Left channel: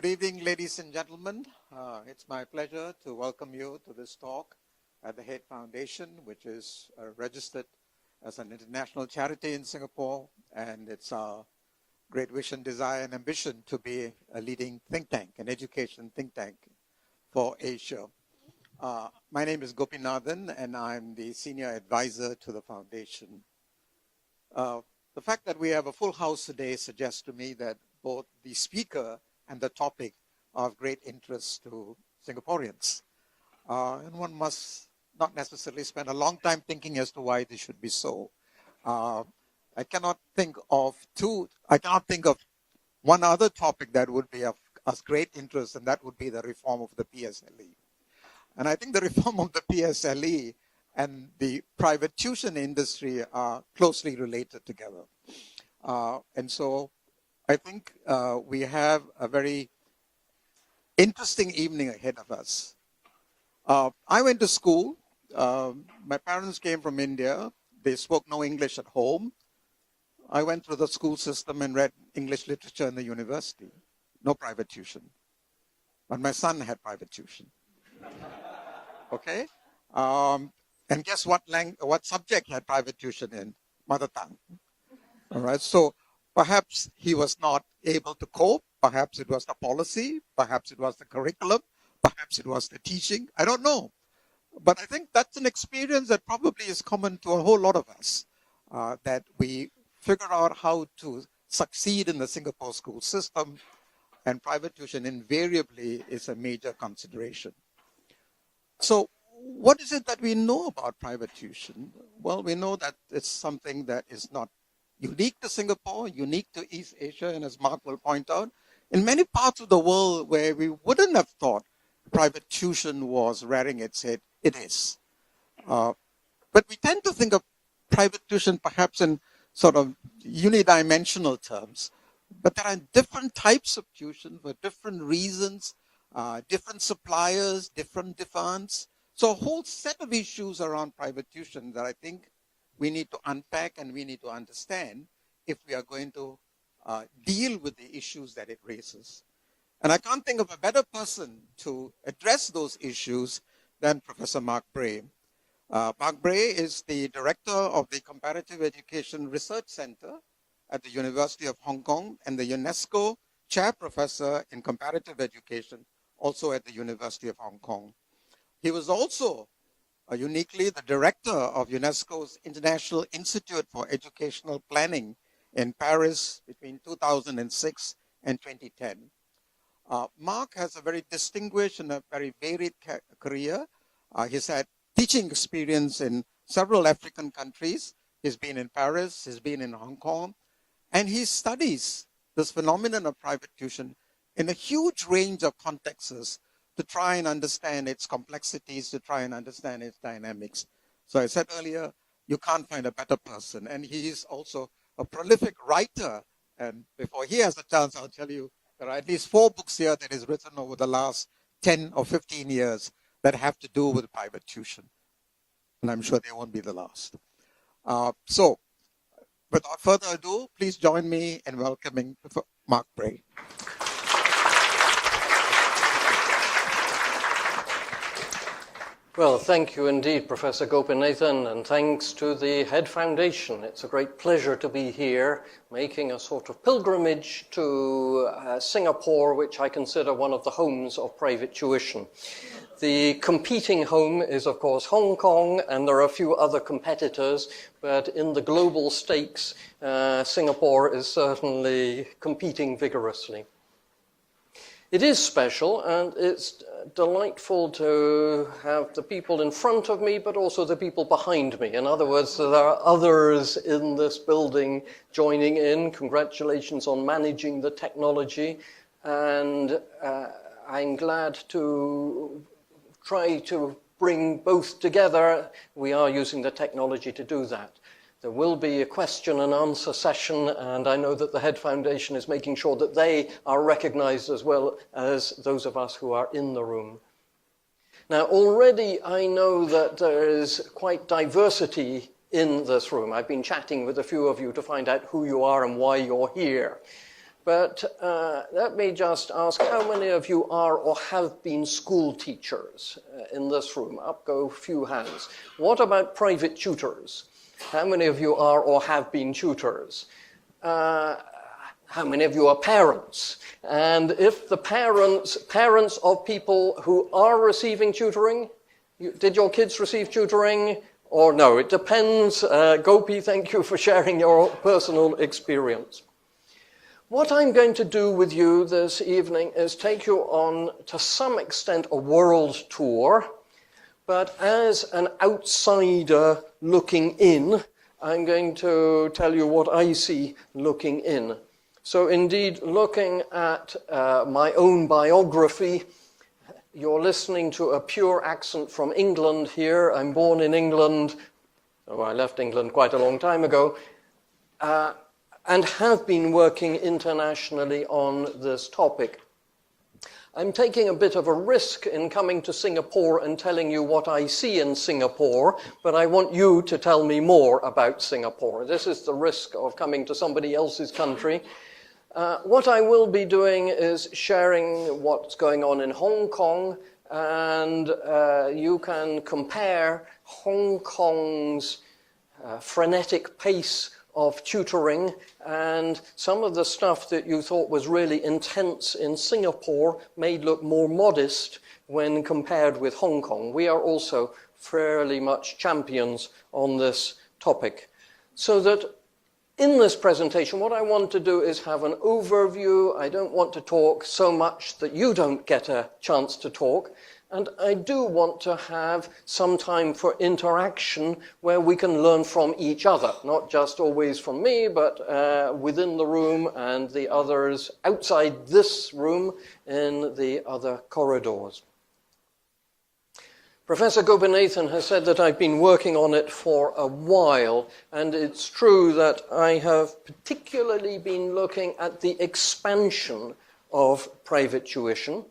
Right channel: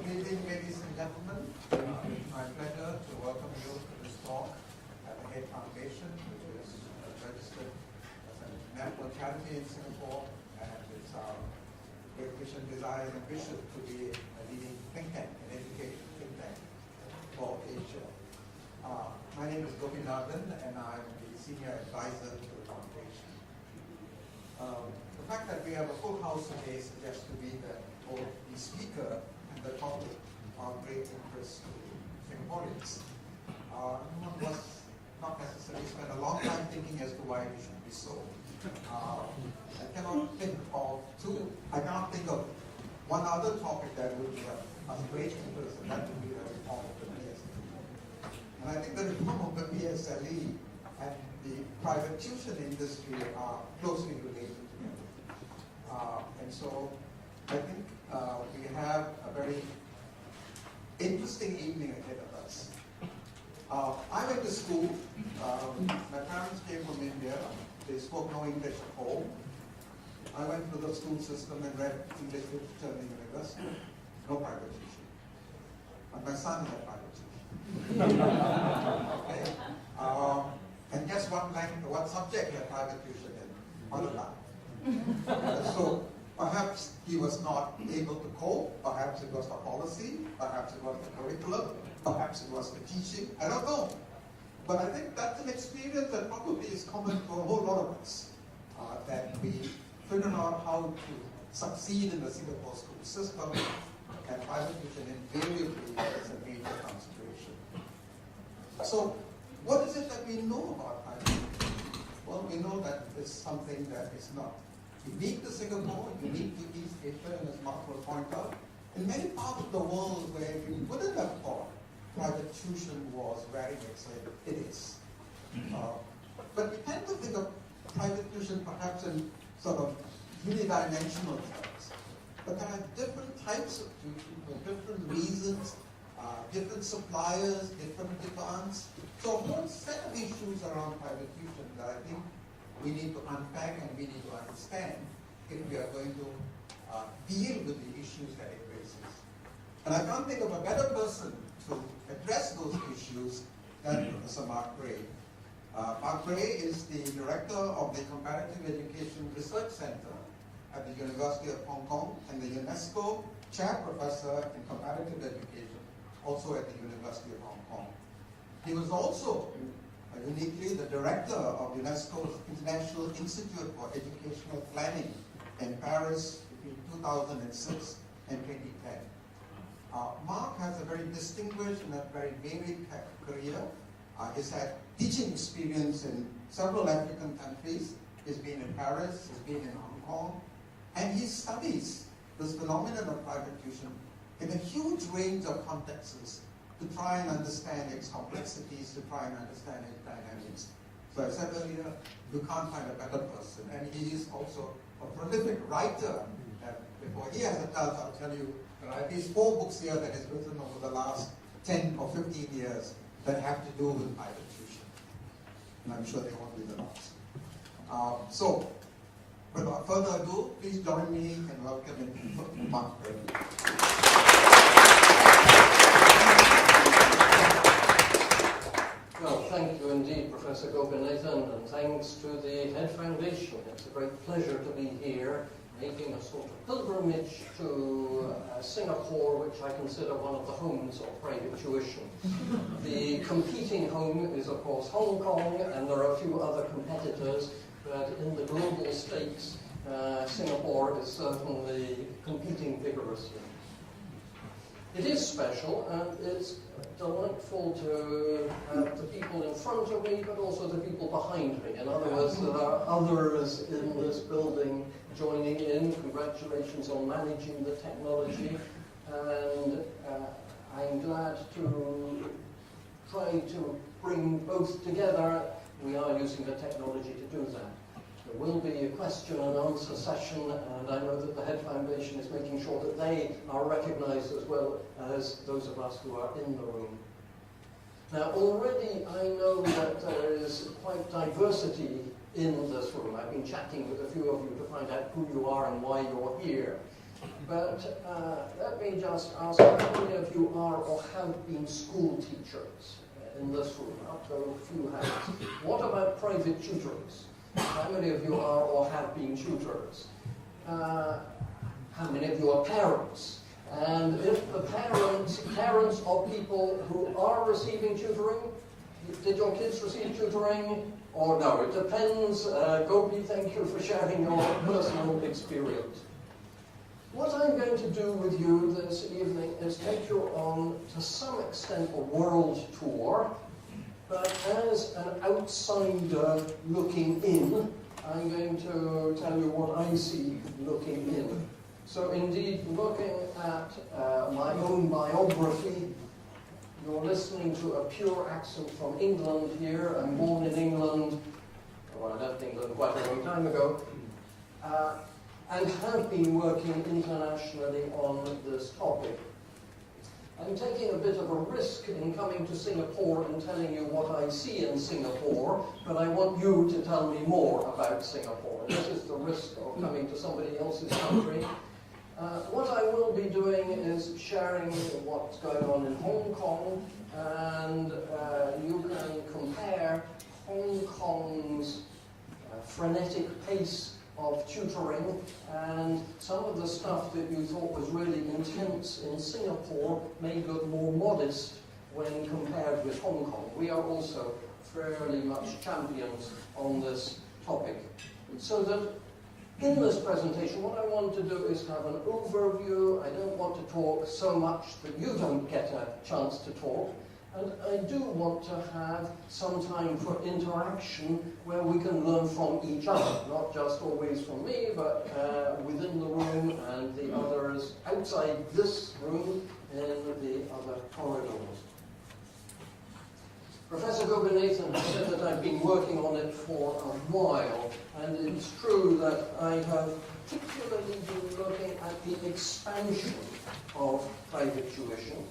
Good evening, ladies and gentlemen. It's my pleasure to welcome you to this talk at the Head Foundation, which is registered as an international charity in Singapore, and it's our great wish and desire and ambition to be a leading think tank, an education think tank for Asia. My name is Gopinathan, and I'm the senior advisor to the foundation. The fact that we have a full house today suggests to me that both the speaker and the topic are of great interest to Singaporeans. One must not necessarily spend a long time thinking as to why this should be so. I cannot think of one other topic that would be of great interest, and that would be the reform of the PSLE. And I think the reform of the PSLE and the private tuition industry are closely related together. And so I think we have a very interesting evening ahead of us. I went to school. My parents came from India. They spoke no English at home. I went through the school system and read English literature in the university. No private tuition. But my son had private tuition. Okay? And guess what subject had private tuition in? Mother tongue. All right? So perhaps he was not able to cope. Perhaps it was the policy. Perhaps it was the curriculum. Perhaps it was the teaching. I don't know. But I think that's an experience that probably is common to a whole lot of us, that we figure out how to succeed in the Singapore school system, and private tuition invariably is a major consideration. So what is it that we know about private tuition? Well, we know that it's something that is not unique to Singapore, unique to East Asia, and as Mark will point out, in many parts of the world where we wouldn't have thought private tuition was rearing its head, it is. But we tend to think of private tuition perhaps in sort of unidimensional terms. But there are different types of tuition for different reasons, different suppliers, different demands. So a whole set of issues around private tuition that I think we need to unpack and we need to understand if we are going to deal with the issues that it raises. And I can't think of a better person to address those issues than Professor Mark Bray. Mark Bray is the director of the Comparative Education Research Center at the University of Hong Kong and the UNESCO Chair Professor in Comparative Education, also at the University of Hong Kong. He was also uniquely the director of UNESCO's International Institute for Educational Planning in Paris between 2006 and 2010. Mark has a very distinguished and a very varied career. He's had teaching experience in several African countries. He's been in Paris, he's been in Hong Kong, and he studies this phenomenon of private tuition in a huge range of contexts to try and understand its complexities, to try and understand its dynamics. So I said earlier, you can't find a better person. And he is also a prolific writer. And before he has a chance, I'll tell you, there are at least 4 books here that he's written over the last 10 or 15 years that have to do with private tuition. And I'm sure they won't be the last. So, without further ado, please join me in welcoming Mark Bray. Well, thank you indeed, Professor Gopinathan, and thanks to the Head Foundation. It's a great pleasure to be here, making a sort of pilgrimage to Singapore, which I consider one of the homes of private tuition. The competing home is, of course, Hong Kong, and there are a few other competitors, but in the global stakes, Singapore is certainly competing vigorously. It is special, and it's delightful to have the people in front of me, but also the people behind me. In other words, there are others in this building joining in. Congratulations on managing the technology, and I'm glad to try to bring both together. We are using the technology to do that. There will be a question and answer session, and I know that the Head Foundation is making sure that they are recognized as well as those of us who are in the room. Now, already I know that there is quite diversity in this room. I've been chatting with a few of you to find out who you are and why you're here. But let me just ask, how many of you are or have been school teachers in this room? Up go a few hands. What about private tutors? How many of you are or have been tutors? How many of you are parents? And if the parents of people who are receiving tutoring, did your kids receive tutoring? Or no, it depends. Gopi, thank you for sharing your personal experience. What I'm going to do with you this evening is take you on, to some extent, a world tour, but as an outsider looking in, I'm going to tell you what I see looking in. So indeed, looking at my own biography, you're listening to a pure accent from England here. I'm born in England. Oh, I left England quite a long time ago. And have been working internationally on this topic. I'm taking a bit of a risk in coming to Singapore and telling you what I see in Singapore, but I want you to tell me more about Singapore. This is the risk of coming to somebody else's country. What I will be doing is sharing what's going on in Hong Kong, and you can compare Hong Kong's frenetic pace of tutoring and some of the stuff that you thought was really intense in Singapore may look more modest when compared with Hong Kong. We are also fairly much champions on this topic. So that in this presentation, what I want to do is have an overview. I don't want to talk so much that you don't get a chance to talk. And I do want to have some time for interaction where we can learn from each other, not just always from me, but within the room and the others outside this room in the other corridors. Professor Gopinathan has said that I've been working on it for a while, and it's true that I have particularly been looking at the expansion of private tuition.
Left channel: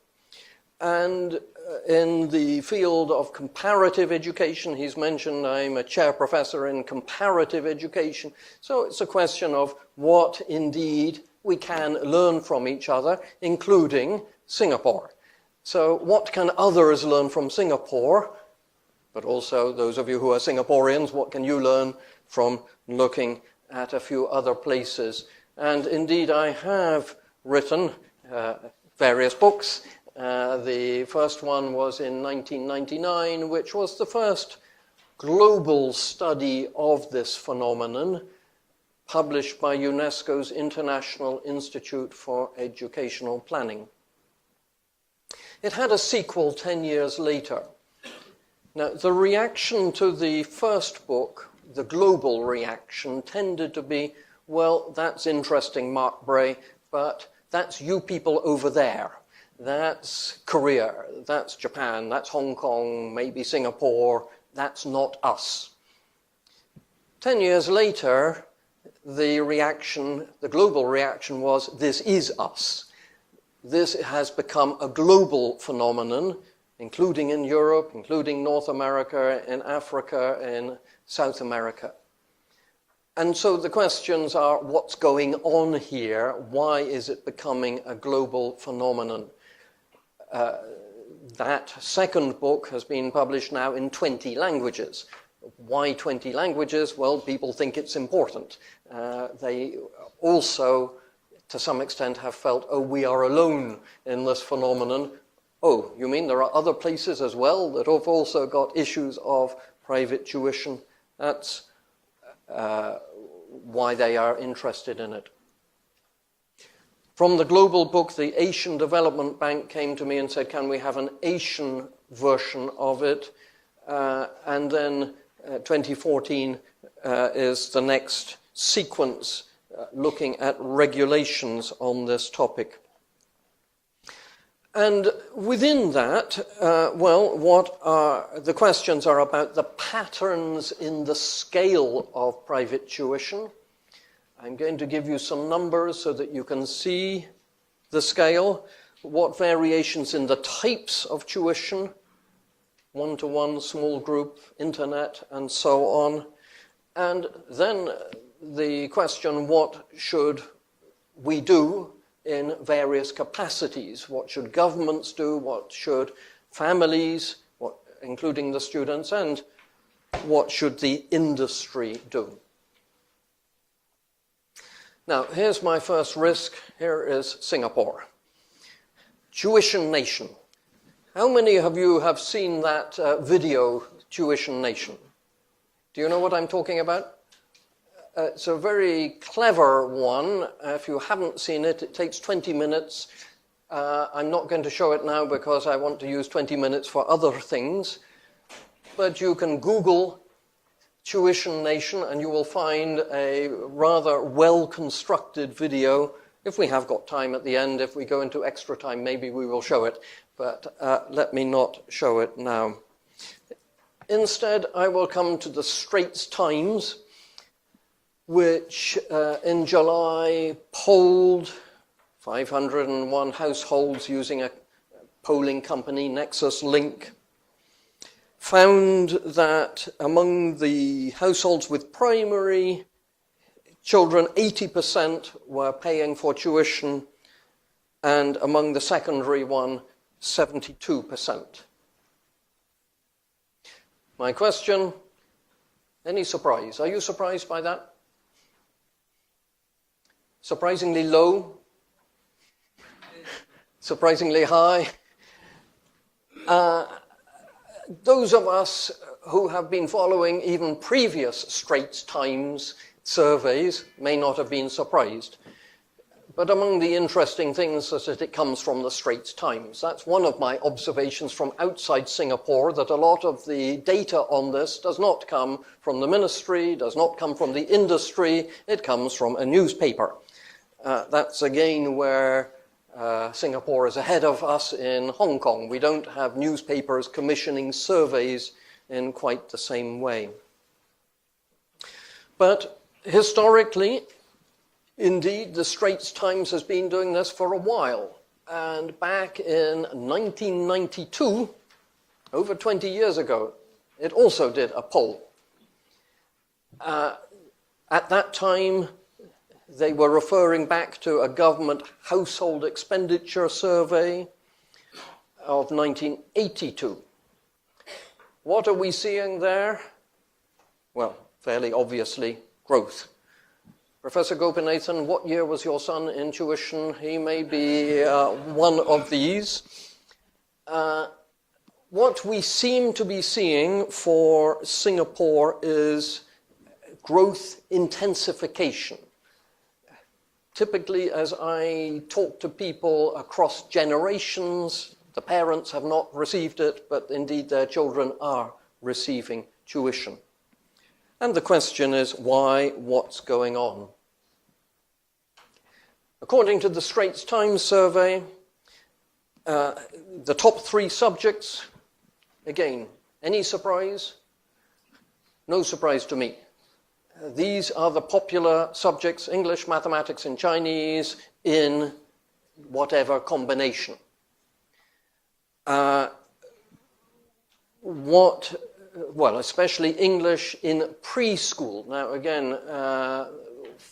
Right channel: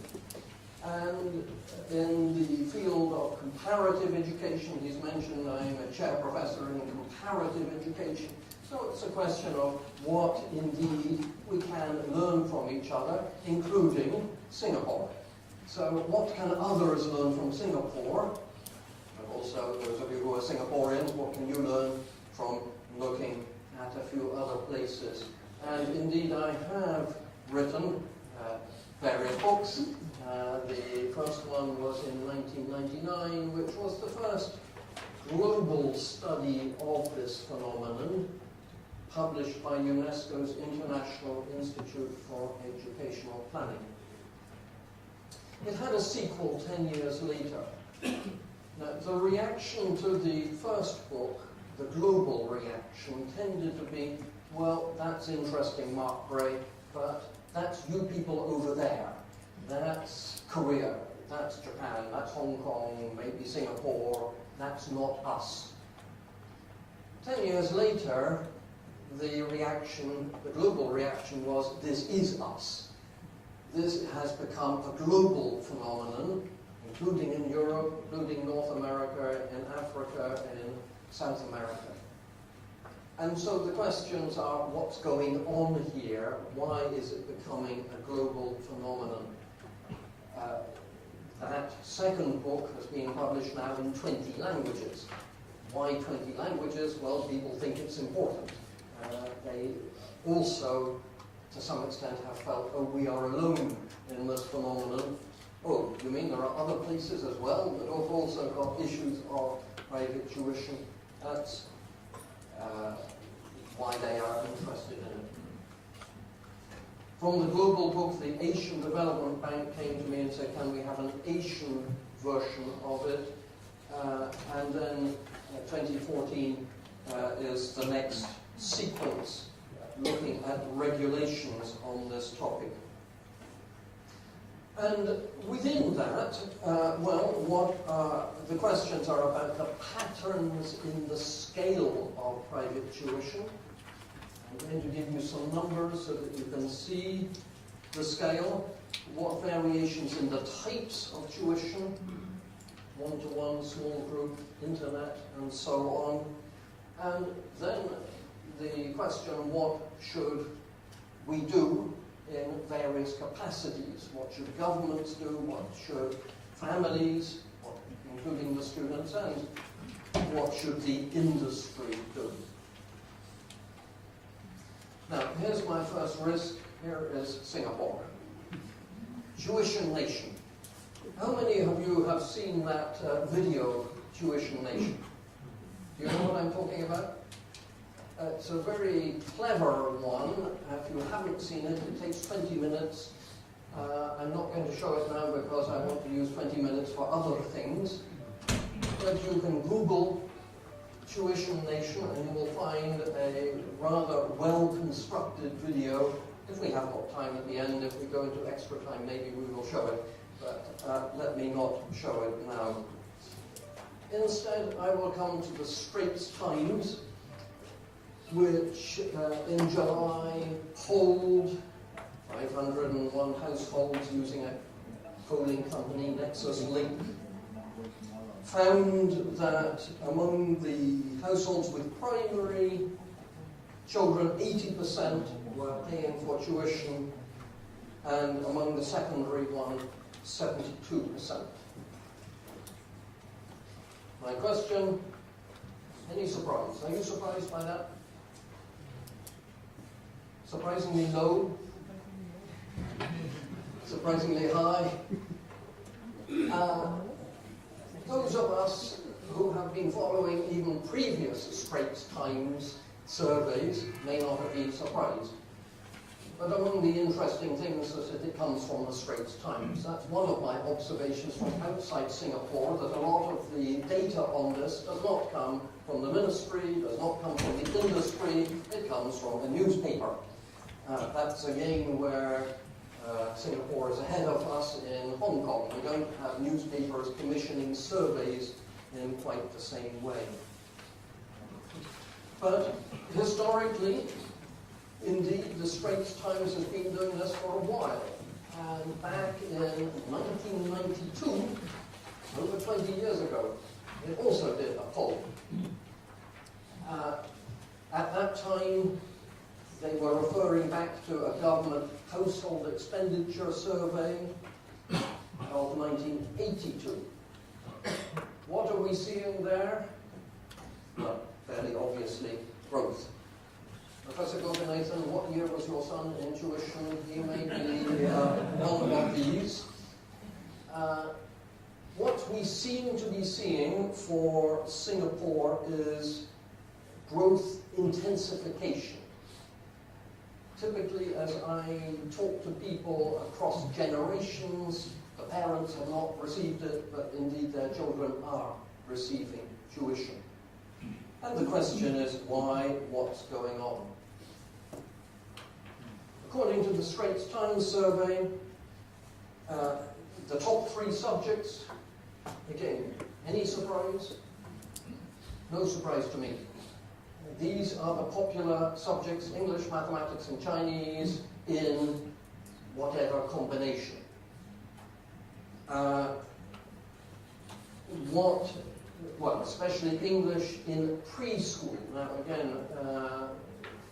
And in the field of comparative education, he's mentioned I'm a chair professor in comparative education. So it's a question of what indeed we can learn from each other, including Singapore. So what can others learn from Singapore? But also those of you who are Singaporeans, what can you learn from looking at a few other places? And indeed I have written various books. The first one was in 1999, which was the first global study of this phenomenon, published by UNESCO's International Institute for Educational Planning. It had a sequel 10 years later. Now, the reaction to the first book, the global reaction, tended to be, well, that's interesting, Mark Bray, but that's you people over there. That's Korea, that's Japan, that's Hong Kong, maybe Singapore, that's not us. 10 years later, the reaction, the global reaction was, this is us. This has become a global phenomenon, including in Europe, including North America, in Africa, in South America. And so the questions are, what's going on here? Why is it becoming a global phenomenon? That second book has been published now in 20 languages. Why 20 languages? Well, people think it's important. They also, to some extent, have felt, oh, we are alone in this phenomenon. Oh, you mean there are other places as well that have also got issues of private tuition? That's why they are interested in it. From the global book, the Asian Development Bank came to me and said, can we have an Asian version of it? And then 2014 is the next sequence looking at regulations on this topic. And within that, well, what are the questions are about the patterns in the scale of private tuition. I'm going to give you some numbers so that you can see the scale, what variations in the types of tuition, one-to-one, small group, internet, and so on. And then the question, what should we do in various capacities. What should governments do? What should families, including the students, and what should the industry do? Now, here's my first risk. Here is Singapore. Tuition Nation. How many of you have seen that video, Tuition Nation? Do you know what I'm talking about? It's a very clever one. If you haven't seen it, it takes 20 minutes. I'm not going to show it now because I want to use 20 minutes for other things. But you can Google Tuition Nation and you will find a rather well-constructed video. If we have got time at the end, if we go into extra time, maybe we will show it. But let me not show it now. Instead, I will come to the Straits Times, which in July polled 501 households using a polling company, Nexus Link, found that among the households with primary children, 80% were paying for tuition, and among the secondary one, 72%. My question, any surprise? Are you surprised by that? Surprisingly low? Surprisingly high? Those of us who have been following even previous Straits Times surveys may not have been surprised. But among the interesting things is that it comes from the Straits Times. That's one of my observations from outside Singapore, that a lot of the data on this does not come from the ministry, does not come from the industry, it comes from a newspaper. That's again where Singapore is ahead of us in Hong Kong. We don't have newspapers commissioning surveys in quite the same way. But historically, indeed, the Straits Times has been doing this for a while. And back in 1992, over 20 years ago, it also did a poll. At that time, they were referring back to a government household expenditure survey of 1982. What are we seeing there? Well, fairly obviously, growth. Professor Gopinathan, what year was your son in tuition? He may be one of these. What we seem to be seeing for Singapore is growth intensification. Typically, as I talk to people across generations, the parents have not received it, but indeed their children are receiving tuition. And the question is, why? What's going on? According to the Straits Times survey, the top 3 subjects, again, any surprise? No surprise to me. These are the popular subjects: English, mathematics, and Chinese in whatever combination. Especially English in preschool. Now, again,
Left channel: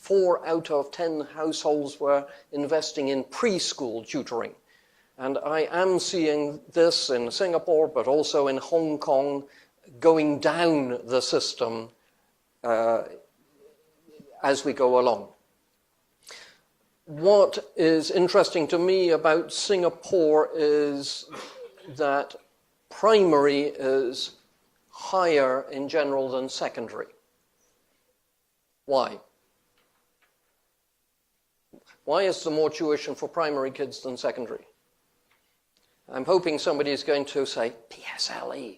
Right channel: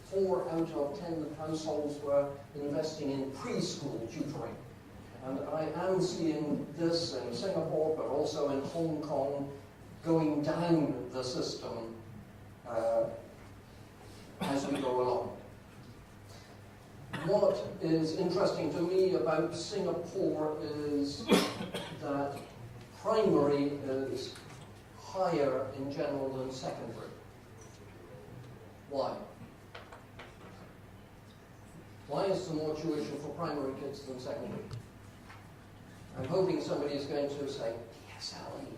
4 out of 10 households were investing in preschool tutoring. And I am seeing this in Singapore, but also in Hong Kong, going down the system as we go along. What is interesting to me about Singapore is that primary is higher in general than secondary. Why? Why is there more tuition for primary kids than secondary? I'm hoping somebody is going to say PSLE.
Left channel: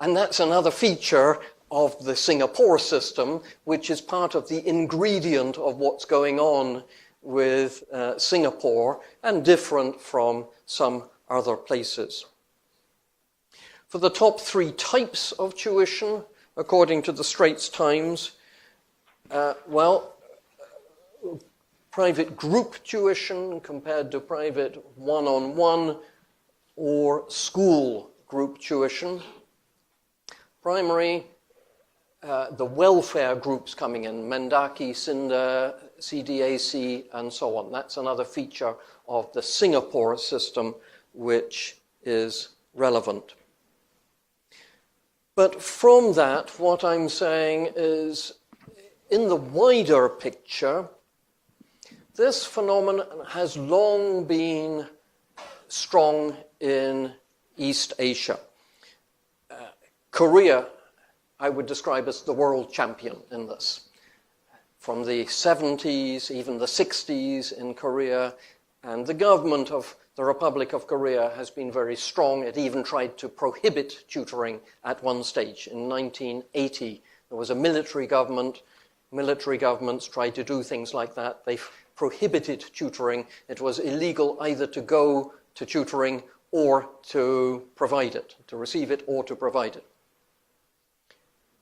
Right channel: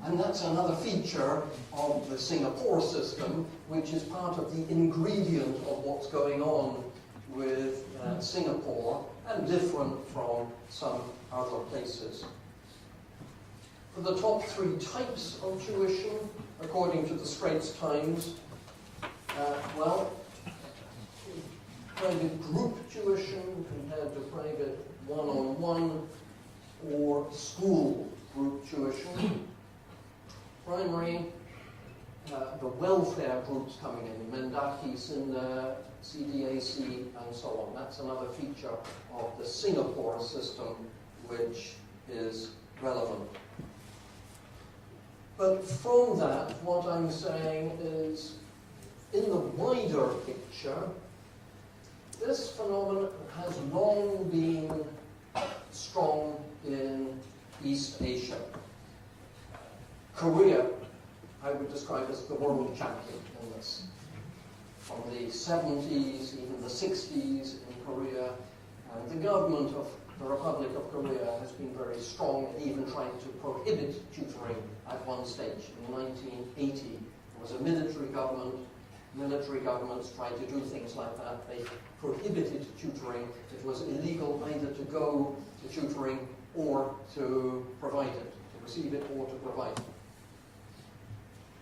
And that's another feature of the Singapore system, which is part of the ingredient of what's going on with Singapore and different from some other places. For the top 3 types of tuition, according to the Straits Times, private group tuition compared to private one-on-one or school group tuition. Primary, the welfare groups coming in, Mendaki, Cinder, CDAC, and so on. That's another feature of the Singapore system which is relevant. But from that, what I'm saying is, in the wider picture, this phenomenon has long been strong in East Asia. Korea, I would describe as the world champion in this. From the 70s, even the 60s in Korea, and the government of the Republic of Korea has been very strong. It even tried to prohibit tutoring at one stage. In 1980, there was a military government. Military governments tried to do things like that. They prohibited tutoring. It was illegal either to go to tutoring or to provide it, to receive it or to provide it.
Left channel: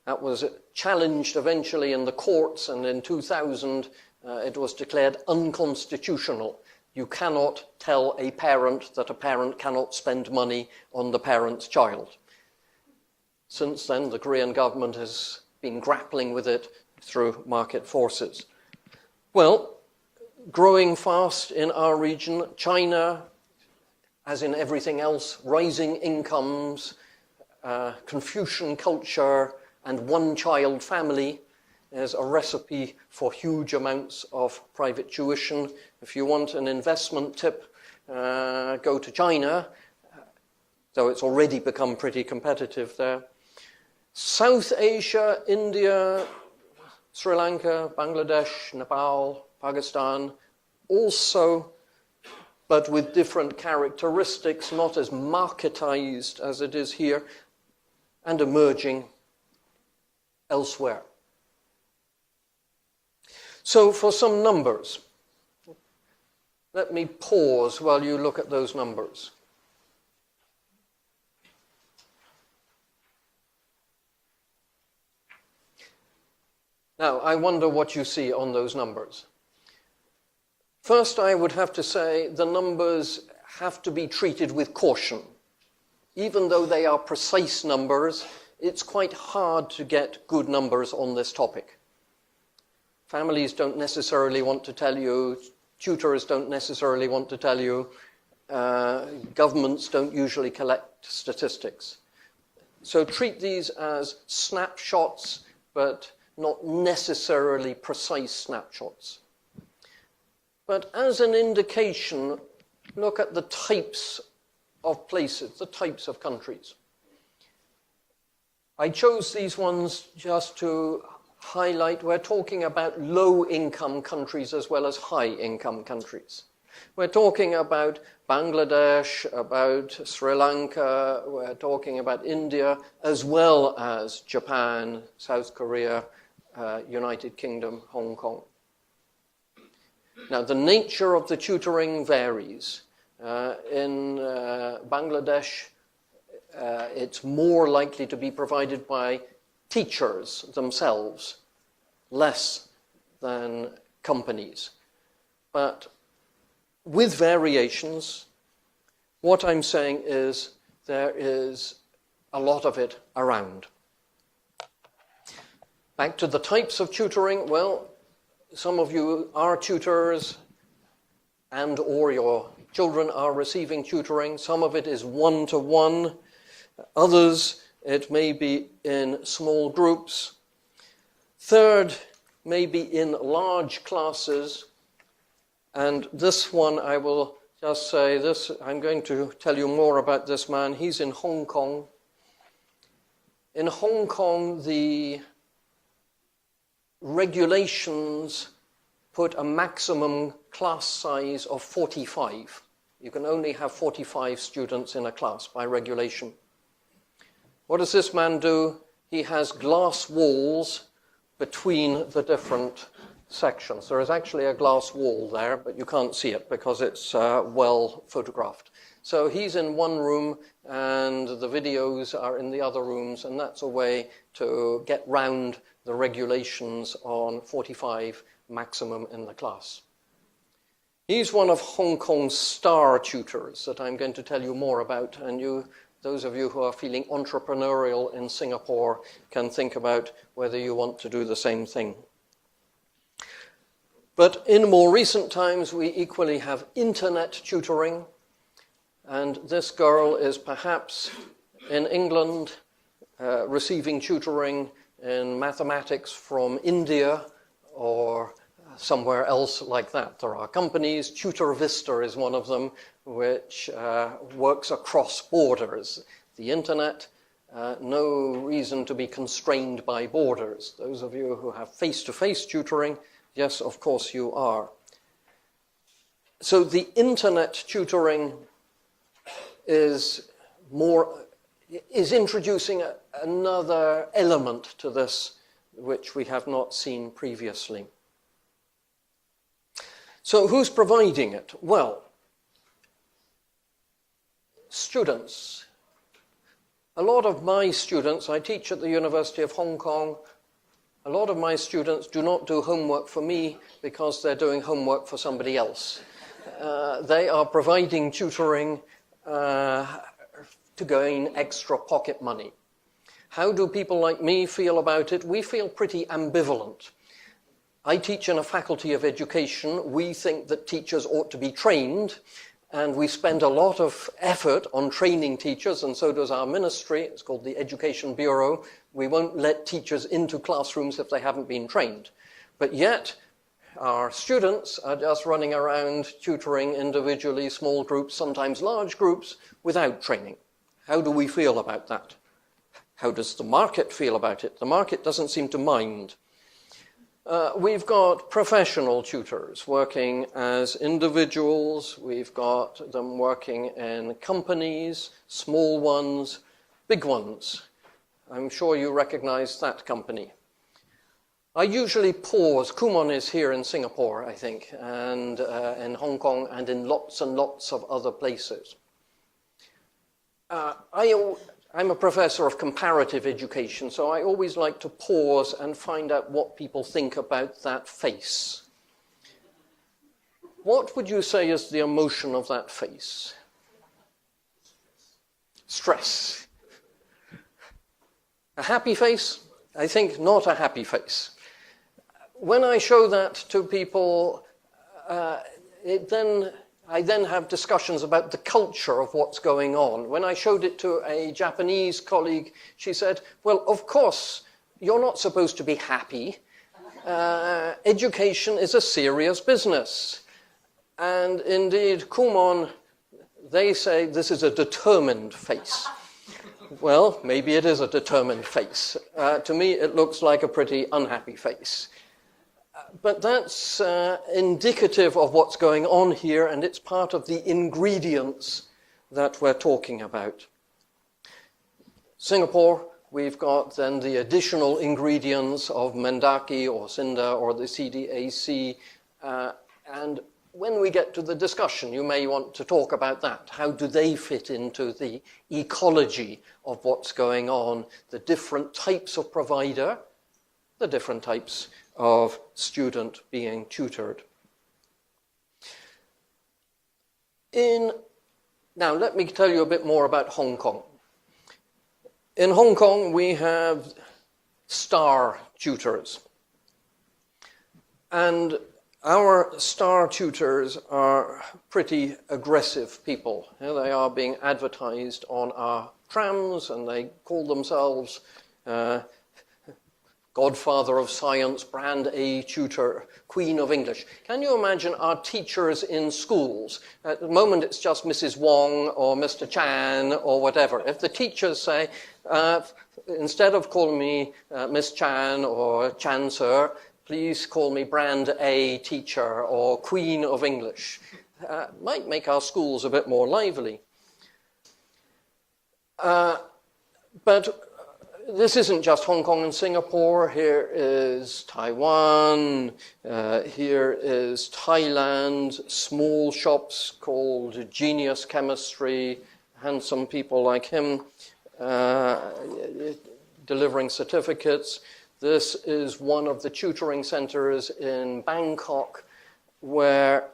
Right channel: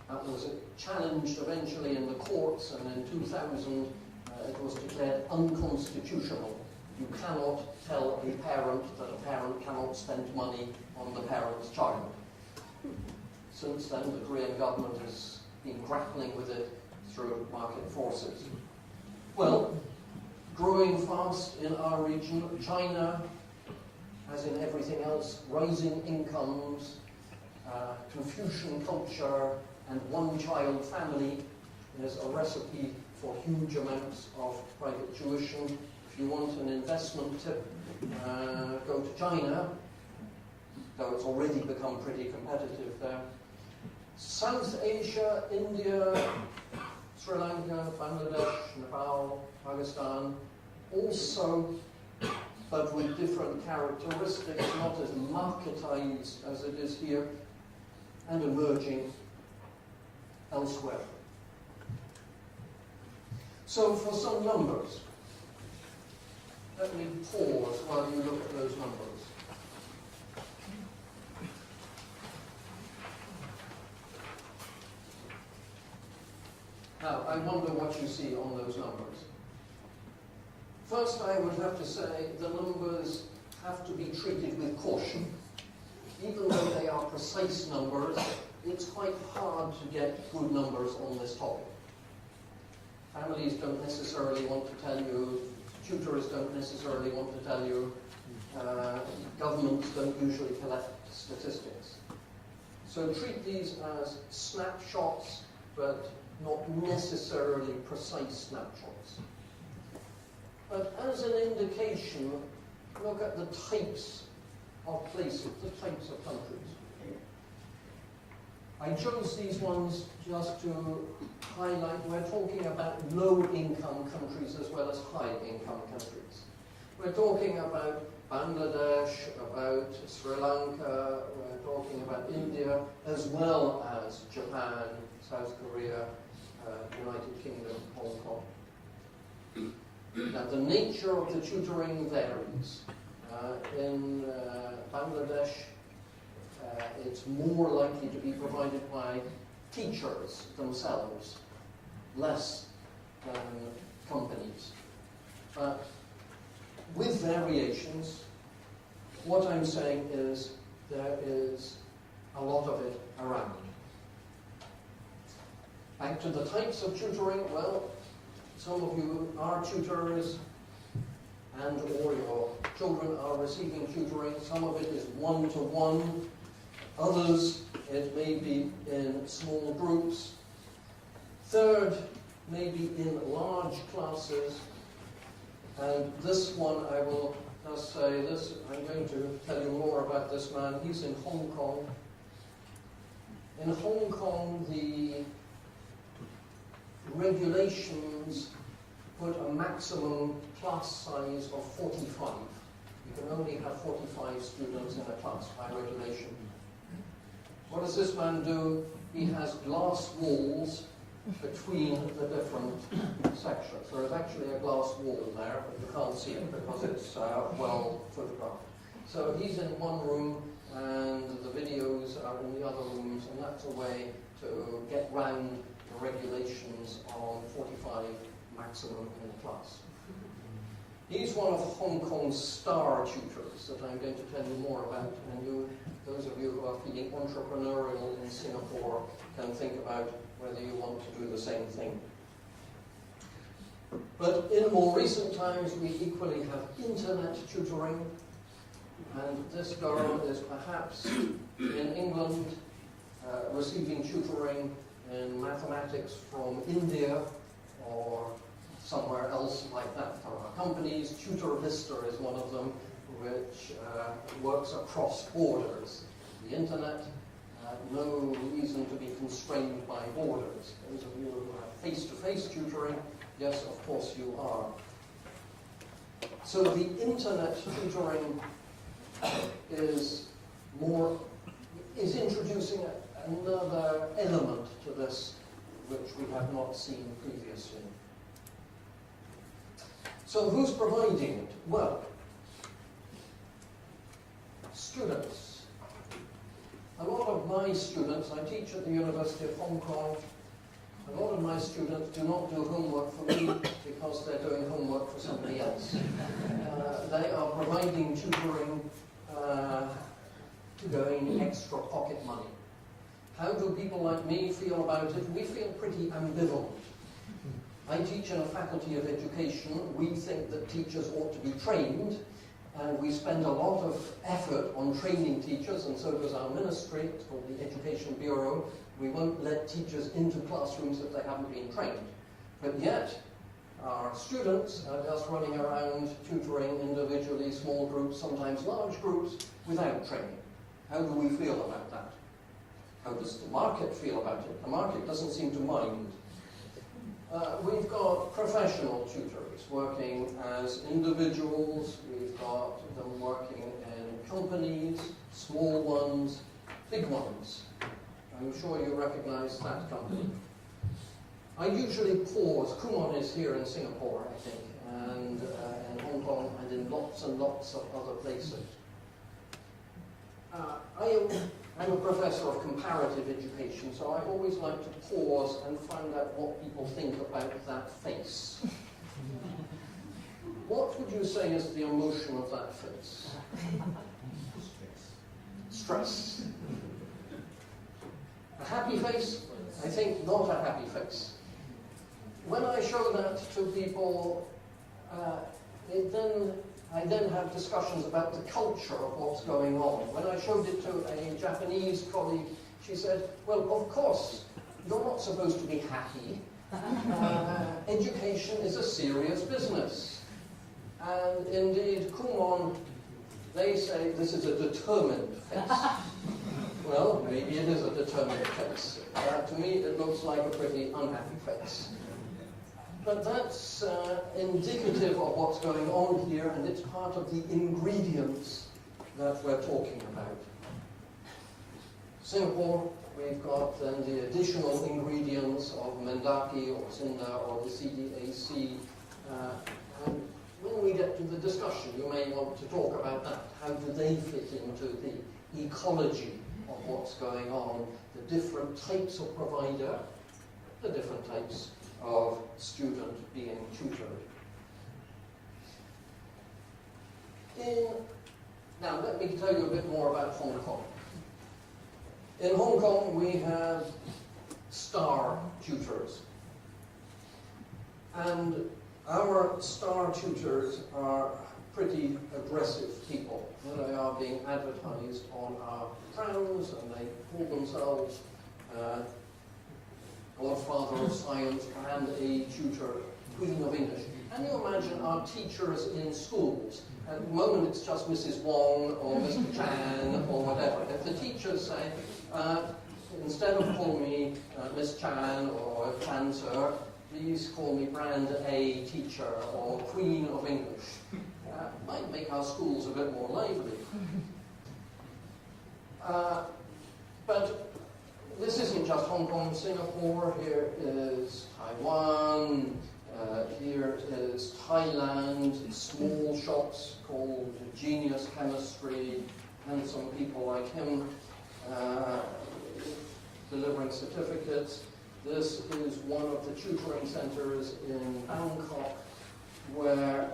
That was challenged eventually in the courts, and in 2000 it was declared unconstitutional. You cannot tell a parent that a parent cannot spend money on the parent's child. Since then, the Korean government has been grappling with it through market forces. Well, growing fast in our region, China, as in everything else, rising incomes, Confucian culture, and one-child family is a recipe for huge amounts of private tuition. If you want an investment tip, go to China, though it's already become pretty competitive there. South Asia, India, Sri Lanka, Bangladesh, Nepal, Pakistan, also, but with different characteristics, not as marketized as it is here, and emerging elsewhere. So for some numbers, let me pause while you look at those numbers. Now, I wonder what you see on those numbers. First, I would have to say the numbers have to be treated with caution. Even though they are precise numbers, it's quite hard to get good numbers on this topic. Families don't necessarily want to tell you, tutors don't necessarily want to tell you, governments don't usually collect statistics. So treat these as snapshots, but not necessarily precise snapshots. But as an indication, look at the types of places, the types of countries. I chose these ones just to highlight, we're talking about low-income countries as well as high-income countries. We're talking about Bangladesh, about Sri Lanka, we're talking about India, as well as Japan, South Korea, United Kingdom, Hong Kong. Now, the nature of the tutoring varies. In Bangladesh, it's more likely to be provided by teachers themselves, less than companies. But with variations, what I'm saying is there is a lot of it around. Back to the types of tutoring, well, some of you are tutors and or your children are receiving tutoring. Some of it is one-to-one. Others, it may be in small groups. Third, maybe in large classes. And this one, I will just say this, I'm going to tell you more about this man. He's in Hong Kong. In Hong Kong, the regulations put a maximum class size of 45. You can only have 45 students in a class by regulation. What does this man do? He has glass walls between the different sections. There is actually a glass wall there, but you can't see it because it's well photographed. So he's in one room and the videos are in the other rooms, and that's a way to get round the regulations on 45 maximum in the class. He's one of Hong Kong's star tutors that I'm going to tell you more about, and those of you who are feeling entrepreneurial in Singapore can think about whether you want to do the same thing. But in more recent times, we equally have internet tutoring. And this girl is perhaps in England receiving tutoring in mathematics from India or somewhere else like that. There are companies, Tutor Vista is one of them, which works across borders. The internet, no reason to be constrained by borders. Those of you who have face-to-face tutoring, yes, of course you are. So the internet tutoring is introducing another element to this which we have not seen previously. So who's providing it? Well, students. A lot of my students, I teach at the University of Hong Kong, a lot of my students do not do homework for me because they're doing homework for somebody else. They are providing tutoring to gain extra pocket money. How do people like me feel about it? We feel pretty ambivalent. I teach in a faculty of education. We think that teachers ought to be trained, and we spend a lot of effort on training teachers, and so does our ministry. It's called the Education Bureau. We won't let teachers into classrooms if they haven't been trained. But yet, our students are just running around tutoring individually, small groups, sometimes large groups, without training. How do we feel about that? How does the market feel about it? The market doesn't seem to mind. We've got professional tutors working as individuals. We've got them working in companies, small ones, big ones. I'm sure you recognize that company. I usually pause. Kumon is here in Singapore, I think, and in Hong Kong, and in lots and lots of other places. I'm a professor of comparative education, so I always like to pause and find out what people think about that face. What would you say is the emotion of that face? Stress. A happy face? I think not a happy face. When I show that to people, I then have discussions about the culture of what's going on. When I showed it to a Japanese colleague, she said, well, of course, you're not supposed to be happy. Education is a serious business. And indeed, Kumon, they say this is a determined face. Well, maybe it is a determined face. To me, it looks like a pretty unhappy face. But that's indicative of what's going on here, and it's part of the ingredients that we're talking about. Singapore, we've got then the additional ingredients of Mendaki or CINDA or the CDAC. And when we get to the discussion, you may want to talk about that. How do they fit into the ecology of what's going on, the different types of provider, the different types of student being tutored. Now, let me tell you a bit more about Hong Kong. In Hong Kong, we have star tutors. And our star tutors are pretty aggressive people. You know, they are being advertised on our trams, and they call themselves Godfather of Science, Brand A Tutor, Queen of English. Can you imagine our teachers in schools? At the moment, it's just Mrs. Wong or Mr. Chan or whatever. If the teachers say, instead of calling me Miss Chan or Chan Sir, please call me Brand A Teacher or Queen of English, might make our schools a bit more lively. But this isn't just Hong Kong and Singapore. Here is Taiwan. Here is Thailand. Small shops called Genius Chemistry. Handsome people like him delivering certificates. This is one of the tutoring centers in Bangkok where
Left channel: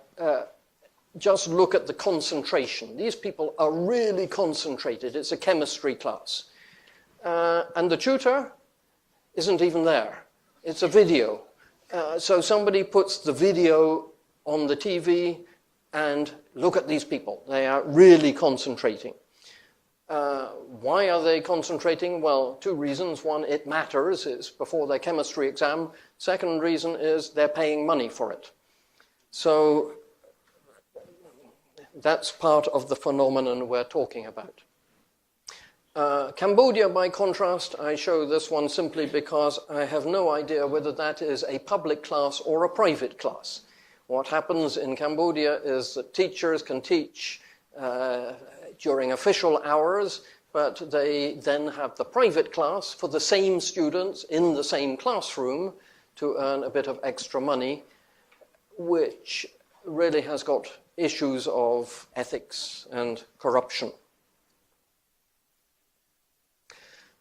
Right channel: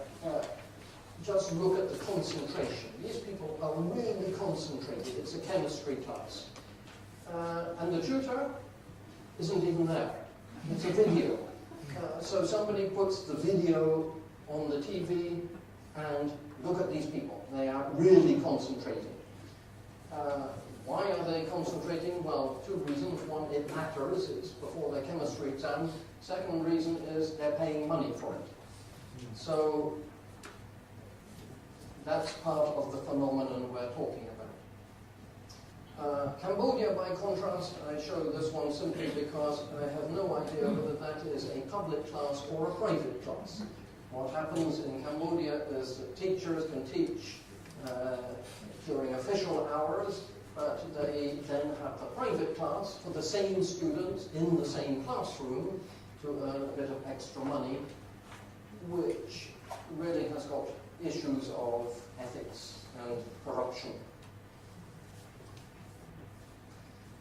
just look at the concentration. These people are really concentrated. It's a chemistry class. And the tutor isn't even there. It's a video. So somebody puts the video on the TV and look at these people. They are really concentrating. Why are they concentrating? Well, two reasons. One, it matters. It's before their chemistry exam. Second reason is they're paying money for it. So that's part of the phenomenon we're talking about. Cambodia, by contrast, I show this one simply because I have no idea whether that is a public class or a private class. What happens in Cambodia is that teachers can teach during official hours, but they then have the private class for the same students in the same classroom to earn a bit of extra money, which really has got issues of ethics and corruption.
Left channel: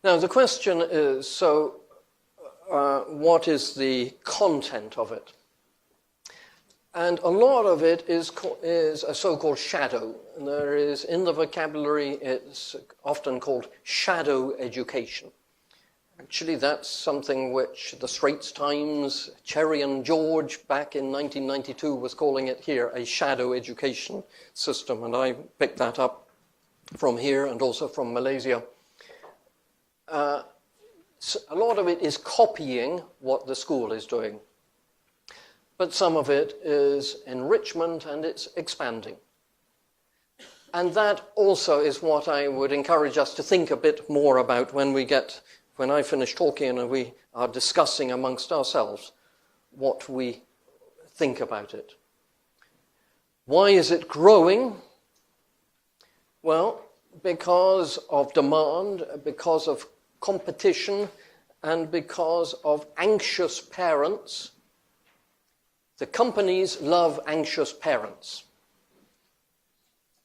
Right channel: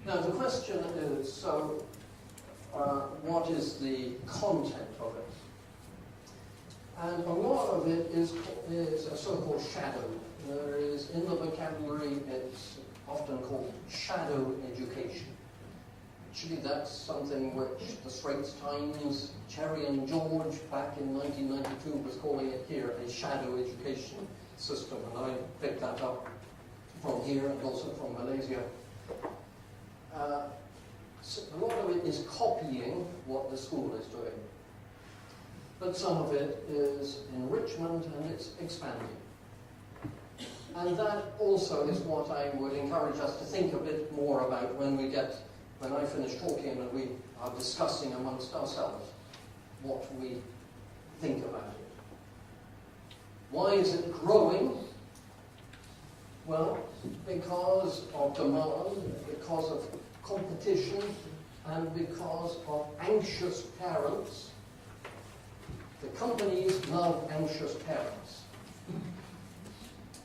Now, the question is, so what is the content of it? And a lot of it is a so-called shadow. There is, in the vocabulary, it's often called shadow education. Actually, that's something which the Straits Times, Cherry and George, back in 1992, was calling it here a shadow education system. And I picked that up from here and also from Malaysia. So a lot of it is copying what the school is doing. But some of it is enrichment and it's expanding. And that also is what I would encourage us to think a bit more about when I finish talking and we are discussing amongst ourselves what we think about it. Why is it growing? Well, because of demand, because of competition, and because of anxious parents. The companies love anxious parents.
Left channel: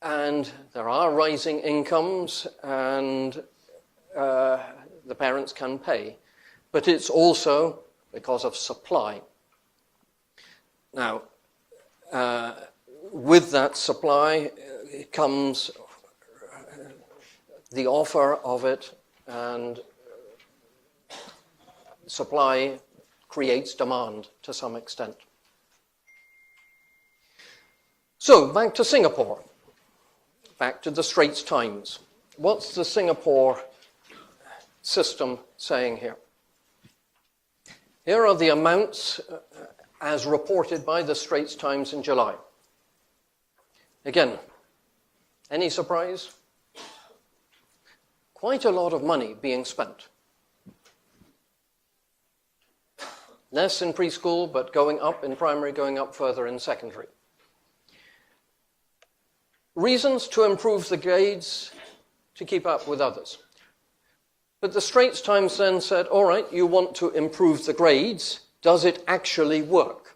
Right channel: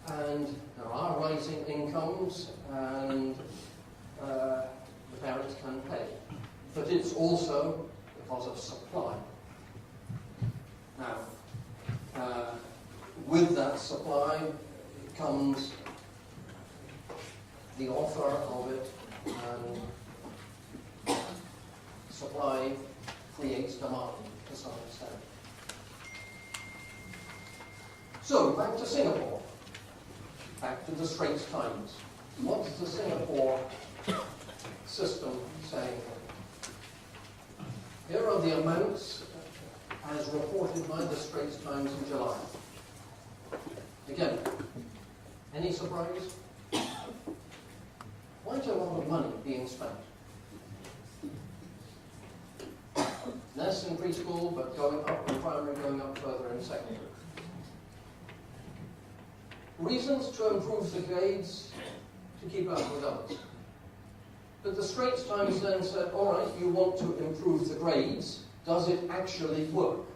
And there are rising incomes, and the parents can pay. But it's also because of supply. Now, with that supply comes the offer of it, and supply creates demand to some extent. So, back to Singapore. Back to the Straits Times. What's the Singapore system saying here? Here are the amounts as reported by the Straits Times in July. Again, any surprise? Quite a lot of money being spent. Less in preschool, but going up in primary, going up further in secondary. Reasons to improve the grades, to keep up with others. But the Straits Times then said, all right, you want to improve the grades, does it actually work?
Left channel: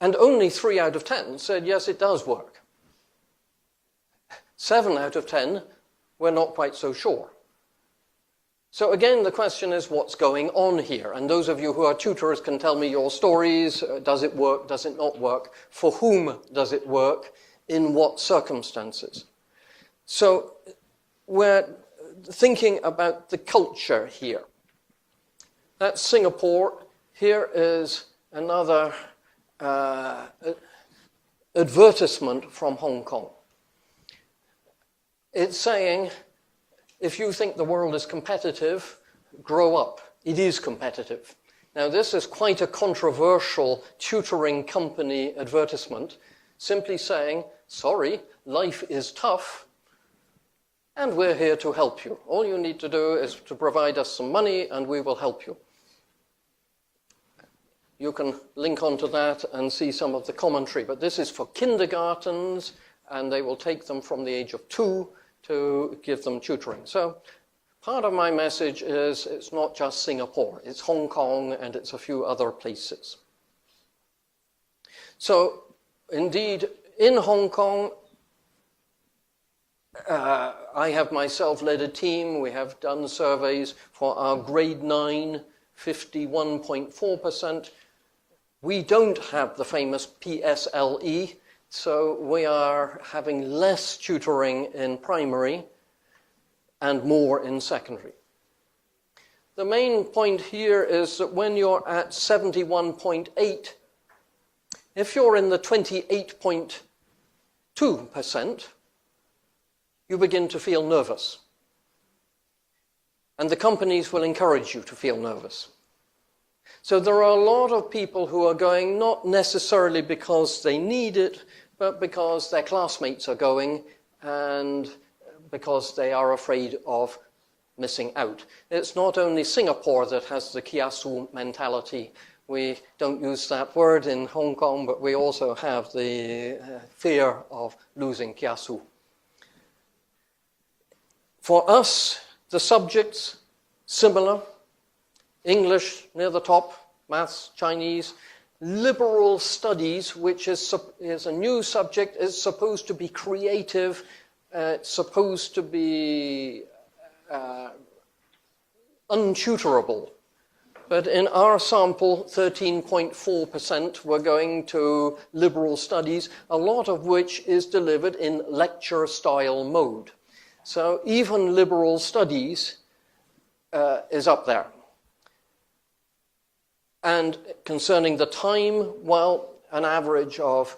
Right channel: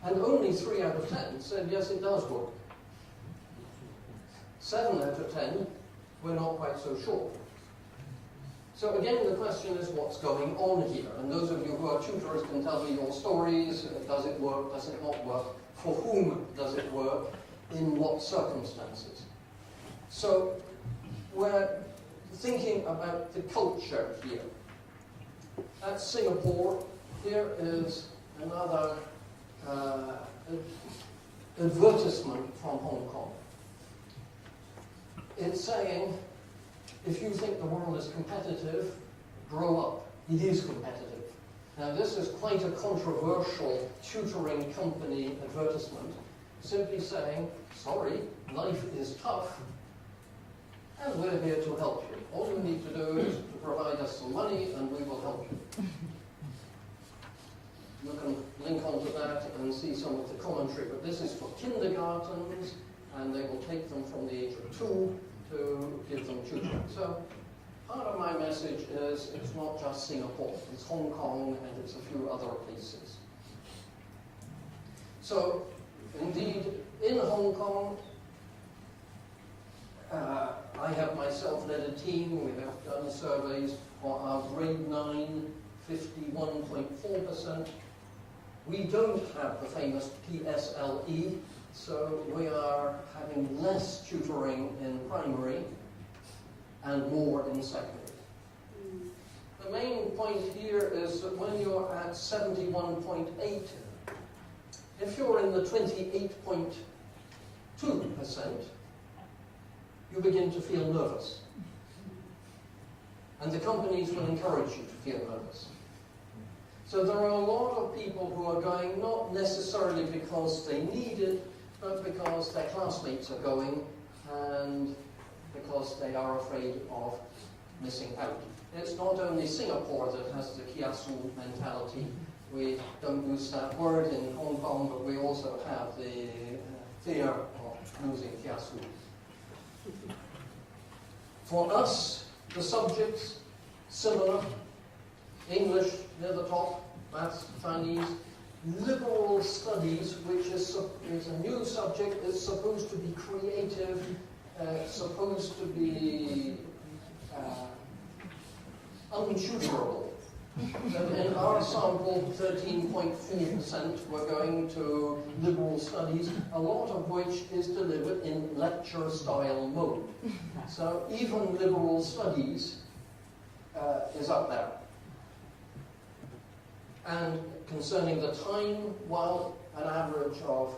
And only 3 out of 10 said, yes, it does work. 7 out of 10 were not quite so sure. So again, the question is what's going on here? And those of you who are tutors can tell me your stories. Does it work? Does it not work? For whom does it work? In what circumstances? So we're thinking about the culture here. That's Singapore. Here is another advertisement from Hong Kong. It's saying, if you think the world is competitive, grow up. It is competitive. Now, this is quite a controversial tutoring company advertisement, simply saying, sorry, life is tough, and we're here to help you. All you need to do is to provide us some money, and we will help you. You can link onto that and see some of the commentary, but this is for kindergartens, and they will take them from the age of 2 to give them tutoring. So part of my message is it's not just Singapore, it's Hong Kong and it's a few other places. So indeed, in Hong Kong, I have myself led a team. We have done surveys for our grade 9, 51.4%. We don't have the famous PSLE, so we are having less tutoring in primary and more in secondary. the main point here is that when you're at 71.8, if you're in the 28.2%, you begin to feel nervous. And the companies will encourage you to feel nervous. So there are a lot of people who are going not necessarily because they need it, but because their classmates are going and because they are afraid of missing out. It's not only Singapore that has the kiasu mentality. We don't use that word in Hong Kong, but we also have the fear of losing kiasu. For us, the subjects, similar. English near the top, maths, Chinese. Liberal studies, which is a new subject, is supposed to be creative, it's supposed to be untutorable. But in our sample, 13.4% were going to liberal studies, a lot of which is delivered in lecture-style mode. So even liberal studies is up there. And concerning the time, well, an average of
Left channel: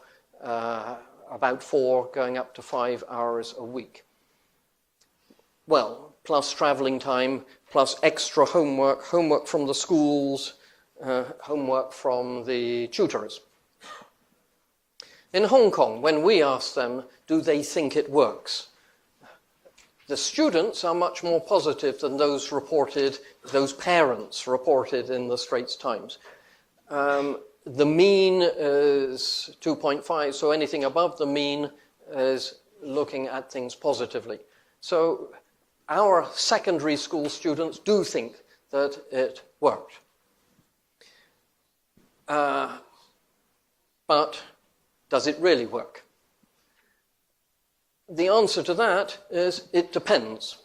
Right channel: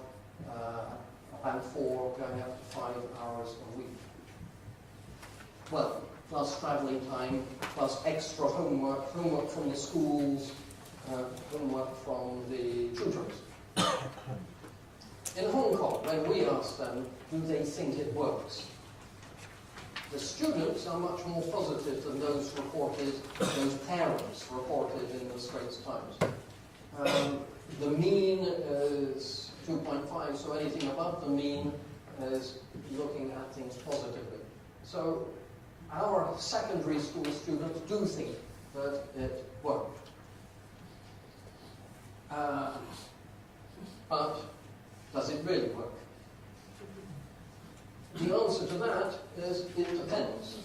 about 4 going up to 5 hours a week. Well, plus traveling time, plus extra homework, homework from the schools, homework from the tutors. In Hong Kong, when we ask them, do they think it works? The students are much more positive than those parents reported in the Straits Times. The mean is 2.5, so anything above the mean is looking at things positively. So our secondary school students do think that it worked. But does it really work? The answer to that is it depends.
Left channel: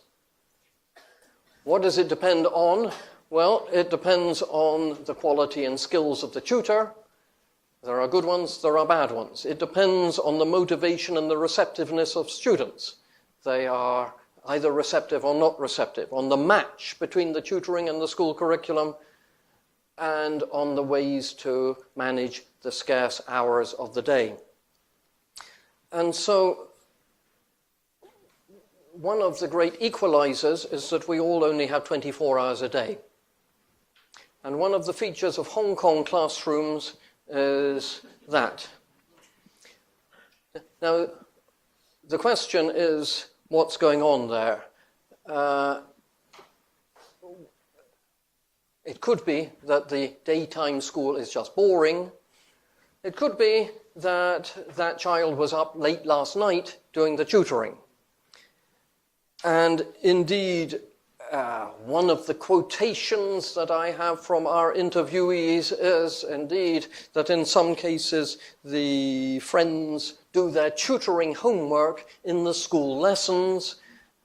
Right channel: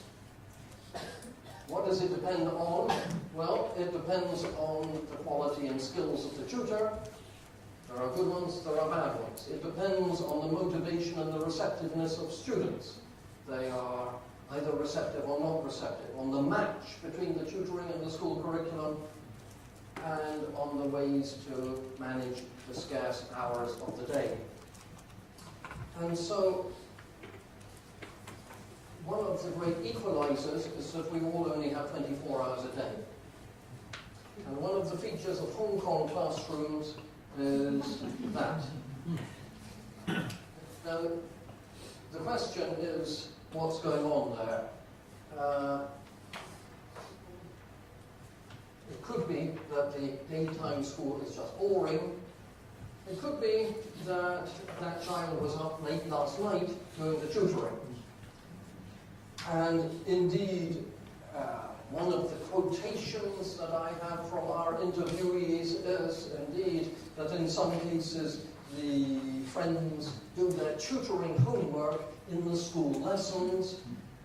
What does it depend on? Well, it depends on the quality and skills of the tutor. There are good ones, there are bad ones. It depends on the motivation and the receptiveness of students. They are either receptive or not receptive, on the match between the tutoring and the school curriculum, and on the ways to manage the scarce hours of the day. And so, one of the great equalizers is that we all only have 24 hours a day. And one of the features of Hong Kong classrooms is that. Now, the question is, what's going on there? It could be that the daytime school is just boring. It could be that that child was up late last night doing the tutoring. And indeed, one of the quotations that I have from our interviewees is indeed that in some cases the friends do their tutoring homework in the school lessons,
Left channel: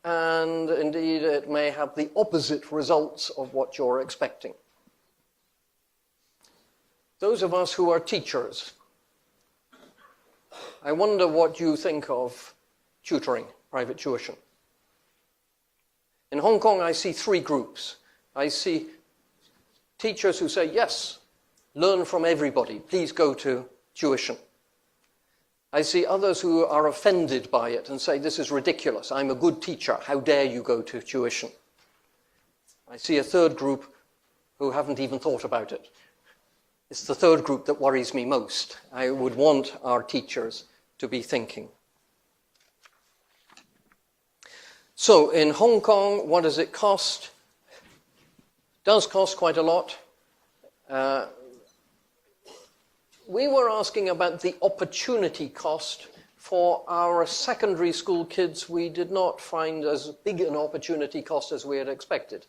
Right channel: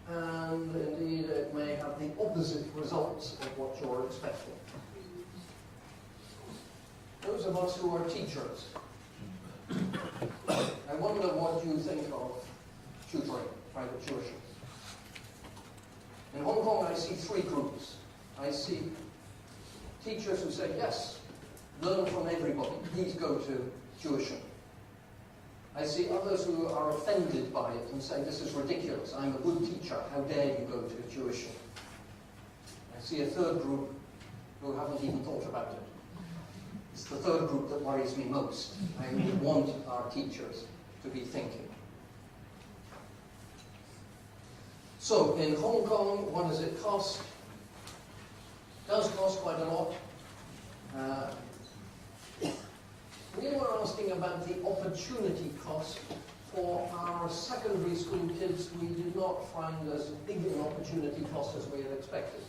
and indeed it may have the opposite results of what you're expecting. Those of us who are teachers, I wonder what you think of tutoring, private tuition. In Hong Kong, I see 3 groups. I see teachers who say, yes, learn from everybody. Please go to tuition. I see others who are offended by it and say, this is ridiculous. I'm a good teacher. How dare you go to tuition? I see a 3rd group who haven't even thought about it. It's the 3rd group that worries me most. I would want our teachers to be thinking. So in Hong Kong, what does it cost? It does cost quite a lot. We were asking about the opportunity cost for our secondary school kids. We did not find as big an opportunity cost as we had expected.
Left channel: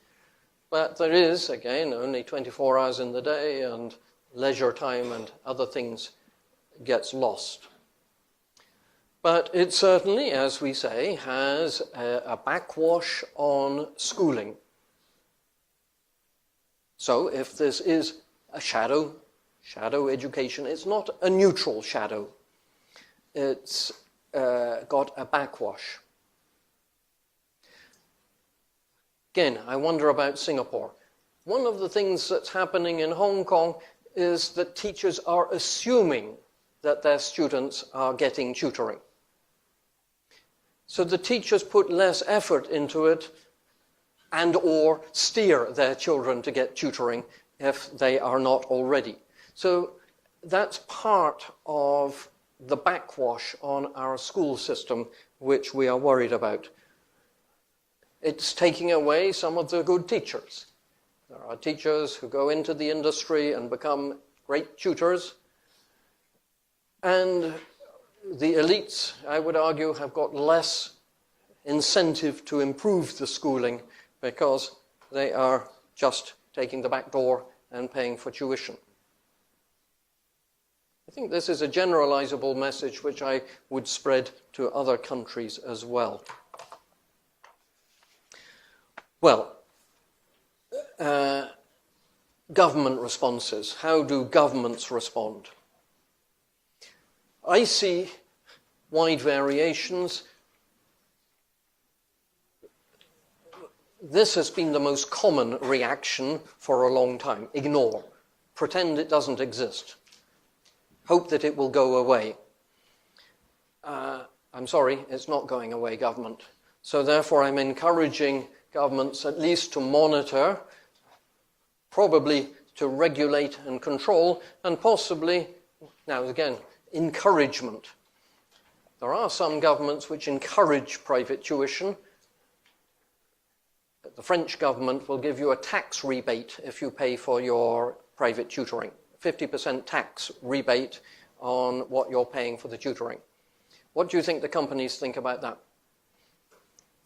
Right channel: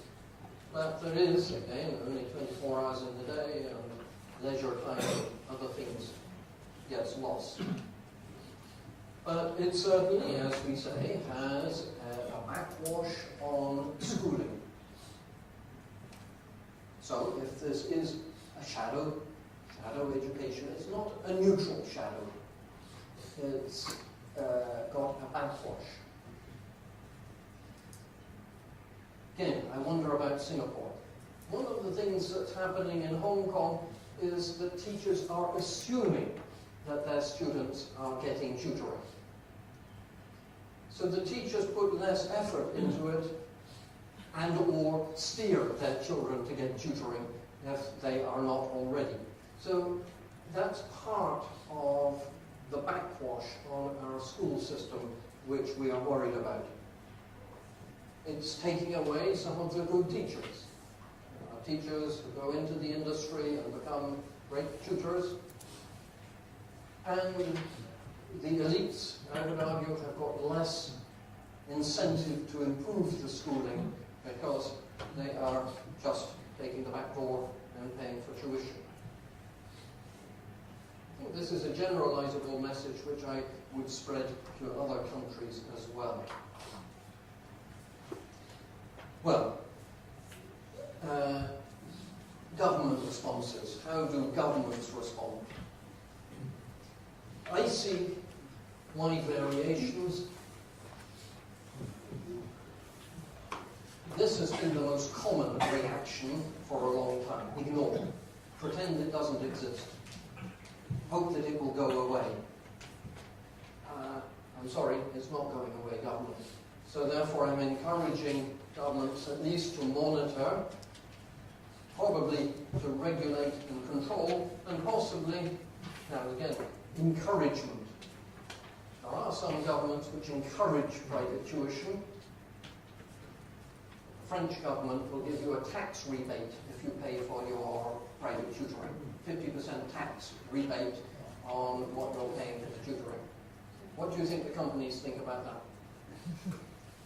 But there is, again, only 24 hours in the day, and leisure time and other things gets lost. But it certainly, as we say, has a backwash on schooling. So if this is a shadow education, it's not a neutral shadow. It's got a backwash. Again, I wonder about Singapore. one of the things that's happening in Hong Kong is that teachers are assuming that their students are getting tutoring. So the teachers put less effort into it and or steer their children to get tutoring if they are not already. So that's part of the backwash on our school system which we are worried about. It's taking away some of the good teachers. There are teachers who go into the industry and become great tutors, and the elites, I would argue, have got less incentive to improve the schooling because they are just taking the back door and paying for tuition. I think this is a generalizable message which I would spread to other countries as well. Well, government responses. How do governments respond? I see wide variations. This has been the most common reaction for a long time. Ignore. Pretend it doesn't exist. Hope that it will go away. I'm sorry, it's not going away, government. So therefore I'm encouraging governments at least to monitor, probably to regulate and control, and possibly, now again, encouragement. There are some governments which encourage private tuition. The French government will give you a tax rebate if you pay for your private tutoring. 50% tax rebate on what you're paying for the tutoring. What do you think the companies think about that?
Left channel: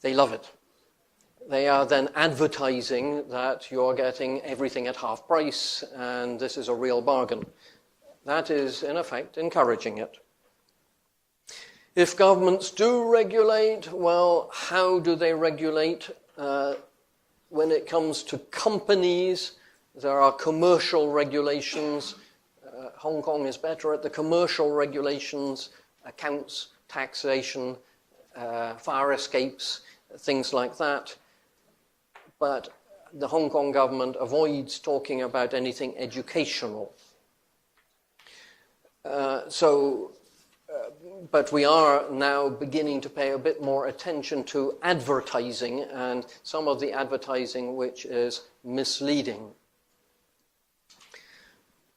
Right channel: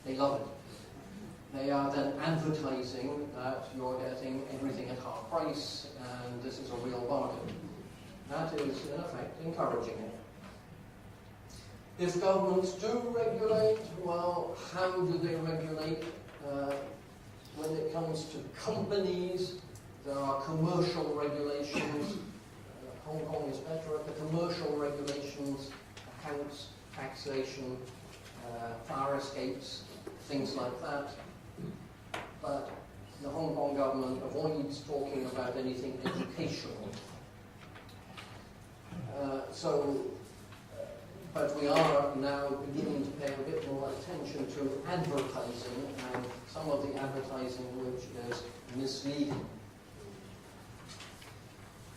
They love it. They are then advertising that you're getting everything at half price and this is a real bargain. That is, in effect, encouraging it. If governments do regulate, well, how do they regulate? When it comes to companies, there are commercial regulations. Hong Kong is better at the commercial regulations, accounts, taxation, fire escapes, things like that. But the Hong Kong government avoids talking about anything educational. But we are now beginning to pay a bit more attention to advertising and some of the advertising which is misleading.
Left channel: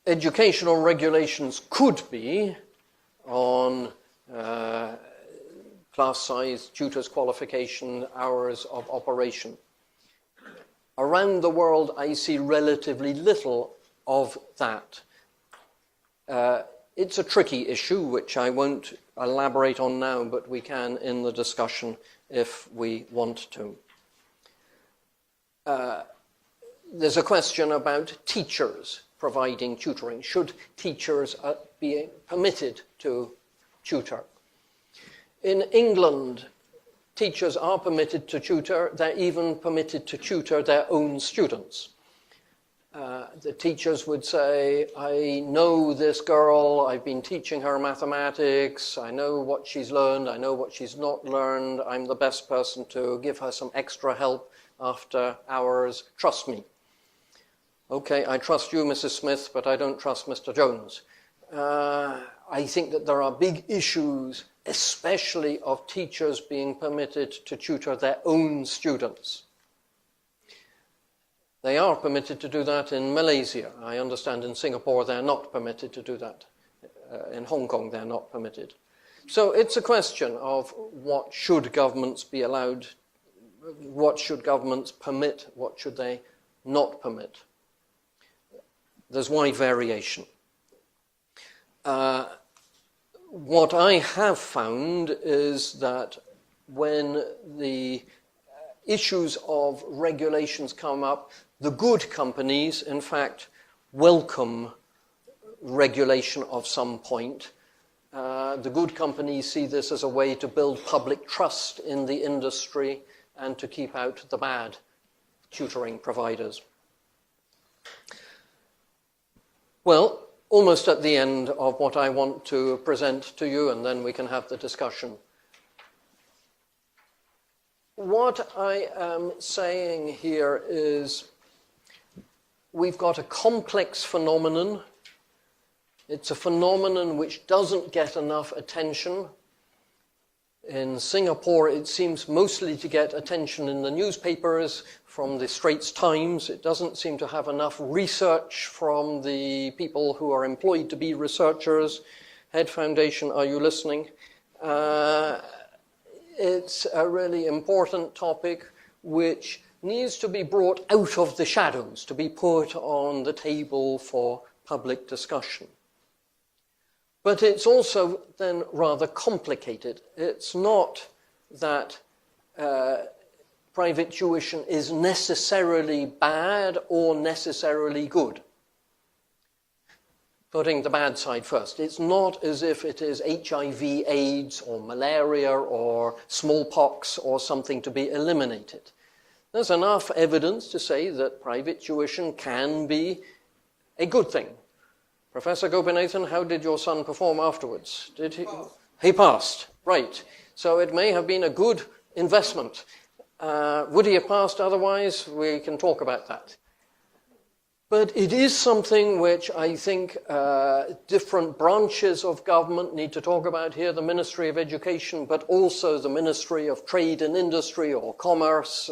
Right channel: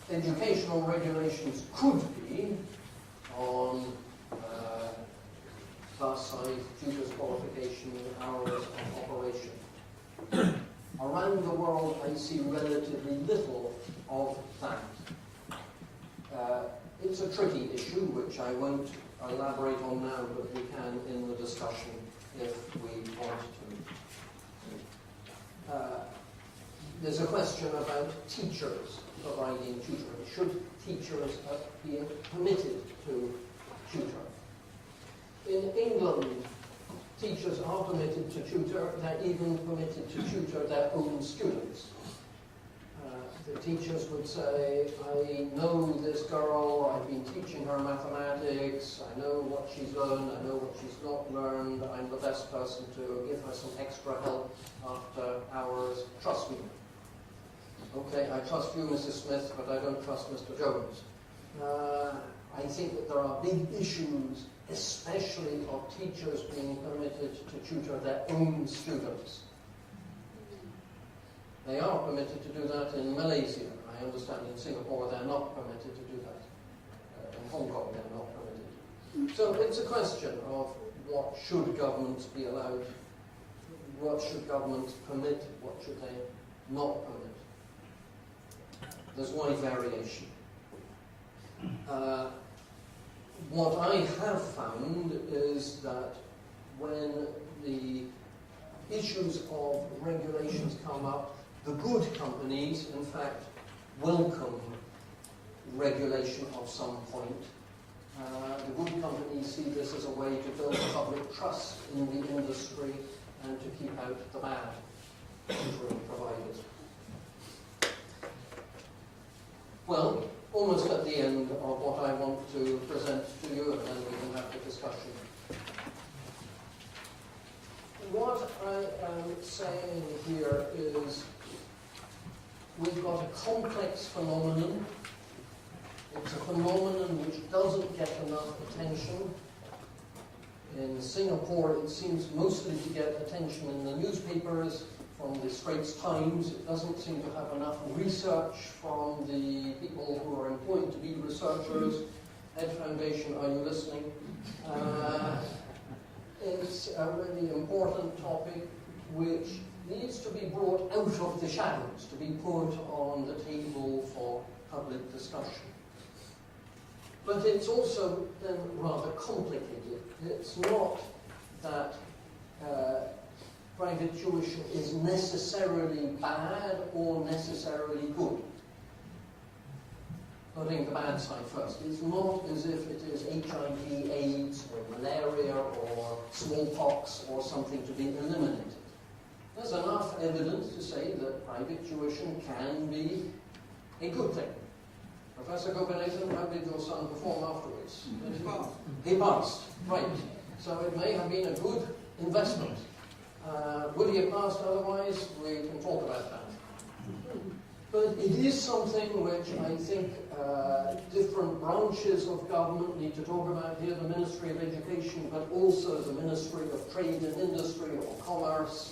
Educational regulations could be on class size, tutors qualification, hours of operation. Around the world, I see relatively little of that. It's a tricky issue, which I won't elaborate on now, but we can in the discussion if we want to. There's a question about teachers providing tutoring. Should teachers be permitted to tutor? In England, teachers are permitted to tutor. They're even permitted to tutor their own students. The teachers would say, I know this girl, I've been teaching her mathematics, I know what she's learned, I know what she's not learned, I'm the best person to give her some extra help after hours, trust me. Okay, I trust you, Mrs. Smith, but I don't trust Mr. Jones. I think that there are big issues, especially of teachers being permitted to tutor their own students. They are permitted to do that in Malaysia. I understand in Singapore they're not permitted to do that. In Hong Kong they're not permitted. So it's a question of what should governments be allowed, what should governments permit, what should they not permit. There's wide variation. What I have found is that when the issues of regulations come up, the good companies, in fact, welcome regulation of some point. The good companies see this as a way to build public trust in the industry and to keep out the bad tutoring providers. Well, almost at the end of what I want to present to you, and then we can have the discussion. What I am saying here is we've got a complex phenomenon. It's a phenomenon which doesn't get enough attention. In Singapore, it seems mostly to get attention in the newspapers from the Straits Times. It doesn't seem to have enough research from the people who are employed to be researchers. Head Foundation, are you listening? It's a really important topic which needs to be brought out of the shadows, to be put on the table for public discussion. But it's also then rather complicated. It's not that private tuition is necessarily bad or necessarily good. Putting the bad side first. It's not as if it is HIV, AIDS, or malaria, or smallpox, or something to be eliminated. There's enough evidence to say that private tuition can be a good thing. Professor Gopinathan, how did your son perform afterwards? Did he? He passed, right. So it may have been a good investment. Would he have passed otherwise? We can talk about that. But it is something which I think different branches of government need to talk about here, the Ministry of Education, but also the Ministry of Trade and Industry or Commerce,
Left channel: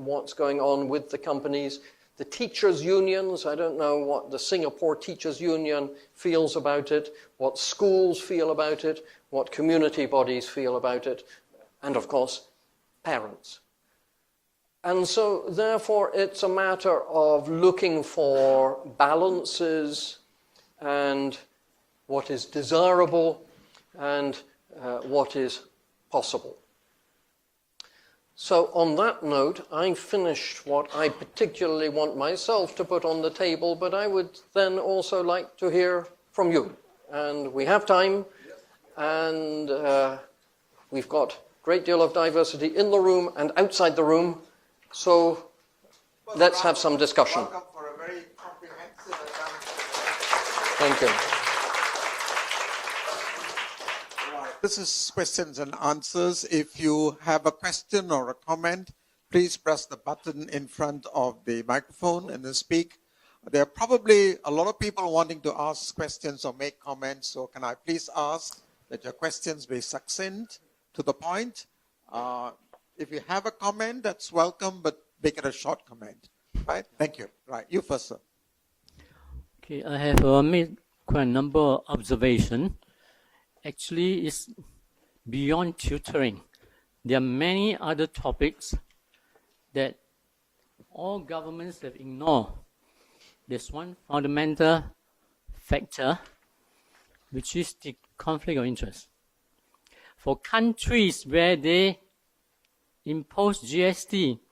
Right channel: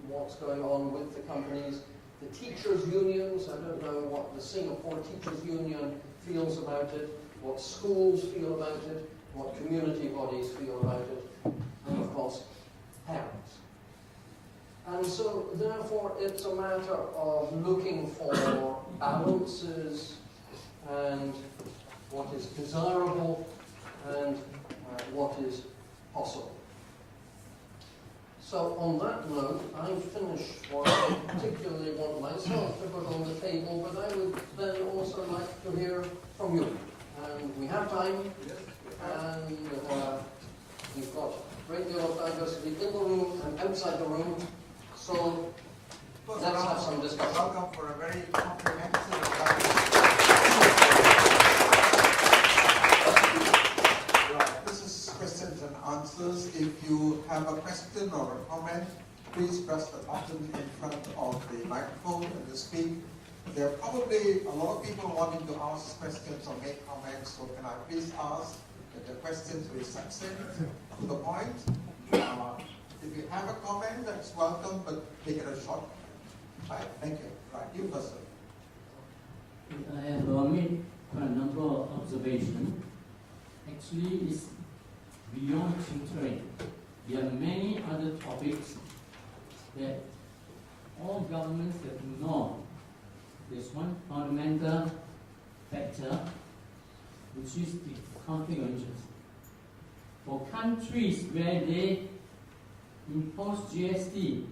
what's going on with the companies. The teachers' unions, I don't know what the Singapore Teachers' Union feels about it, what schools feel about it, what community bodies feel about it, and of course, parents. And so, therefore, it's a matter of looking for balances and what is desirable and what is possible. So on that note, I've finished what I particularly want myself to put on the table, but I would then also like to hear from you. And we have time, and we've got a great deal of diversity in the room and outside the room, so let's have some discussion. Welcome for a very comprehensive Thank you. This is questions and answers. If you have a question or a comment, please press the button in front of the microphone and then speak. There are probably a lot of people wanting to ask questions or make comments, so can I please ask that your questions be succinct, to the point. If you have a comment, that's welcome, but make it a short comment. Right? Thank you. Right, you first, sir. Okay, I have made quite a number of observations. Actually, it's beyond tutoring. There are many other topics that all governments have ignored. There's one fundamental factor, which is the conflict of interest. For countries where they impose GST,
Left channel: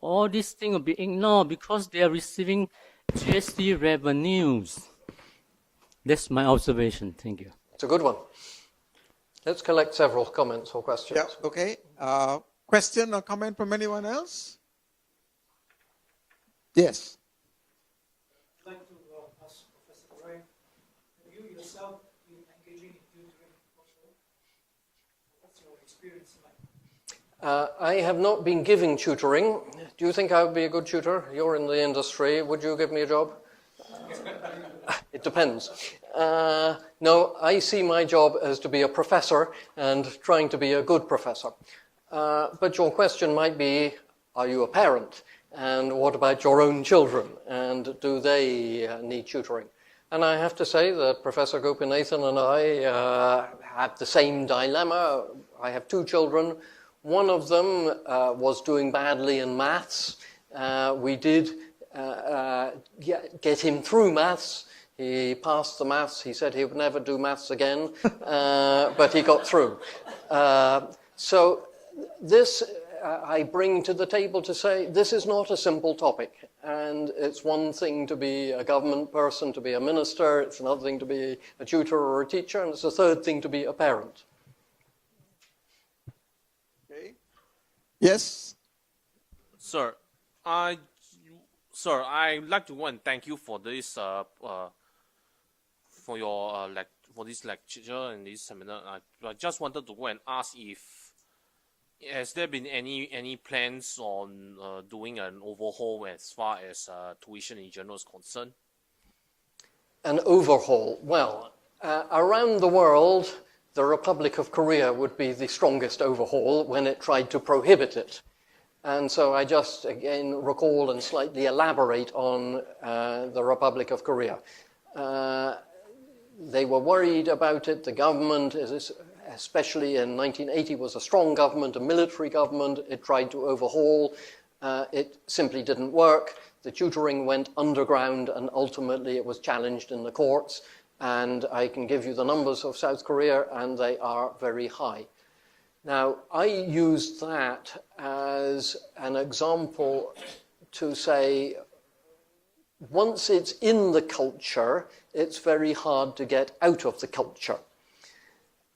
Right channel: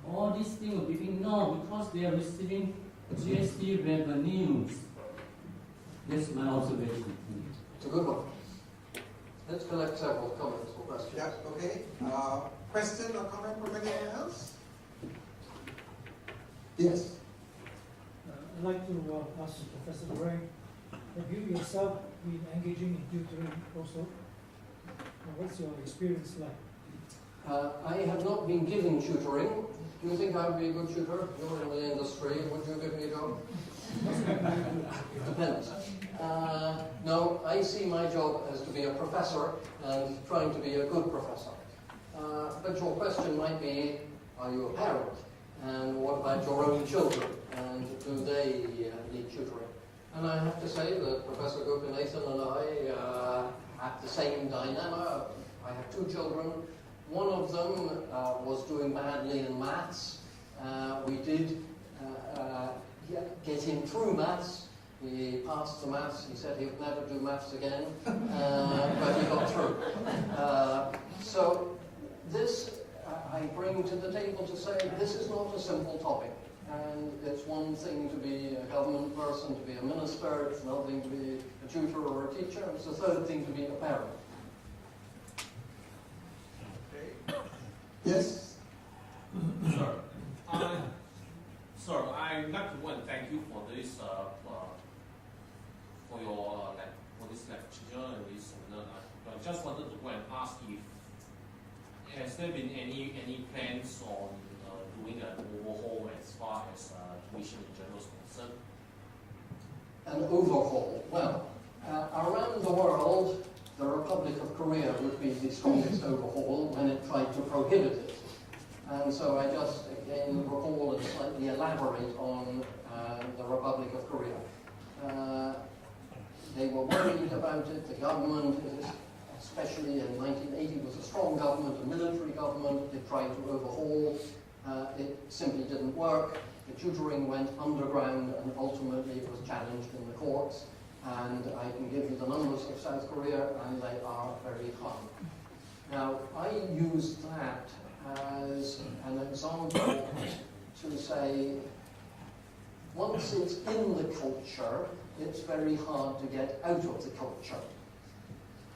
all these things will be ignored because they are receiving GST revenues. That's my observation. Thank you. It's a good one. Let's collect several comments or questions. Yeah, okay. Question or comment from anyone else? Yes. I'd like to ask Professor Bray, have you yourself been engaging in tutoring also? What's your experience like? I have not been giving tutoring. Do you think I would be a good tutor? You're in the industry. Would you give me a job? It depends. No, I see my job as to be a professor and trying to be a good professor. But your question might be, are you a parent? And what about your own children? And do they need tutoring? And I have to say that Professor Gopinathan and I have the same dilemma. I have two children. One of them was doing badly in maths. We did get him through maths. He passed the maths. He said he would never do maths again, but he got through. So this I bring to the table to say this is not a simple topic. And it's one thing to be a government person, to be a minister. It's another thing to be a tutor or a teacher. And it's a third thing to be a parent. Okay. Yes? Sir, I'd like to go and thank you for this for this lecture and this seminar. I just wanted to go and ask if has there been any plans on doing an overhaul as far as tuition in general is concerned? An overhaul. Well, around the world, the Republic of Korea would be the strongest overhaul when it tried to prohibit it. And so I just, again, recall and slightly elaborate on the Republic of Korea. They were worried about it. The government, especially in 1980, was a strong government, a military government. It tried to overhaul. It simply didn't work. The tutoring went underground, and ultimately it was challenged in the courts. And I can give you the numbers of South Korea, and they are very high. Now, I use that as an example to say, once it's in the culture, it's very hard to get out of the culture.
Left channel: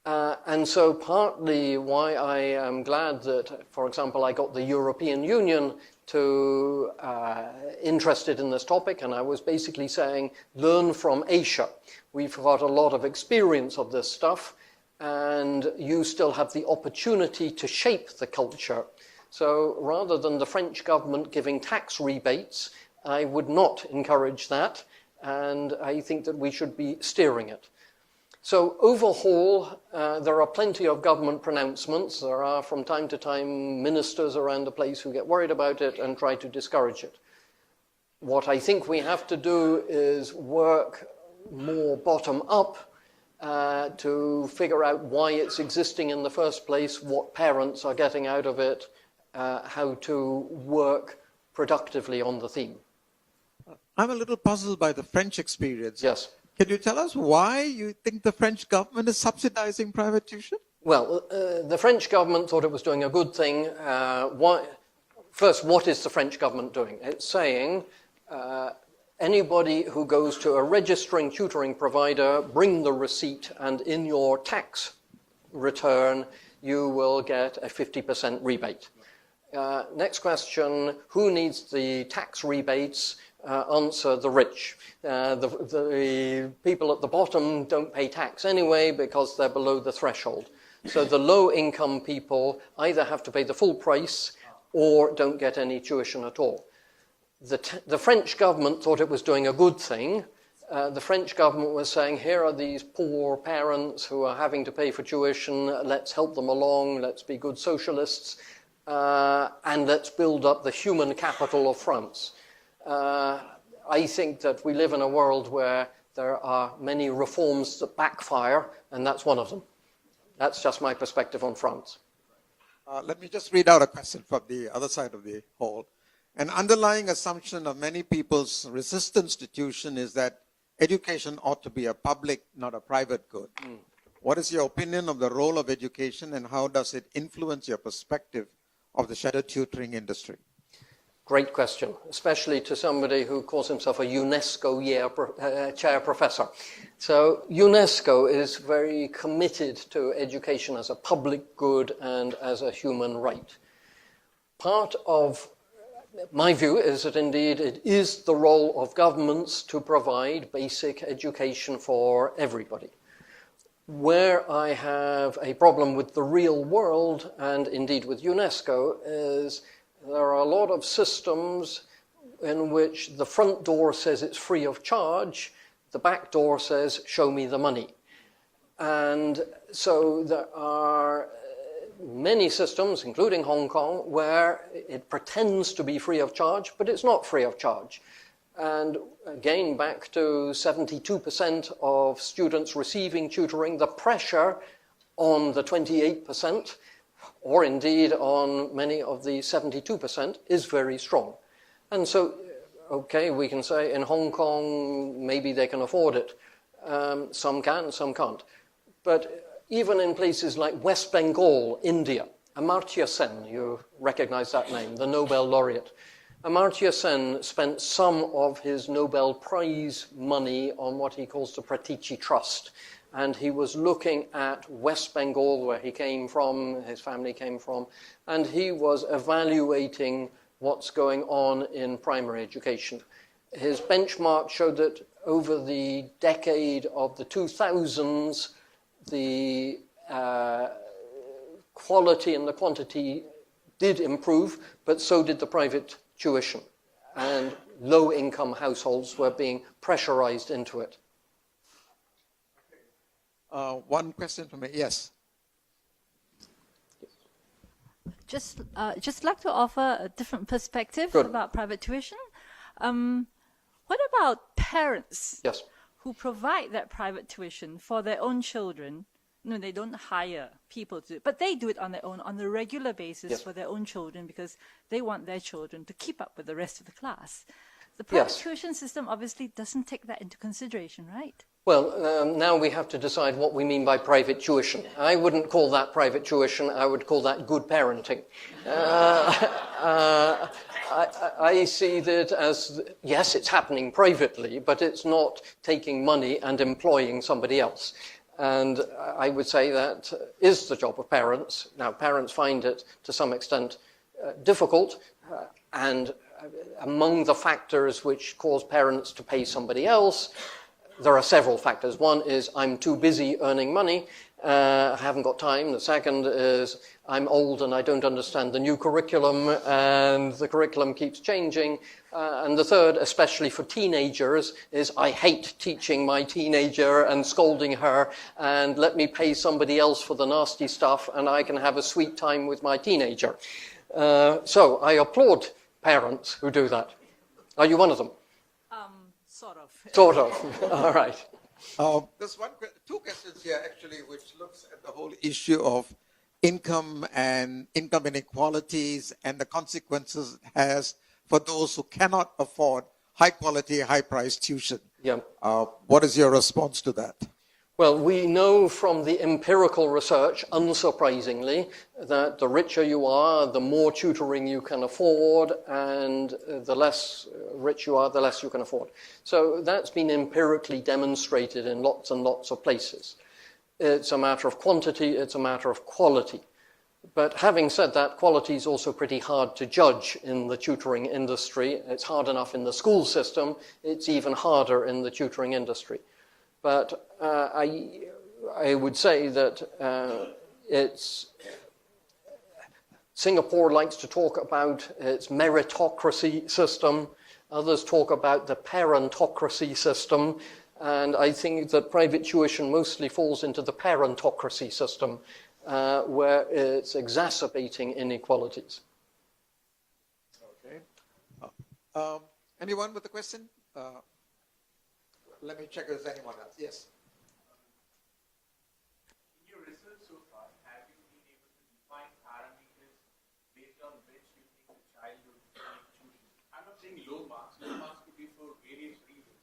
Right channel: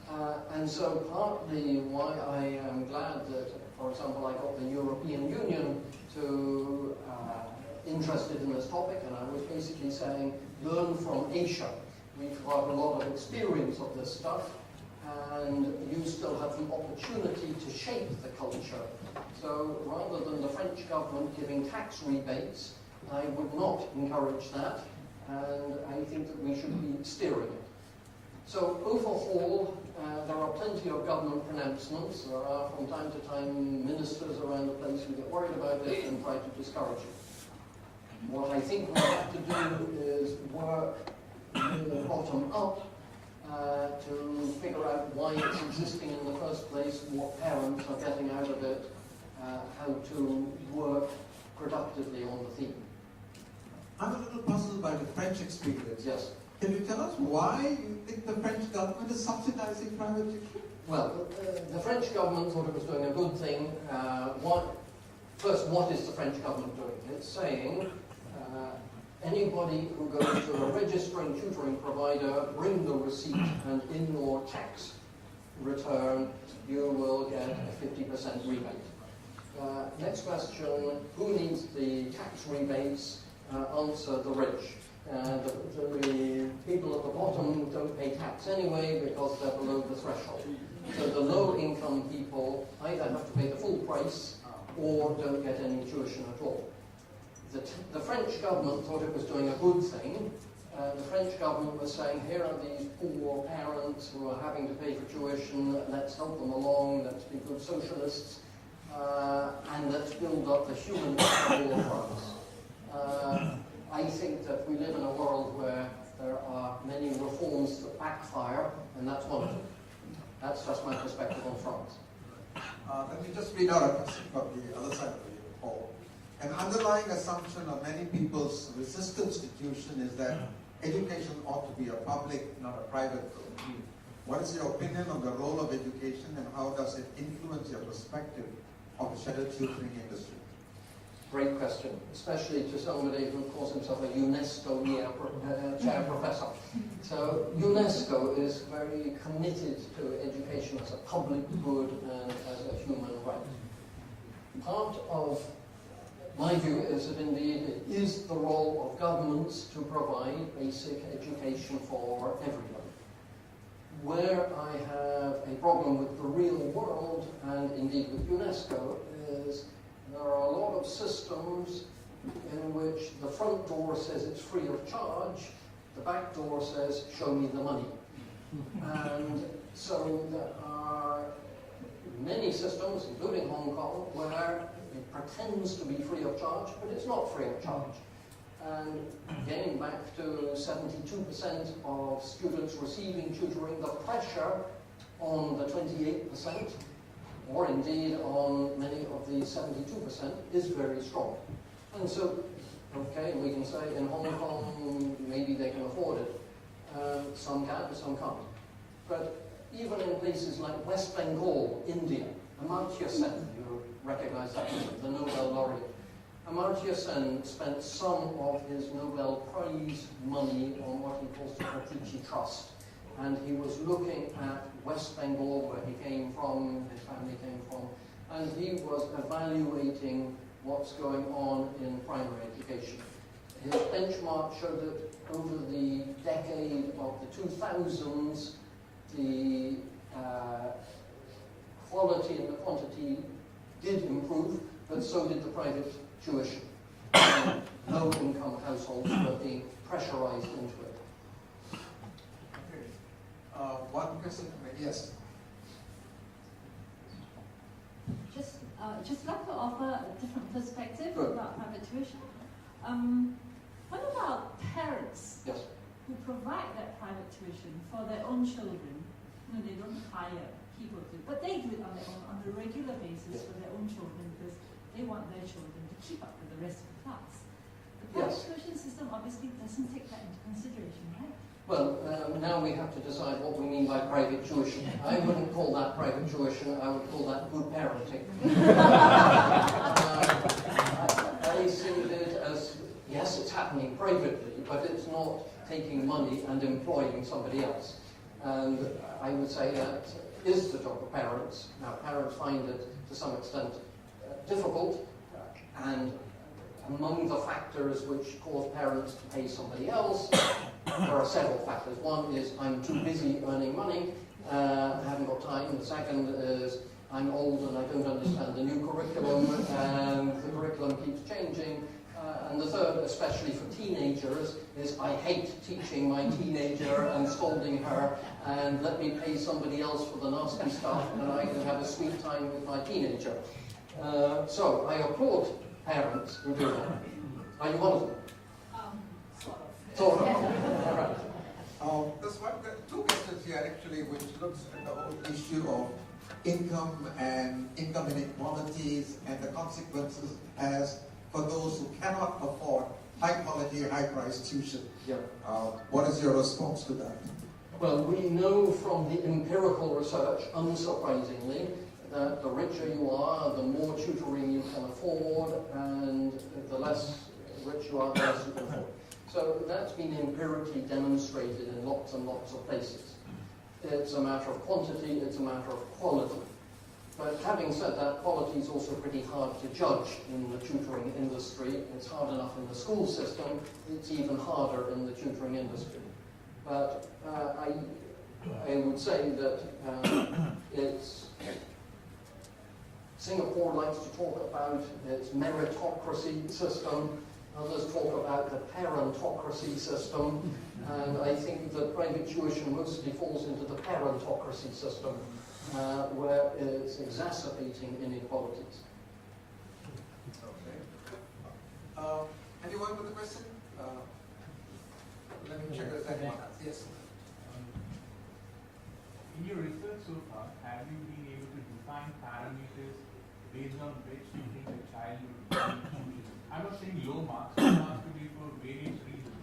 And so partly why I am glad that, for example, I got the European Union to interested in this topic, and I was basically saying, learn from Asia. We've got a lot of experience of this stuff, and you still have the opportunity to shape the culture. So rather than the French government giving tax rebates, I would not encourage that, and I think that we should be steering it. So overhaul, there are plenty of government pronouncements. There are from time to time ministers around the place who get worried about it and try to discourage it. What I think we have to do is work more bottom up to figure out why it's existing in the first place, what parents are getting out of it, how to work productively on the theme. I'm a little puzzled by the French experience. Yes. Can you tell us why you think the French government is subsidizing private tuition? Well, the French government thought it was doing a good thing. First, what is the French government doing? It's saying anybody who goes to a registering tutoring provider, bring the receipt, and in your tax return, you will get a 50% rebate. Next question, who needs the tax rebates? Answer, the rich. The people at the bottom don't pay tax anyway because they're below the threshold. So the low-income people either have to pay the full price or don't get any tuition at all. The French government thought it was doing a good thing. The French government was saying, here are these poor parents who are having to pay for tuition, let's help them along, let's be good socialists, and let's build up the human capital of France. I think that we live in a world where there are many reforms that backfire, and that's one of them. That's just my perspective on France. Let me just read out a passage from the other side of the hall. An underlying assumption of many people's resistance to tuition is that education ought to be a public, not a private good. What is your opinion of the role of education, and how does it influence your perspective of the shadow tutoring industry? Great question, especially to somebody who calls himself a UNESCO chair professor. So UNESCO is very committed to education as a public good and as a human right. Part of my view is that indeed it is the role of governments to provide basic education for everybody. Where I have a problem with the real world, and indeed with UNESCO, is there are a lot of systems in which the front door says it's free of charge, the back door says, show me the money. And so there are many systems, including Hong Kong, where it pretends to be free of charge, but it's not free of charge. And again, back to 72% of students receiving tutoring, the pressure on the 28%, or indeed on many of the 72%, is very strong. And so, okay, we can say in Hong Kong, maybe they can afford it. Some can, some can't. But even in places like West Bengal, India, Amartya Sen, you recognize that name, the Nobel laureate. Amartya Sen spent some of his Nobel Prize money on what he calls the Pratichi Trust. And he was looking at West Bengal, where he came from, his family came from, and he was evaluating what's going on in primary education. His benchmark showed that over the decade of the 2000s, the quality and the quantity did improve, but so did the private tuition. And low-income households were being pressurized into it. One question from me. Yes. Just like to offer a different perspective Good. about private tuition. What about parents Yes. who provide that private tuition for their own children? No, they don't hire people to do it, but they do it on their own, on a regular basis Yes. for their own children because they want their children to keep up with the rest of the class. The private Yes. tuition system obviously doesn't take that into consideration, right? Well, now we have to decide what we mean by private tuition. I wouldn't call that private tuition. I would call that good parenting. I see that as, yes, it's happening privately, but it's not taking money and employing somebody else. And I would say that is the job of parents. Now, parents find it, to some extent, difficult, and among the factors which cause parents to pay somebody else, there are several factors. One is I'm too busy earning money, I haven't got time. The second is I'm old and I don't understand the new curriculum, and the curriculum keeps changing. And the third, especially for teenagers, is I hate teaching my teenager and scolding her, and let me pay somebody else for the nasty stuff and I can have a sweet time with my teenager. So I applaud parents who do that. Are you one of them? Sort of. All right. There's two questions here actually, which looks at the whole issue of income and income inequalities and the consequences it has for those who cannot afford high quality, high price tuition. Yeah. What is your response to that? Well, we know from the empirical research, unsurprisingly, that the richer you are, the more tutoring you can afford, and the less rich you are, the less you can afford. So that's been empirically demonstrated in lots and lots of places. It's a matter of quantity, it's a matter of quality. But having said that, quality is also pretty hard to judge in the tutoring industry. It's hard enough in the school system, it's even harder in the tutoring industry. But I would say that Singapore likes to talk about its meritocracy system. Others talk about the parentocracy system. And I think that private tuition mostly falls into the parentocracy system, where it's exacerbating inequalities. Okay. Anyone with a question? Let me check if anyone has. Yes. In your research so far, have you been able to define parameters based on which you think the child would be choosing? I'm not saying low marks, low marks could be for various reasons.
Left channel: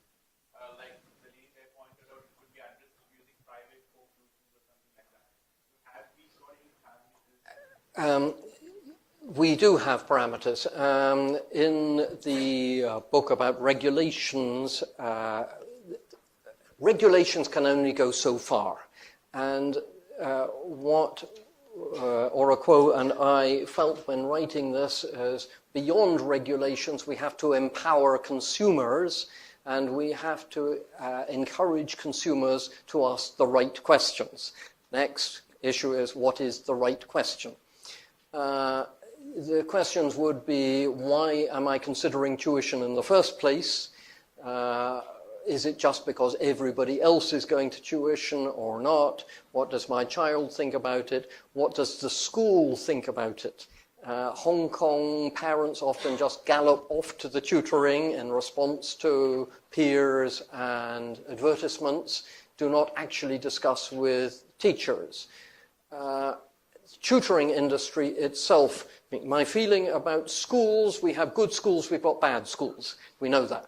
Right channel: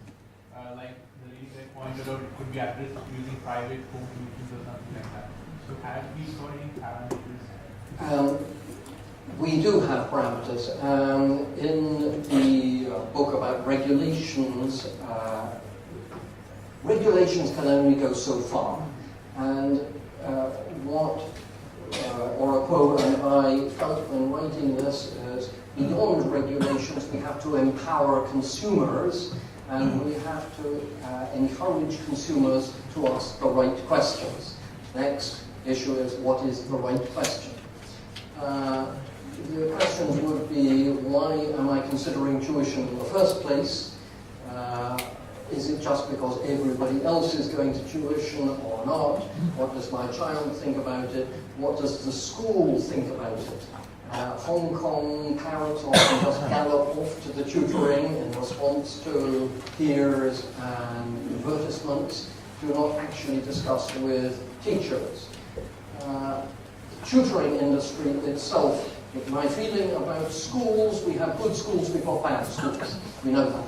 Like the lady that pointed out, it could be at risk of using private home tuitions or something like that. So have we got any parameters? We do have parameters. In the book about regulations, regulations can only go so far. And what Oroquo and I felt when writing this is beyond regulations, we have to empower consumers, and we have to encourage consumers to ask the right questions. Next issue is, what is the right question? The questions would be, why am I considering tuition in the first place? Is it just because everybody else is going to tuition or not? What does my child think about it? What does the school think about it? Hong Kong parents often just gallop off to the tutoring in response to peers and advertisements, do not actually discuss with teachers. The tutoring industry itself, my feeling about schools, we have good schools, we've got bad schools. We know that.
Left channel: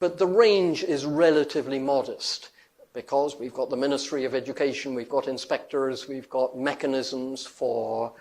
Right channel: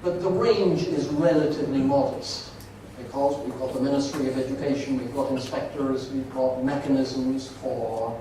But the range is relatively modest because we've got the Ministry of Education, we've got inspectors, we've got mechanisms for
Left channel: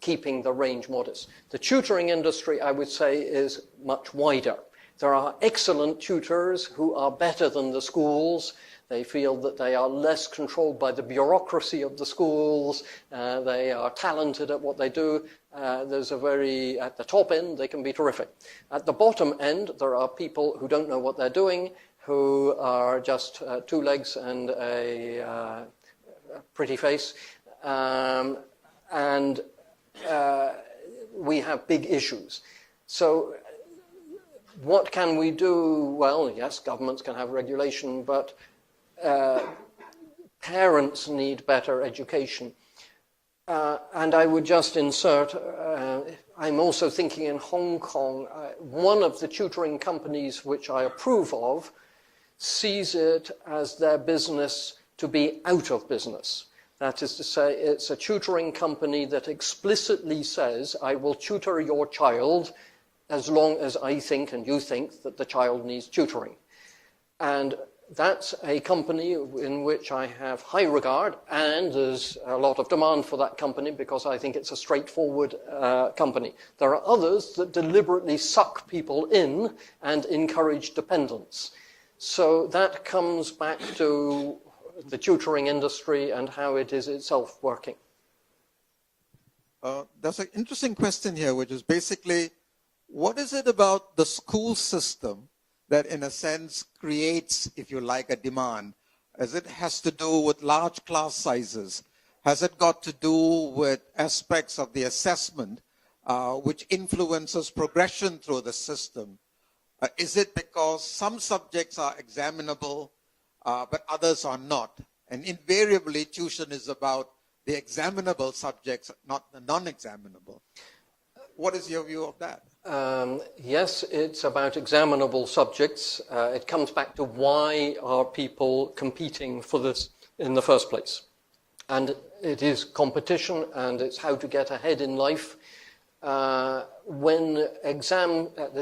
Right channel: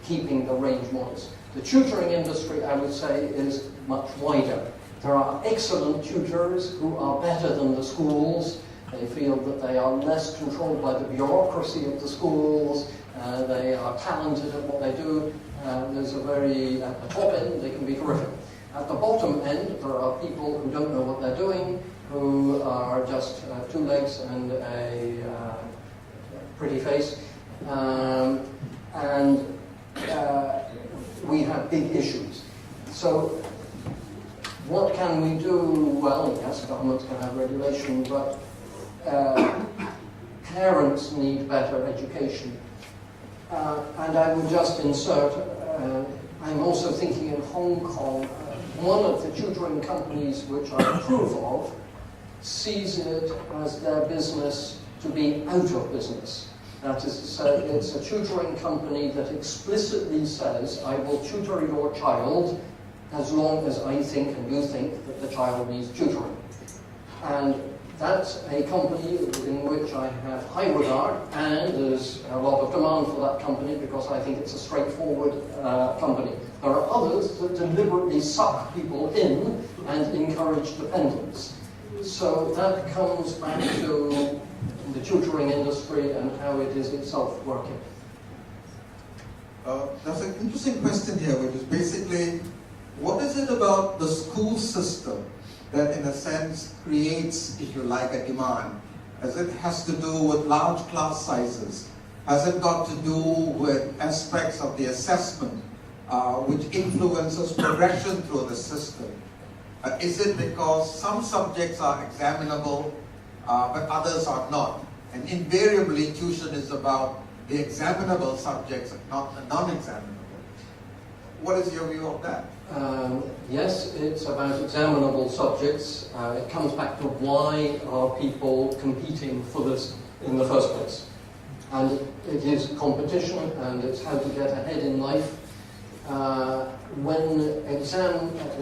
keeping the range modest. The tutoring industry, I would say, is much wider. There are excellent tutors who are better than the schools. They feel that they are less controlled by the bureaucracy of the schools. They are talented at what they do. At the top end, they can be terrific. At the bottom end, there are people who don't know what they're doing, who are just two legs and a we have big issues. So what can we do? Well, yes, governments can have regulation, but parents need better education. And I would just insert, I'm also thinking in Hong Kong, one of the tutoring companies which I approve of sees it as their business to be out of business. That is to say, it's a tutoring company that explicitly says, I will tutor your child as long as I think and you think that the child needs tutoring. And that's a company in which I have high regard, and there's a lot of demand for that company because I think it's a straightforward company. There are others that deliberately suck people in and encourage dependence. So that comes back to the tutoring industry and how it is itself working. There's an interesting question here, which is basically, what is it about the school system that in a sense creates, if you like, a demand? As it has to do with large class sizes? Has it got to do with aspects of the assessment which influences progression through the system? Is it because some subjects are examinable but others are not? And invariably tuition is about the examinable subjects and not the non-examinable. What is your view of that? Yes, it's about examinable subjects. It comes back to why are people competing for this in the first place. And it is competition, and it's how to get ahead in life.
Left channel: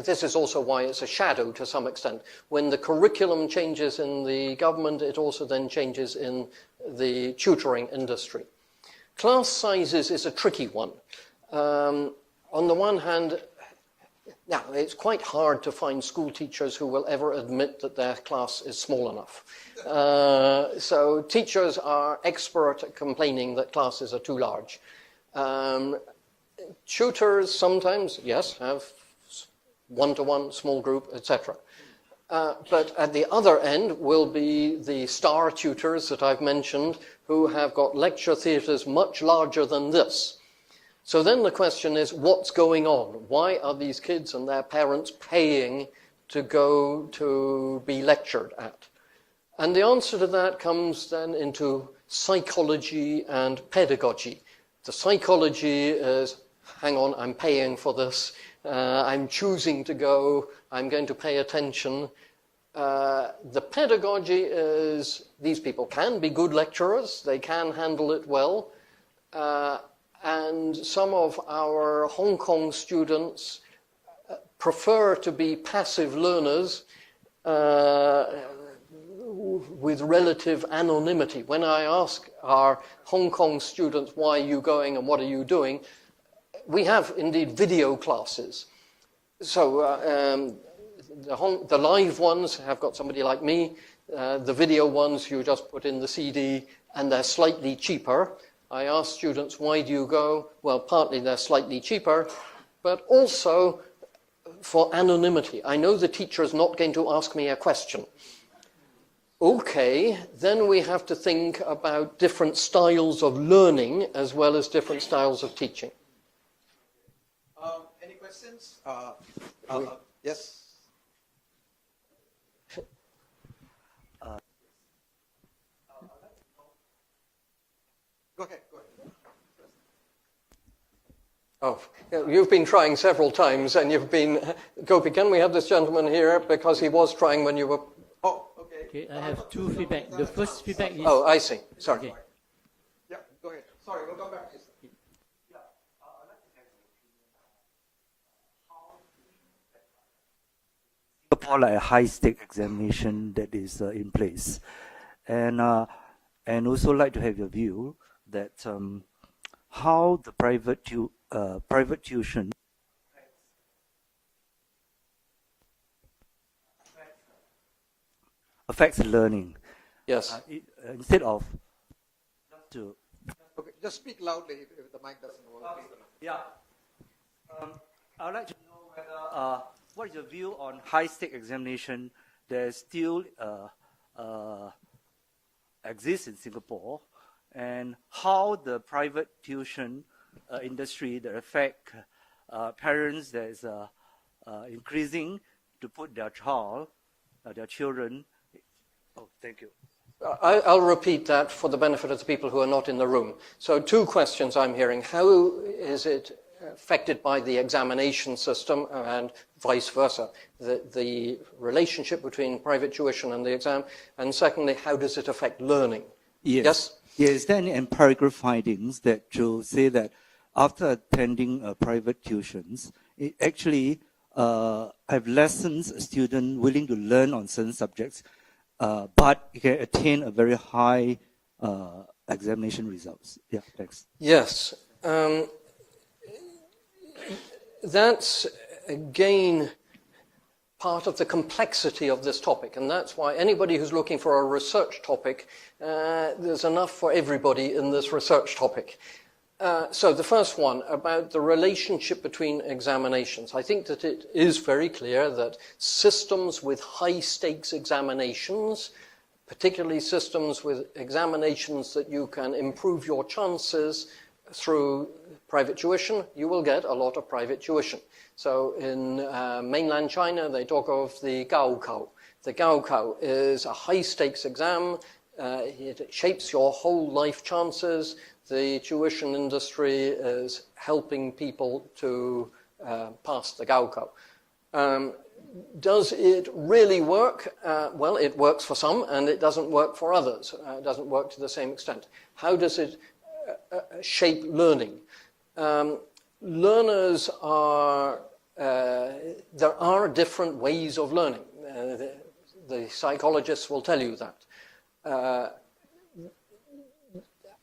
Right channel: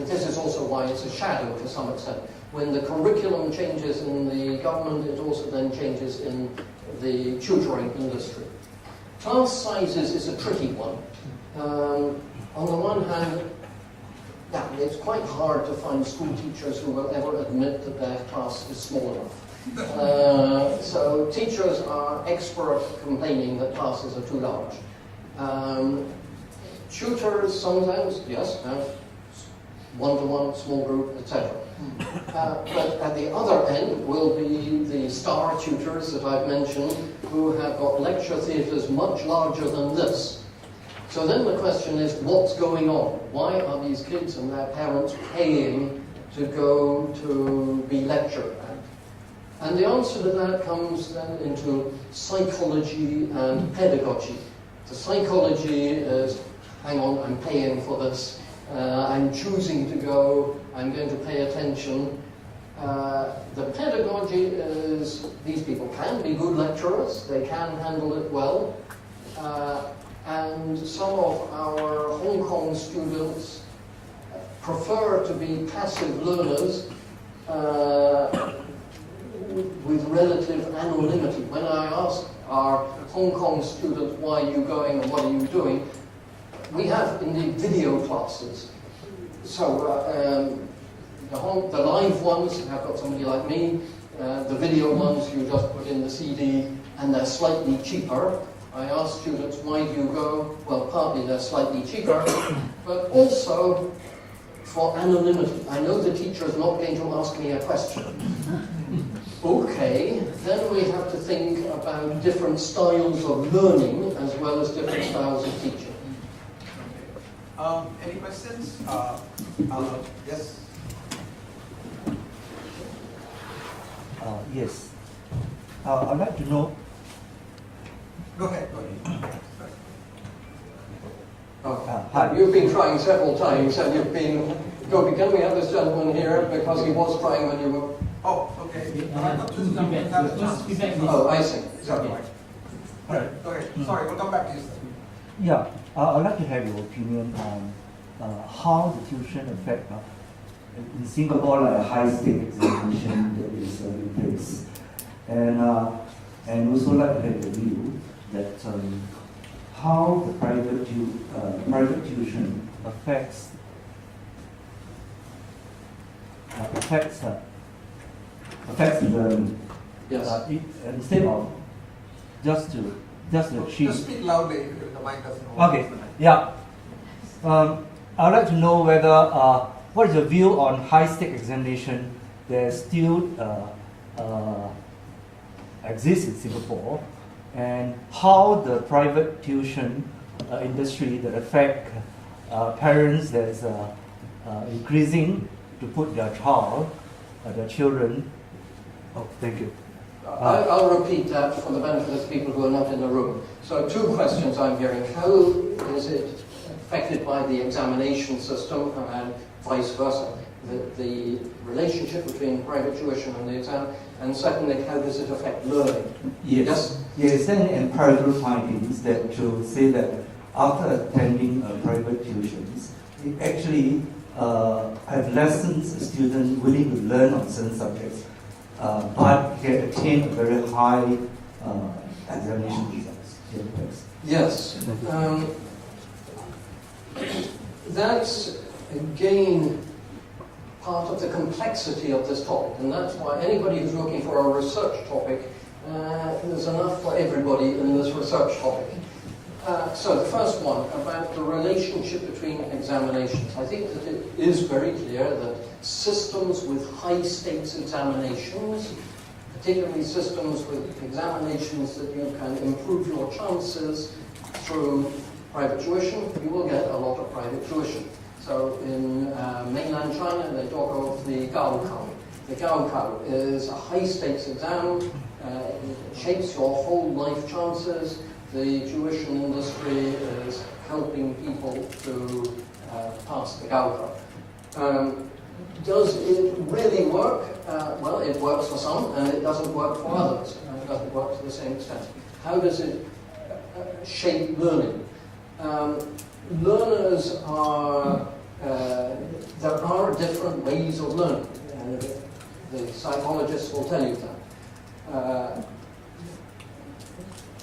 This is also why it's a shadow to some extent. When the curriculum changes in the government, it also then changes in the tutoring industry. Class sizes is a tricky one. On the one hand, yeah, it's quite hard to find school teachers who will ever admit that their class is small enough. So teachers are expert at complaining that classes are too large. Tutors sometimes, yes, have one-to-one, small group, etc. But at the other end will be the star tutors that I've mentioned who have got lecture theatres much larger than this. So then the question is, what's going on? Why are these kids and their parents paying to go to be lectured at? And the answer to that comes then into psychology and pedagogy. The psychology is, hang on, I'm paying for this. I'm choosing to go. I'm going to pay attention. The pedagogy is, these people can be good lecturers. They can handle it well. And some of our Hong Kong students prefer to be passive learners with relative anonymity. When I ask our Hong Kong students, why are you going and what are you doing? We have indeed video classes. So the live ones have got somebody like me. The video ones you just put in the CD and they're slightly cheaper. I ask students, why do you go? Well, partly they're slightly cheaper, but also for anonymity. I know the teacher is not going to ask me a question. Okay, then we have to think about different styles of learning as well as different styles of teaching. Any questions? Yes? Yes. I'd like to know. Go ahead. You've been trying several times, and you've been. Gopi, can we have this gentleman here because he was trying when you were. Oh, okay. I have two feedback. The first feedback is. Oh, I see. Sorry. Okay. All right. Go ahead. Sorry, we'll come back to you. Yeah, I'd like to have your opinion on how the tuition affect in Singapore, like a high-stake examination that is in place, and also like to have your view that how the private tuition affects learning. Yes. Instead of just to achieve. Just speak loudly if the mic doesn't work. Okay. Yeah. I'd like to know whether what is your view on high-stake examination that still exists in Singapore, and how the private tuition industry that affect parents that's increasing to put their child, their children. Oh, thank you. I'll repeat that for the benefit of the people who are not in the room. So 2 questions I'm hearing. How is it affected by the examination system and vice versa? The relationship between private tuition and the exam. And secondly, how does it affect learning? Yes. Is there any empirical findings that to say that after attending private tuitions, it actually adolescents, students willing to learn on certain subjects, but can attain a very high examination results? Yeah, thanks. Yes. That's, again, part of the complexity of this topic, and that's why anybody who's looking for a research topic, there's enough for everybody in this research topic. So the first one, about the relationship between examinations. I think that it is very clear that systems with high-stakes examinations, particularly systems with examinations that you can improve your chances through private tuition, you will get a lot of private tuition. So in mainland China, they talk of the Gaokao. The Gaokao is a high-stakes exam. It shapes your whole life chances. The tuition industry is helping people to pass the Gaokao. Does it really work? Well, it works for some, and it doesn't work for others. It doesn't work to the same extent. How does it shape learning? Learners are, there are different ways of learning. The psychologists will tell you that.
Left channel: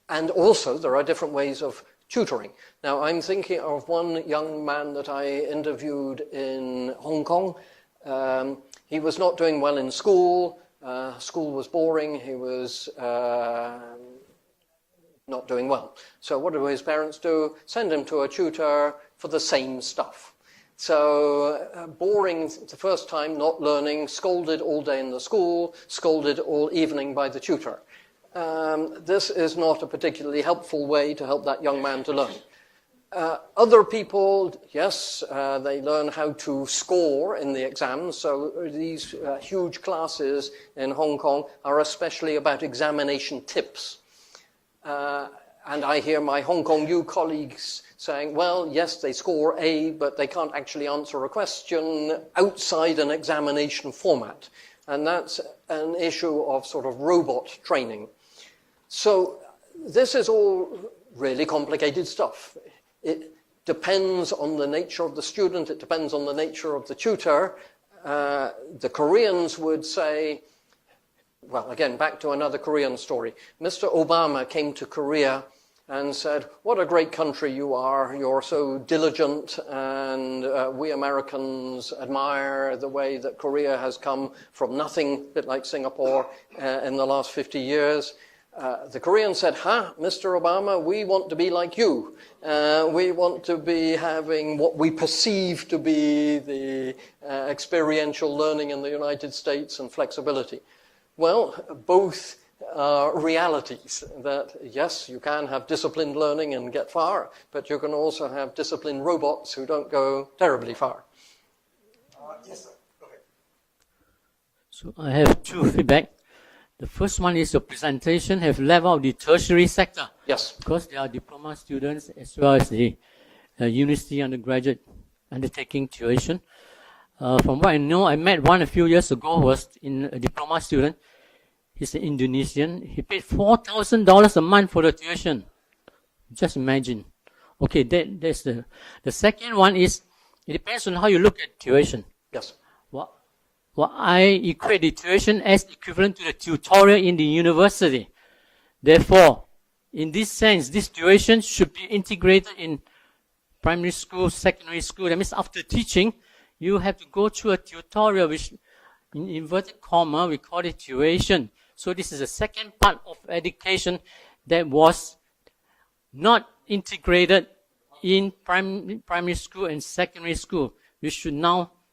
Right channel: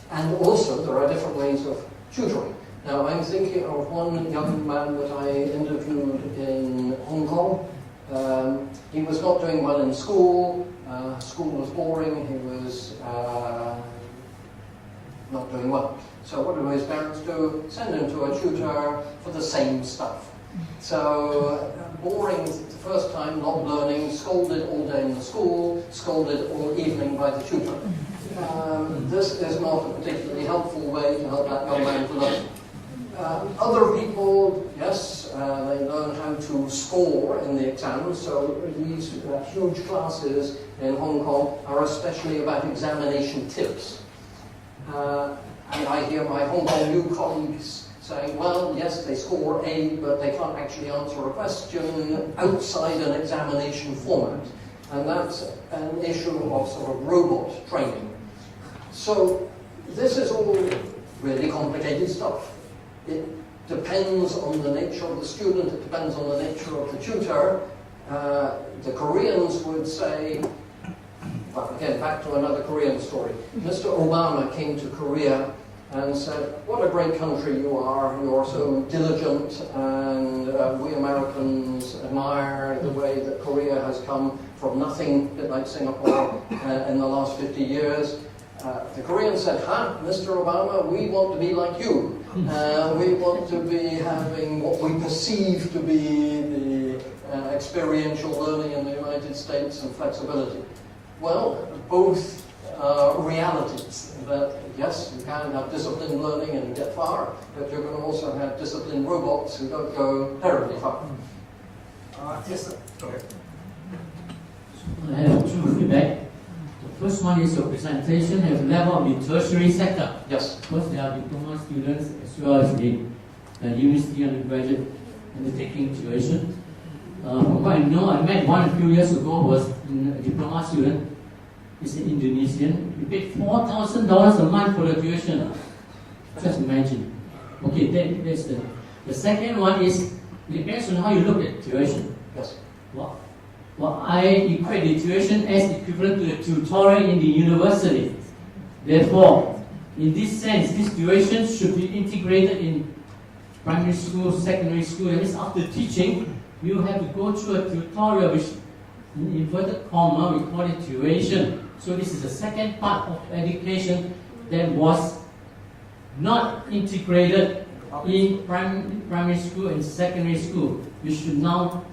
And also, there are different ways of tutoring. Now, I'm thinking of one young man that I interviewed in Hong Kong. He was not doing well in school. School was boring. He was not doing well. So what do his parents do? Send him to a tutor for the same stuff. So boring the first time, not learning, scolded all day in the school, scolded all evening by the tutor. This is not a particularly helpful way to help that young man to learn. Other people, yes, they learn how to score in the exams. So these huge classes in Hong Kong are especially about examination tips. And I hear my Hong Kong U colleagues saying, well, yes, they score A, but they can't actually answer a question outside an examination format. And that's an issue of sort of robot training. So this is all really complicated stuff. It depends on the nature of the student, it depends on the nature of the tutor. The Koreans would say, well, again, back to another Korean story. Mr. Obama came to Korea and said, what a great country you are, you're so diligent, and we Americans admire the way that Korea has come from nothing, a bit like Singapore, in the last 50 years. The Koreans said, Mr. Obama, we want to be like you. We want to be having what we perceive to be the experiential learning in the United States and flexibility. Well, both are realities. That, yes, you can have disciplined learning and get far, but you can also have disciplined robots who don't go terribly far. Yes, sir. Okay. So I have 2 feedback. The first one is your presentation have leveled the tertiary sector. Yes. Because there are diploma students as well as the university undergraduate undertaking tuition. From what I know, I met one a few years ago, was in a diploma student. He's an Indonesian. He paid $4,000 a month for the tuition. Just imagine. Okay, that's the second one is, it depends on how you look at tuition. Yes. Well, I equate the tuition as equivalent to the tutorial in the university. Therefore, in this sense, this tuition should be integrated in primary school, secondary school. That means after teaching, you have to go through a tutorial, which in inverted comma, we call it tuition. So this is the second part of education that was not integrated in primary school and secondary school. We should now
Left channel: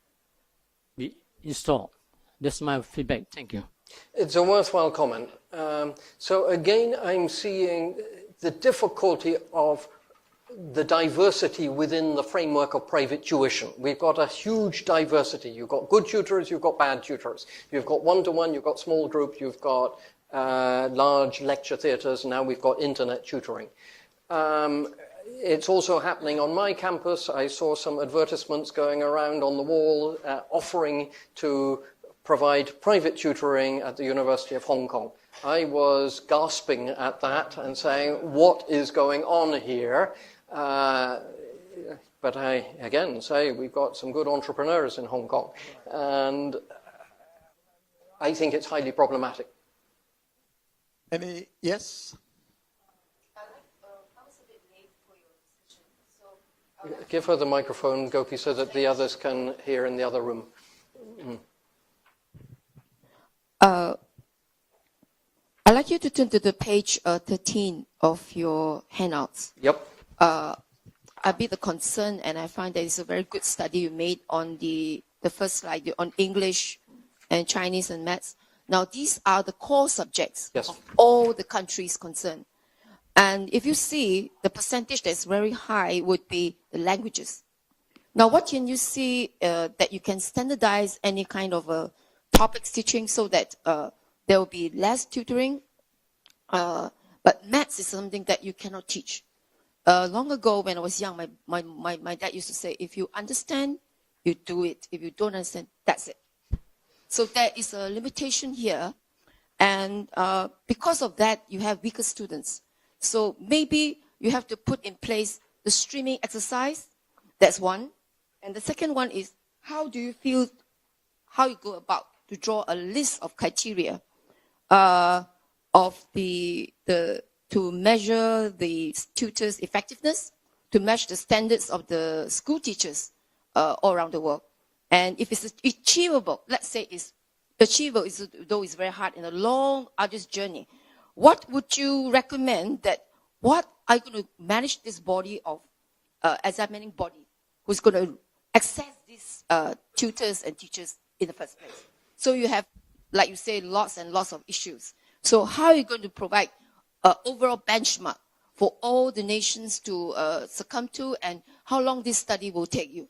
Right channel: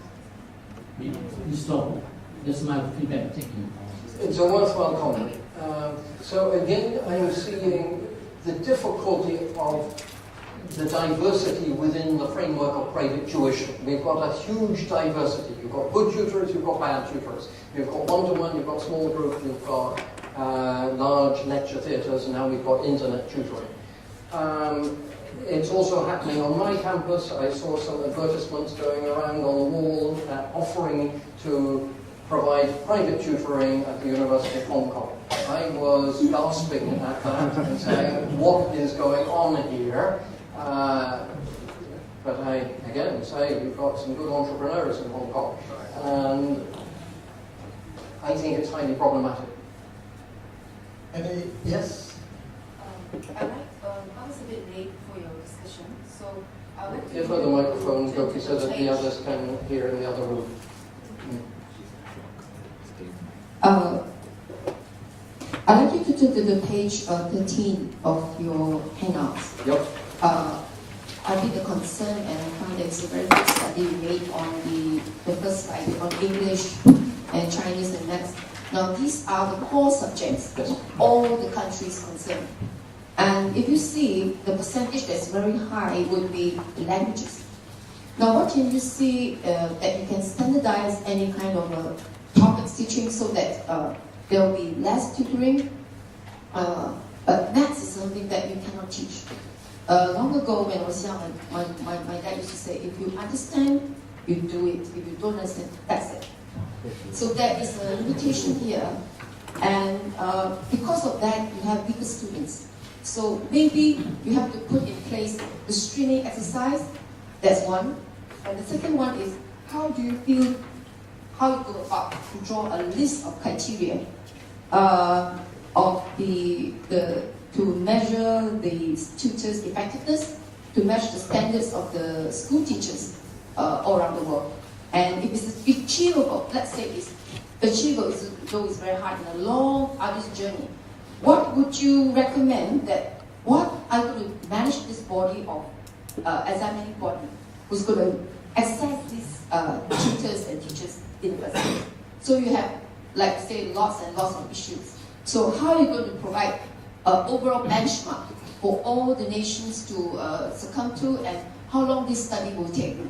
be installed. That's my feedback. Thank you. It's a worthwhile comment. So again, I'm seeing the difficulty of the diversity within the framework of private tuition. We've got a huge diversity. You've got good tutors, you've got bad tutors. You've got one-to-one, you've got small group, you've got large lecture theatres, now we've got internet tutoring. It's also happening on my campus. I saw some advertisements going around on the wall offering to provide private tutoring at the University of Hong Kong. I was gasping at that and saying, what is going on here? But I, again, say we've got some good entrepreneurs in Hong Kong. And I think it's highly problematic. Any, yes? I was a bit late for your discussion, so I would like Give her the microphone, Gopi, so that the others can hear in the other room. I'd like you to turn to the page 13 of your handouts. Yep. A bit of concern, and I find that it's a very good study you made on the first slide on English and Chinese and maths. Now, these are the core subjects Yes. of all the countries concerned. And if you see, the percentage that's very high would be the languages. Now, what can you see that you can standardize any kind of topics teaching so that there will be less tutoring? But maths is something that you cannot teach. Long ago, when I was young, my dad used to say, if you understand, you do it. If you don't understand, that's it. So there is a limitation here. And because of that, you have weaker students. So maybe you have to put in place the streaming exercise. That's one. And the second one is, how do you feel, how you go about to draw a list of criteria of to measure the tutors' effectiveness, to measure the standards of the school teachers all around the world. And if it's achievable, let's say it's achievable, though it's very hard in a long, arduous journey, what would you recommend that, what I'm going to manage this body of examining body who's going to assess these tutors and teachers in the first place? So you have, like say, lots and lots of issues. So how are you going to provide an overall benchmark for all the nations to succumb to, and how long this study will take you?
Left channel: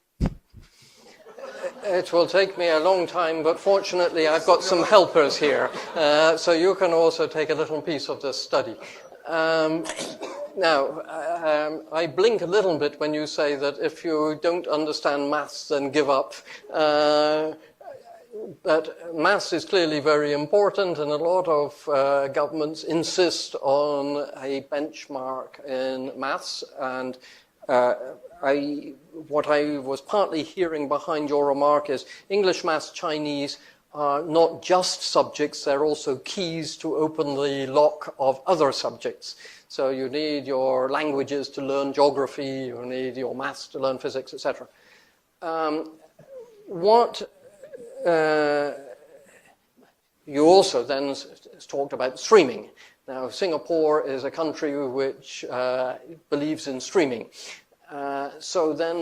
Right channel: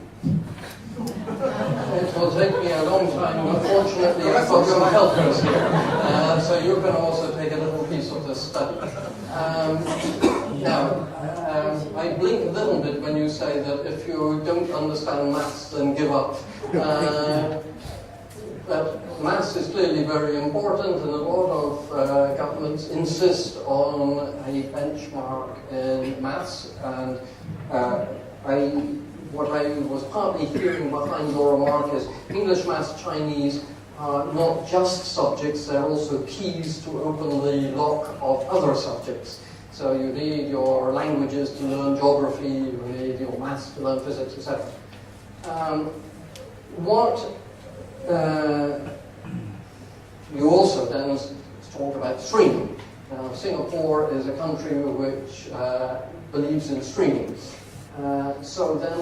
It will take me a long time, but fortunately I've got some helpers here, so you can also take a little piece of this study. Now, I blink a little bit when you say that if you don't understand maths, then give up. But maths is clearly very important, and a lot of governments insist on a benchmark in maths. And what I was partly hearing behind your remark is English, maths, Chinese are not just subjects, they're also keys to open the lock of other subjects. So you need your languages to learn geography, you need your maths to learn physics, etc. You also then talked about streaming. Now, Singapore is a country which believes in streaming. So then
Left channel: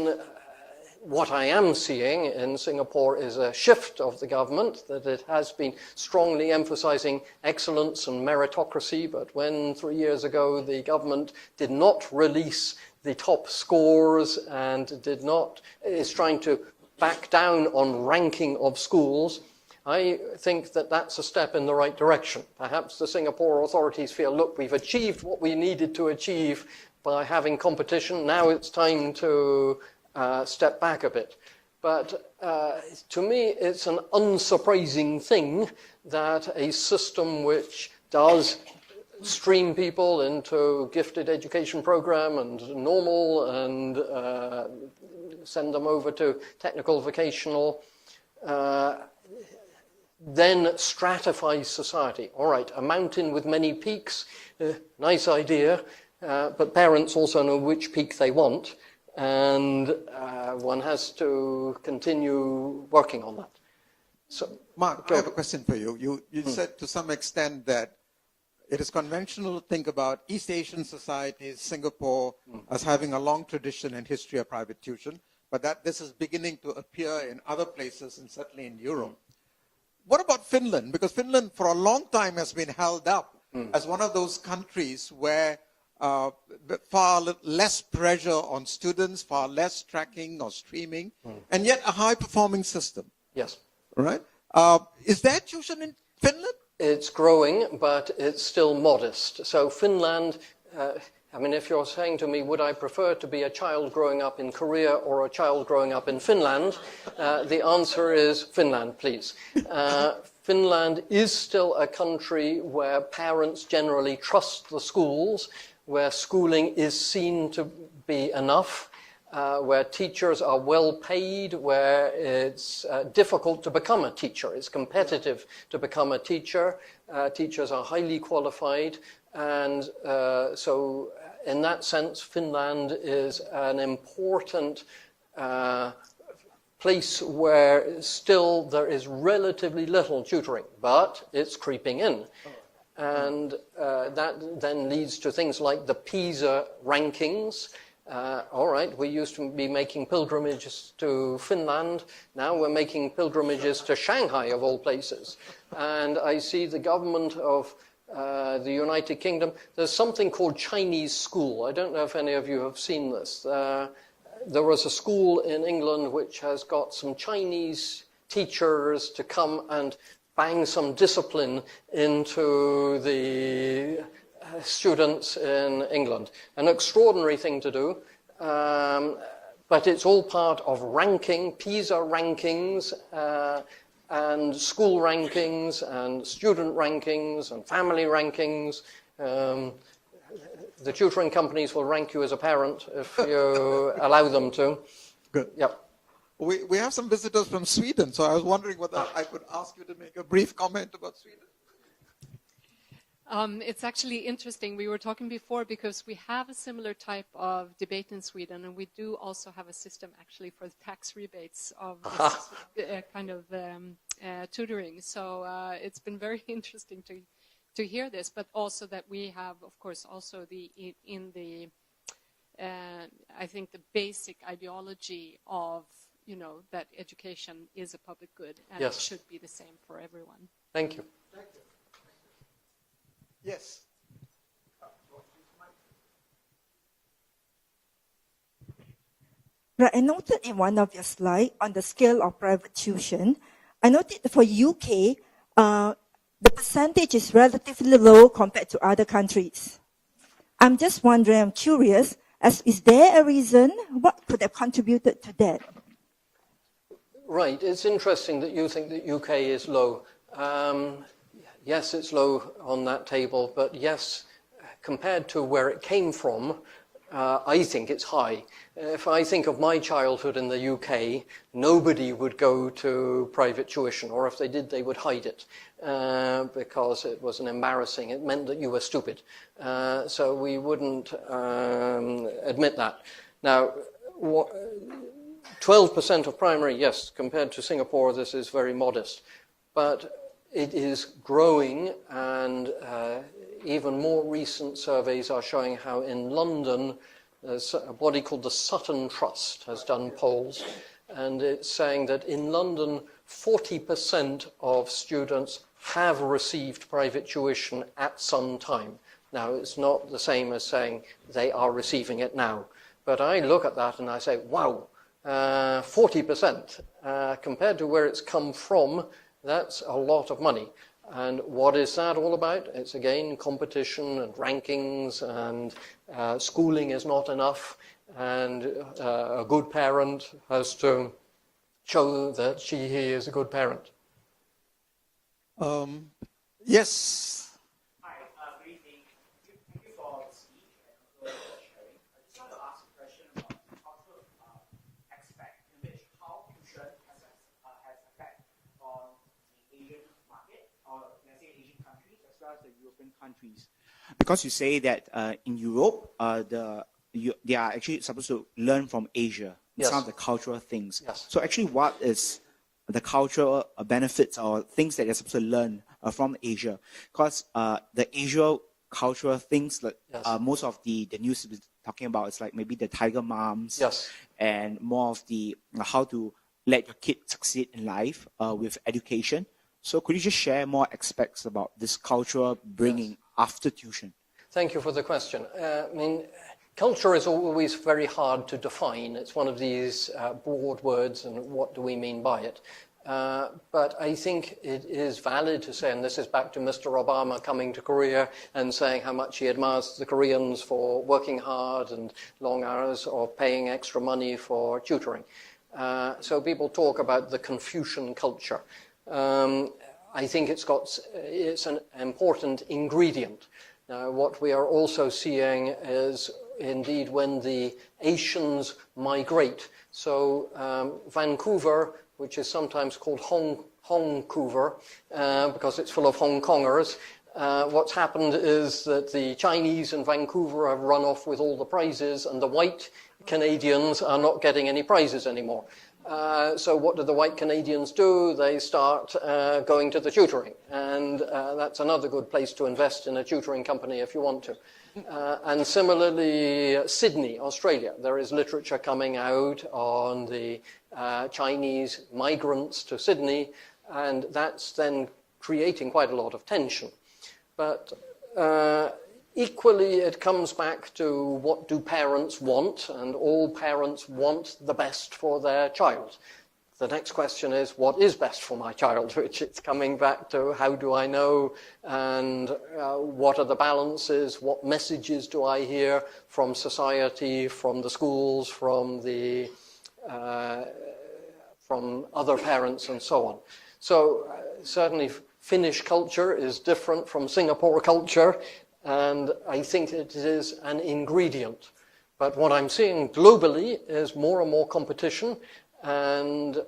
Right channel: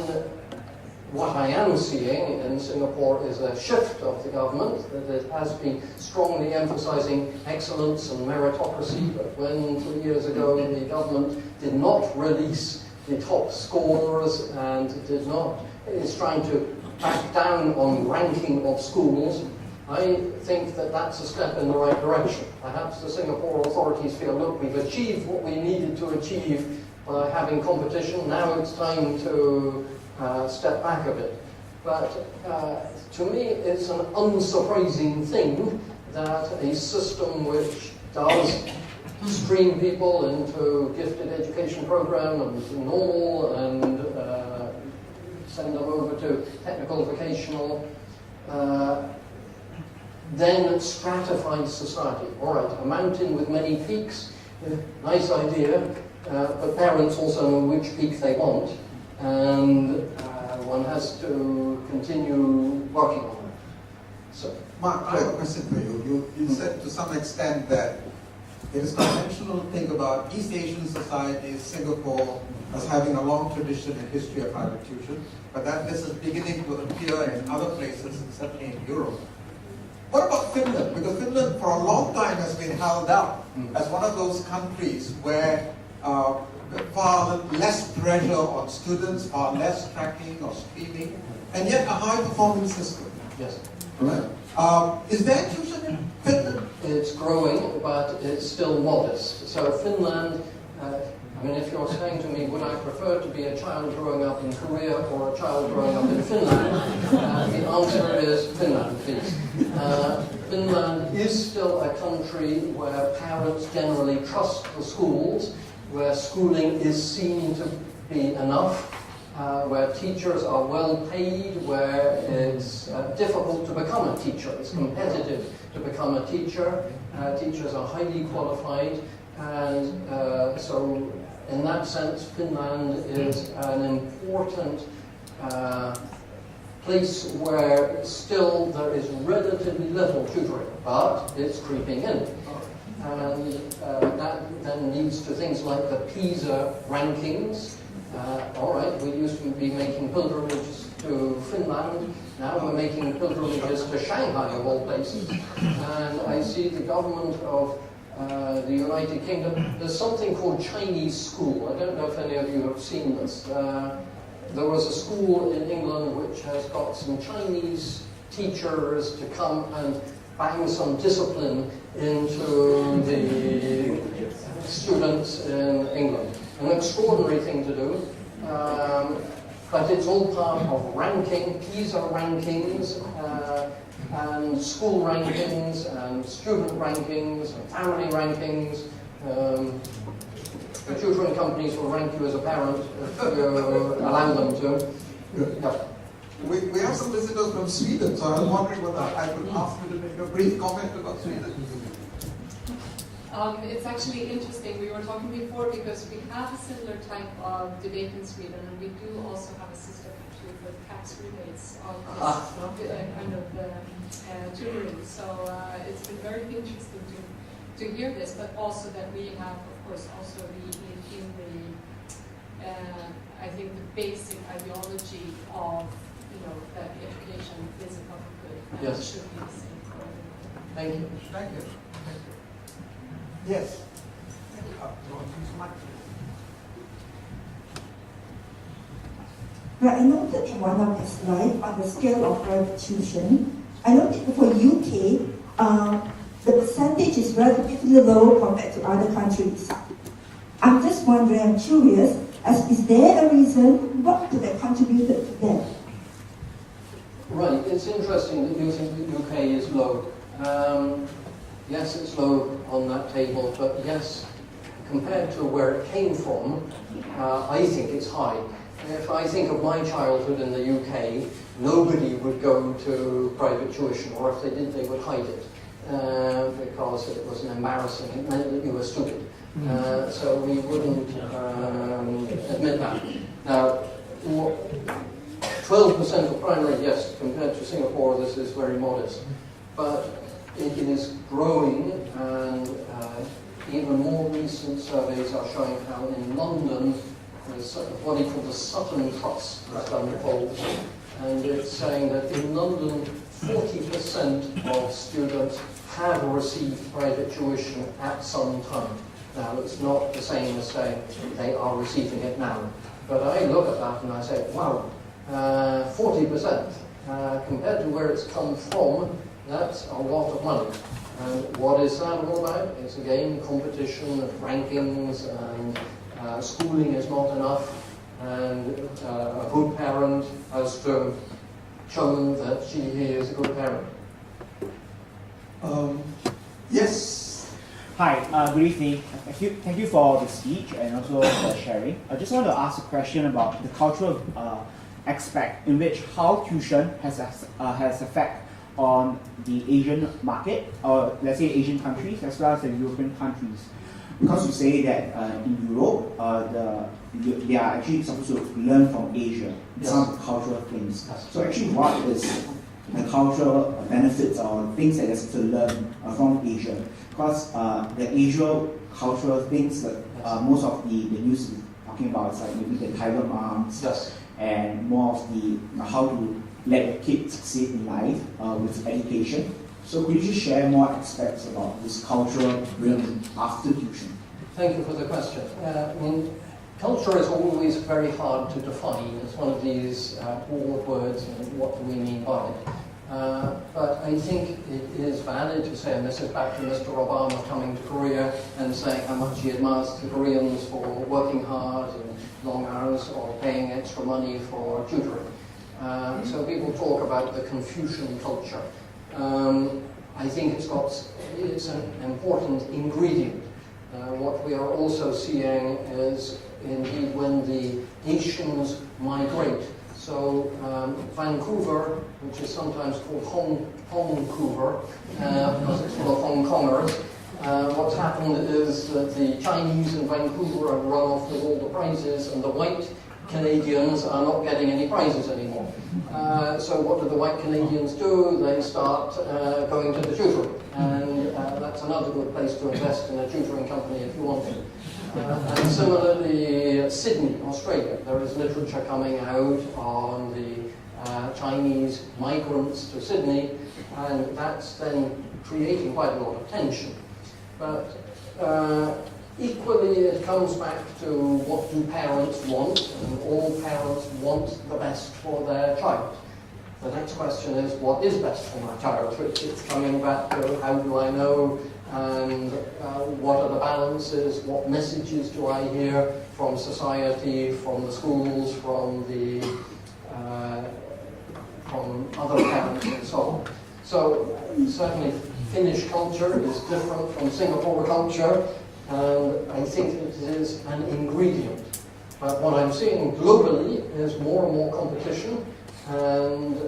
what I am seeing in Singapore is a shift of the government, that it has been strongly emphasizing excellence and meritocracy, but when 3 years ago the government did not release the top scores and is trying to back down on ranking of schools, I think that that's a step in the right direction. Perhaps the Singapore authorities feel, look, we've achieved what we needed to achieve by having competition, now it's time to step back a bit. But to me, it's an unsurprising thing that a system which does stream people into gifted education program and normal and send them over to technical vocational, then stratifies society. All right, a mountain with many peaks, nice idea, but parents also know which peak they want, and one has to continue working on that. So, Mark, I have a question for you. You said to some extent that it is conventional to think about East Asian societies, Singapore, as having a long tradition and history of private tuition, but that this is beginning to appear in other places, and certainly in Europe. What about Finland? Because Finland for a long time has been held up as one of those countries where far less pressure on students, far less tracking or streaming, and yet a high-performing system. Yes. Right? Is there tuition in Finland? It's growing, but it's still modest. So Finland, I mean, if you're saying to me, would I prefer to be a child growing up in Korea or a child growing up in Finland, the answer is Finland, please. Finland is still a country where parents generally trust the schools, where schooling is seen to be enough, where teachers are well paid, where it's difficult to become a teacher. It's competitive to become a teacher. Teachers are highly qualified, and so in that sense, Finland is an important place where still there is relatively little tutoring, but it's creeping in. And that then leads to things like the PISA rankings. All right, we used to be making pilgrimages to Finland, now we're making pilgrimages to Shanghai of all places. And I see the government of the United Kingdom, there's something called Chinese school. I don't know if any of you have seen this. There was a school in England which has got some Chinese teachers to come and bang some discipline into the students in England. An extraordinary thing to do, but it's all part of ranking, PISA rankings, and school rankings, and student rankings, and family rankings. The tutoring companies will rank you as a parent if you allow them to. Good. Yeah. We have some visitors from Sweden, so I was wondering whether I could ask you to make a brief comment about Sweden. It's actually interesting. We were talking before because we have a similar type of debate in Sweden, and we do also have a system actually for the tax rebates of tutoring. So it's been very interesting to hear this, but also that we have, of course, also I think the basic ideology of that education is a public good and Yes. it should be the same for everyone. Thank you. Thank you. Yes. Right, I noted in one of your slides on the scale of private tuition, I noted for UK, the percentage is relatively low compared to other countries. I'm just wondering, I'm curious, is there a reason what could have contributed to that? Right, it's interesting that you think that UK is low. Yes, it's low on that table, but yes, compared to where it came from, I think it's high. If I think of my childhood in the UK, nobody would go to private tuition, or if they did, they would hide it, because it was embarrassing. It meant that you were stupid. So we wouldn't admit that. Now, 12% of primary, yes, compared to Singapore, this is very modest. But it is growing, and even more recent surveys are showing how in London, there's what they call the Sutton Trust has done polls, and it's saying that in London, 40% of students have received private tuition at some time. Now, it's not the same as saying they are receiving it now. But I look at that and I say, wow, 40%. Compared to where it's come from, that's a lot of money. And what is that all about? It's again competition, rankings, and schooling is not enough. And a good parent has to show that he is a good parent. Yes. Hi, good evening. Thank you for the speech and also for sharing. I just want to ask a question about the cultural aspect in which how tuition has effect on the Asian market, or let's say Asian countries as well as the European countries. Because you say that in Europe, they are actually supposed to learn from Asia, Yes. some of the cultural things. Yes. So actually, what is the cultural benefits or things that you're supposed to learn from Asia? Because the Asia cultural things that most of the news is talking about is like maybe the tiger moms, Yes. and more of the how to let your kid succeed in life with education. So could you just share more aspects about this cultural bringing after tuition? Thank you for the question. I mean, Culture is always very hard to define. It's one of these broad words, and what do we mean by it? But I think it is valid to say, and this is back to Mr. Obama coming to Korea and saying how much he admires the Koreans for working hard and long hours or paying extra money for tutoring. So people talk about the Confucian culture. I think it's an important ingredient. What we are also seeing is indeed when the Asians migrate. So Vancouver, which is sometimes called Hongcouver, because it's full of Hong Kongers, what's happened is that the Chinese in Vancouver have run off with all the prizes, and the white Canadians are not getting any prizes anymore. So what do the white Canadians do? They start going to the tutoring, and that's another good place to invest in a tutoring company if you want to. And similarly, Sydney, Australia, there is literature coming out on the Chinese migrants to Sydney, and that's then creating quite a lot of tension. But equally, it comes back to what do parents want, and all parents want the best for their child. The next question is, what is best for my child? Which it's coming back to, how do I know, and what are the balances, what messages do I hear from society, from the schools, from other parents and so on. So certainly Finnish culture is different from Singapore culture, and I think it is an ingredient. But what I'm seeing globally is more and more competition, and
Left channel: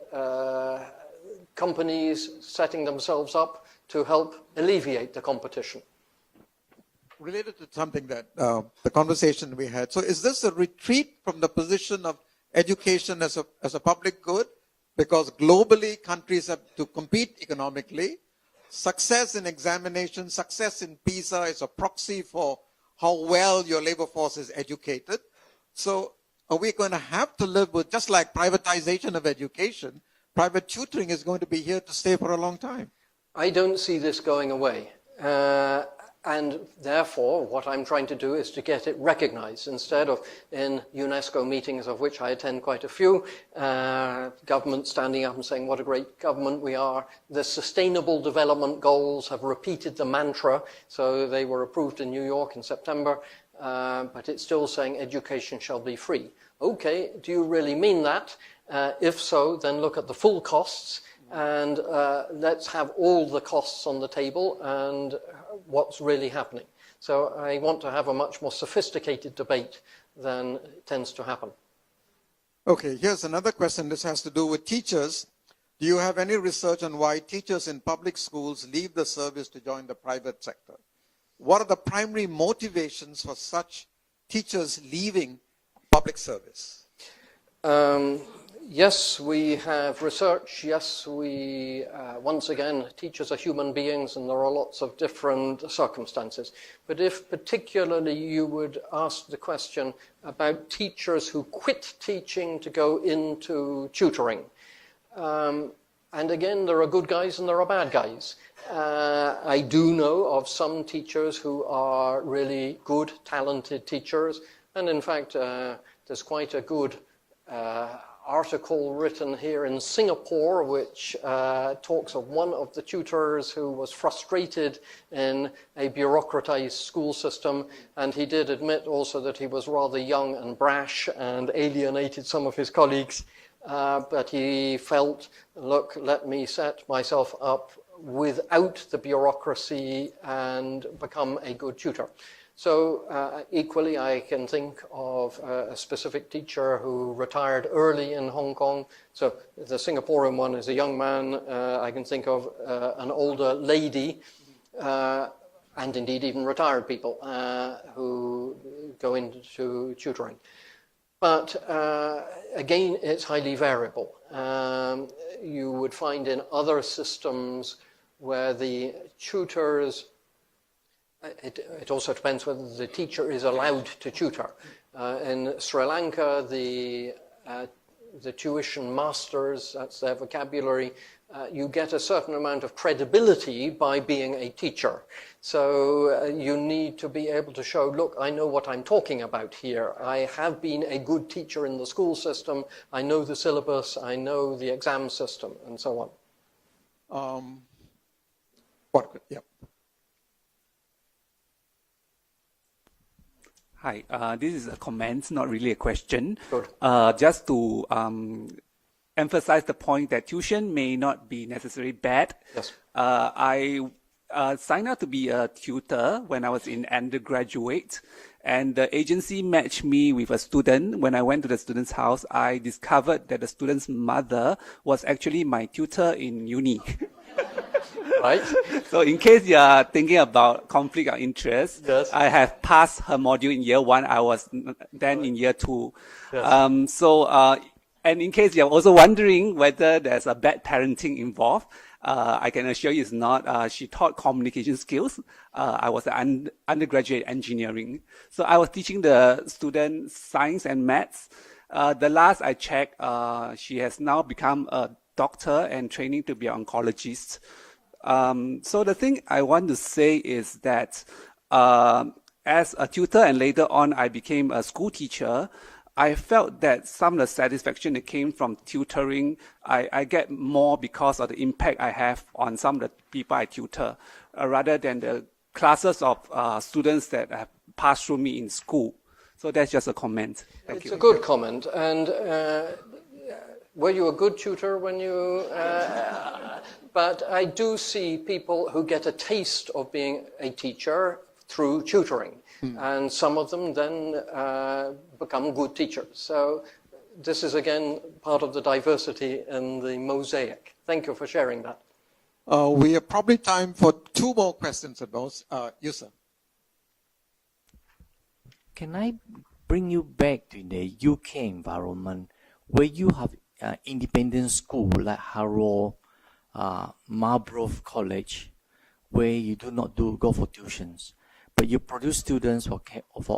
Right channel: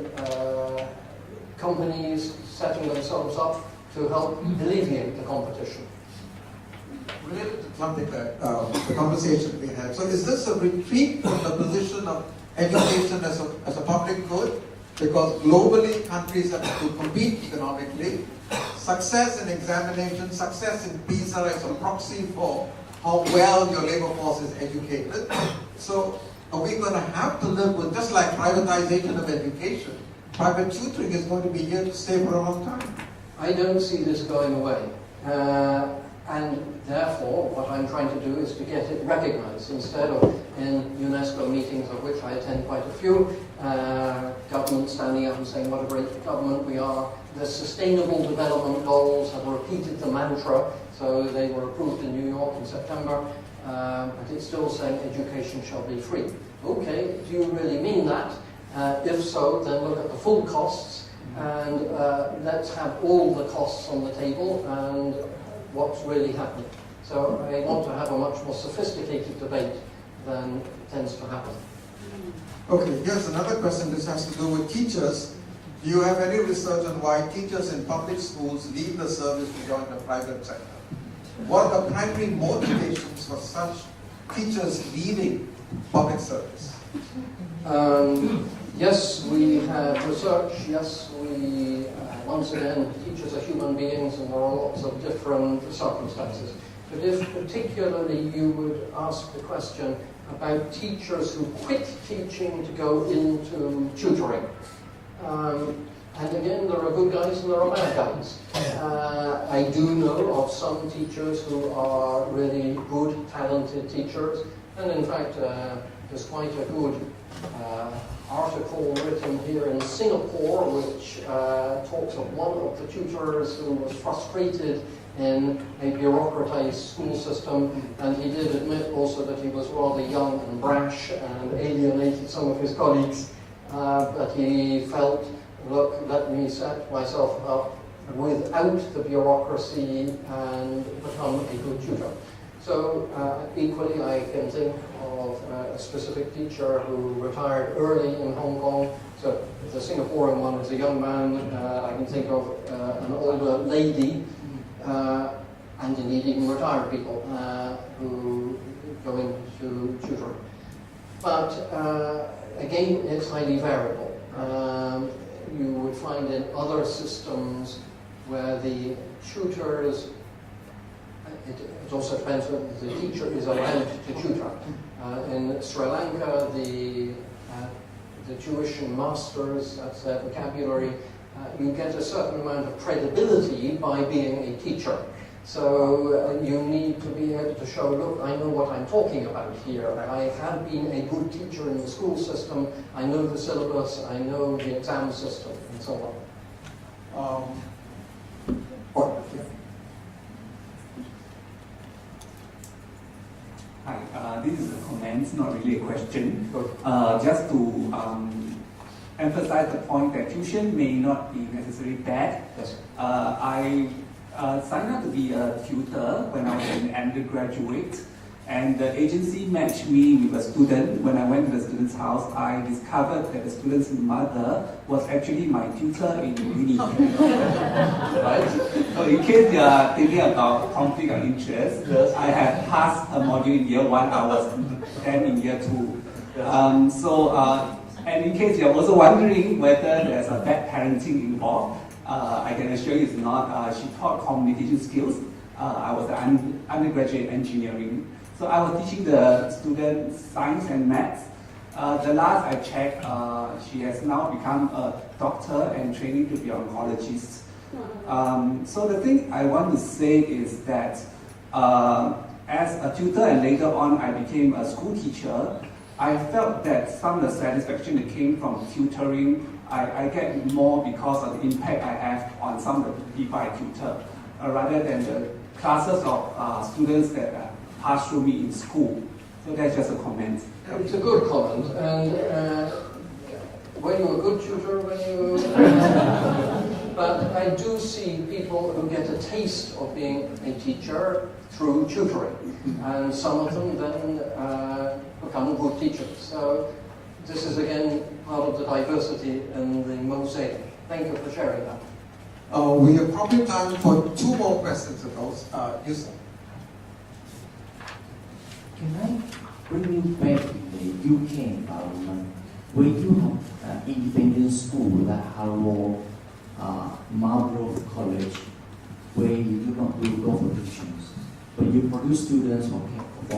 companies setting themselves up to help alleviate the competition. Related to something that the conversation we had, so is this a retreat from the position of education as a public good? Because globally, countries have to compete economically. Success in examination, success in PISA is a proxy for how well your labor force is educated. So are we going to have to live with, just like privatization of education, private tutoring is going to be here to stay for a long time? I don't see this going away. And therefore, what I'm trying to do is to get it recognized. Instead of in UNESCO meetings, of which I attend quite a few, government standing up and saying what a great government we are. The Sustainable Development Goals have repeated the mantra, so they were approved in New York in September, but it's still saying education shall be free. Okay, do you really mean that? If so, then look at the full costs, and let's have all the costs on the table and what's really happening. So I want to have a much more sophisticated debate than tends to happen. Okay, here's another question. This has to do with teachers. Do you have any research on why teachers in public schools leave the service to join the private sector? What are the primary motivations for such teachers leaving public service? Yes, we have research. Yes, we, once again, teachers are human beings and there are lots of different circumstances. But if particularly you would ask the question about teachers who quit teaching to go into tutoring, and again, there are good guys and there are bad guys. I do know of some teachers who are really good, talented teachers, and in fact, there's quite a good article written here in Singapore which talks of one of the tutors who was frustrated in a bureaucratized school system, and he did admit also that he was rather young and brash and alienated some of his colleagues, but he felt, look, let me set myself up without the bureaucracy and become a good tutor. So equally, I can think of a specific teacher who retired early in Hong Kong. So the Singaporean one is a young man. I can think of an older lady, and indeed even retired people who go into tutoring. But again, it's highly variable. You would find in other systems where the tutors, it also depends whether the teacher is allowed to tutor. In Sri Lanka, the tuition masters, that's their vocabulary, you get a certain amount of credibility by being a teacher. So you need to be able to show, look, I know what I'm talking about here. I have been a good teacher in the school system. I know the syllabus. I know the exam system, and so on. Hi, this is a comment, not really a question. Good. Just to emphasize the point that tuition may not be necessarily bad. Yes. I signed up to be a tutor when I was an undergraduate, and the agency matched me with a student. When I went to the student's house, I discovered that the student's mother was actually my tutor in uni. Right. So in case you are thinking about conflict of interest, yes. I have passed her module in year 1, I was then in year 2. Yes. And in case you're also wondering whether there's a bad parenting involved, I can assure you it's not. She taught communication skills. I was an undergraduate engineering. So I was teaching the students science and maths. The last I checked, she has now become a doctor and training to be an oncologist. So the thing I want to say is that as a tutor and later on I became a school teacher, I felt that some of the satisfaction that came from tutoring, I get more because of the impact I have on some of the people I tutor, rather than the classes of students that pass through me in school. So that's just a comment. It's a good comment. And were you a good tutor when you... but I do see people who get a taste of being a teacher through tutoring. And some of them then become good teachers. So this is again part of the diversity in the mosaic. Thank you for sharing that. We have probably time for 2 more questions of those. Yusuf. Can I bring you back to the UK environment where you have independent school like Harrow, Marlborough College, where you do not go for tuitions, but you produce students for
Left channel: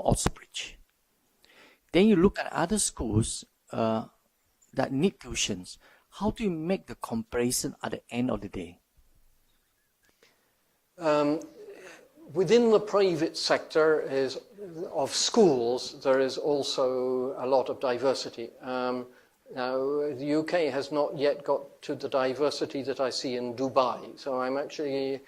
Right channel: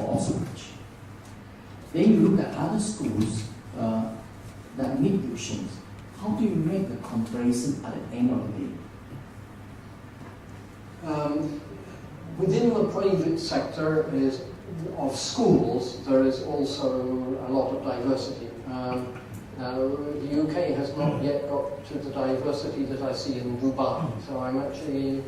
Oxbridge. Then you look at other schools that need tuitions. How do you make the comparison at the end of the day? Within the private sector of schools, there is also a lot of diversity. Now, the UK has not yet got to the diversity that I see in Dubai, so I'm actually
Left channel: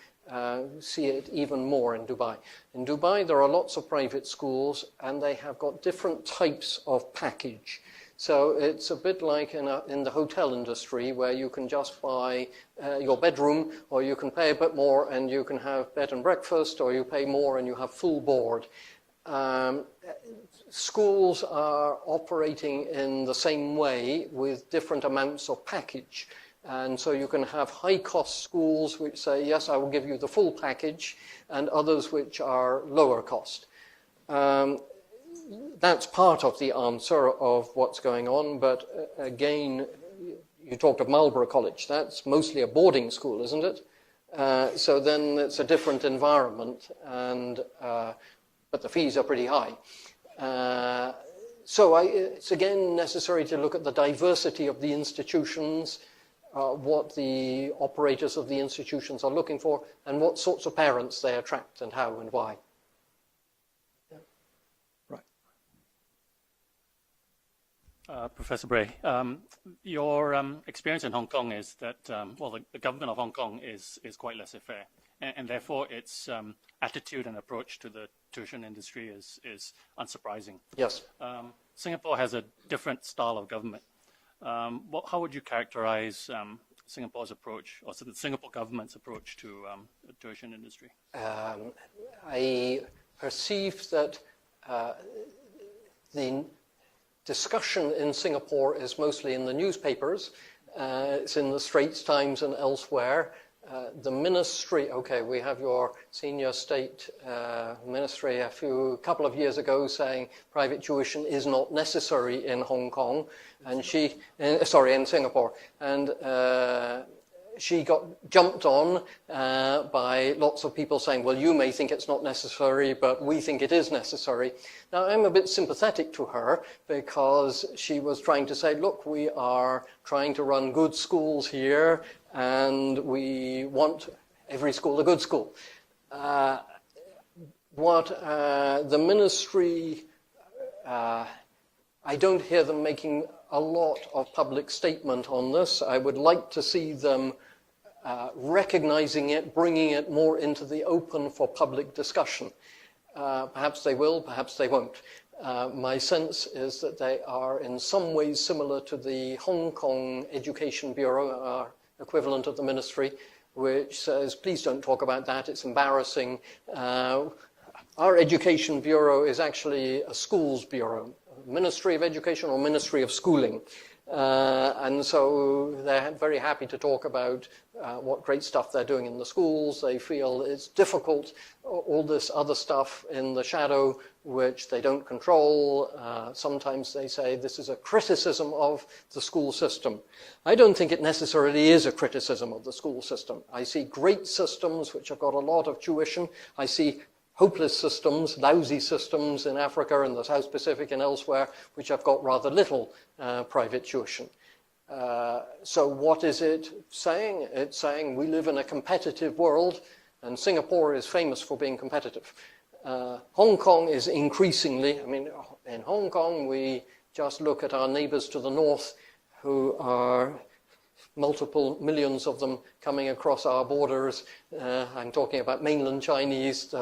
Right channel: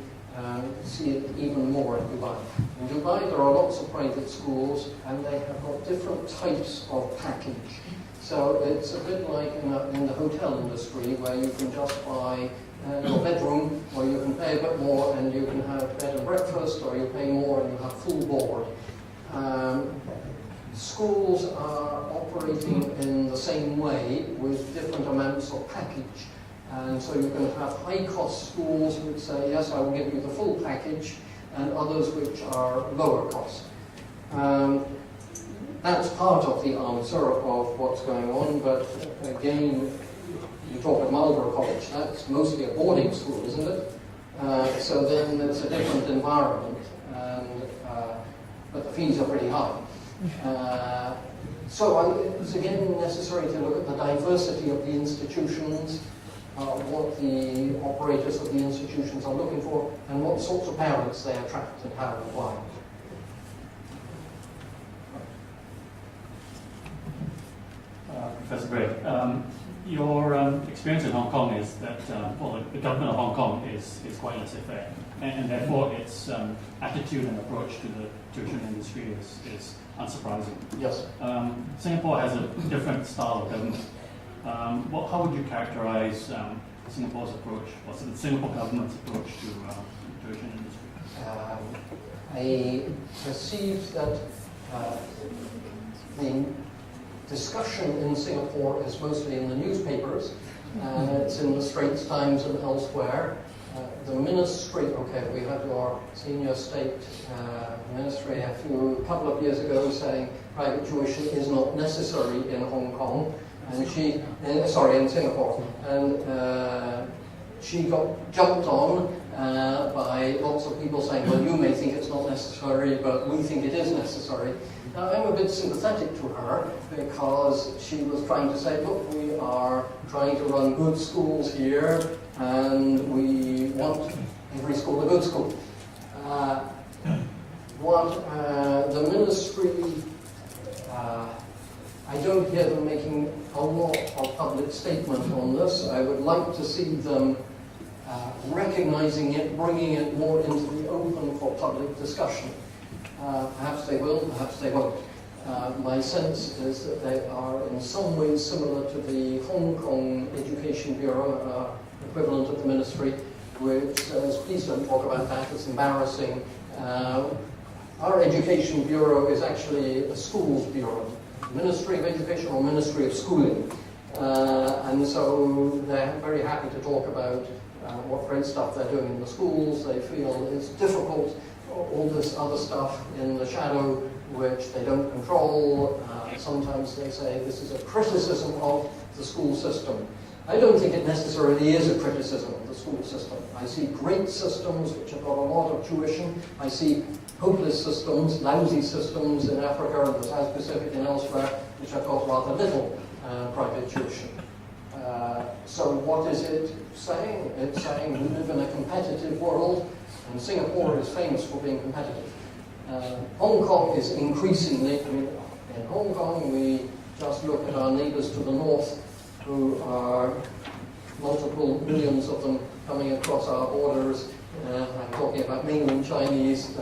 see it even more in Dubai. In Dubai, there are lots of private schools, and they have got different types of package. So it's a bit like in the hotel industry, where you can just buy your bedroom, or you can pay a bit more and you can have bed and breakfast, or you pay more and you have full board. Schools are operating in the same way with different amounts of package. And so you can have high-cost schools which say, yes, I will give you the full package, and others which are lower cost. That's part of the answer of what's going on, but again, you talked of Marlborough College. That's mostly a boarding school, isn't it? So then it's a different environment, but the fees are pretty high. It's again necessary to look at the diversity of the institutions, what the operators of the institutions are looking for, and what sorts of parents they attract and how and why. Professor Bray, your experience in Hong Kong is that the government of Hong Kong is quite laissez-faire, and therefore its attitude and approach to the tuition industry is unsurprising. Yes. Singapore has a different style of government. How would you characterize Singapore's approach, or the Singapore government's approach to the tuition industry? I perceive that the discussion in Singapore is mostly in the newspapers. It's in the Straits Times and elsewhere. The ministry, we have your senior state ministry a couple of years ago saying private tuition is not necessary in Hong Kong, and in Singapore, and she got jumped on by lots of people saying, well, you may think it's not necessary, but we think it is necessary. Now, I'm a bit sympathetic to her because she was trying to say, look, we are trying to run good schools here, and we want every school a good school. The ministry, I don't hear them making a lot of public statement on this. I would like to see them recognizing it, bringing it more into the open for public discussion. Perhaps they will, perhaps they won't. My sense is that they are in some ways similar to the Hong Kong Education Bureau, equivalent of the ministry, which says, please don't talk about that, it's embarrassing. Our Education Bureau is actually a schools bureau, Ministry of Education or Ministry of Schooling. And so they're very happy to talk about what great stuff they're doing in the schools. They feel it's difficult, all this other stuff in the shadow which they don't control. Sometimes they say this is a criticism of the school system. I don't think it necessarily is a criticism of the school system. I see great systems which have got a lot of tuition. I see hopeless systems, lousy systems in Africa and the South Pacific and elsewhere which have got rather little private tuition. So what is it saying? It's saying we live in a competitive world, and Singapore is famous for being competitive. Hong Kong is increasingly, in Hong Kong we just look at our neighbors to the north, who are multiple millions of them coming across our borders. I'm talking about mainland Chinese. The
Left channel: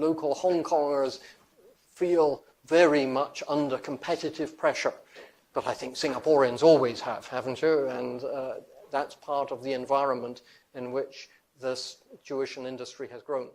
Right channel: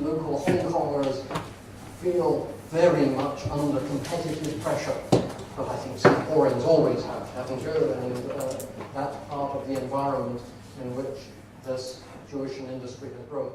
local Hong Kongers feel very much under competitive pressure. But I think Singaporeans always have, haven't you? And that's part of the environment in which this tuition industry has grown.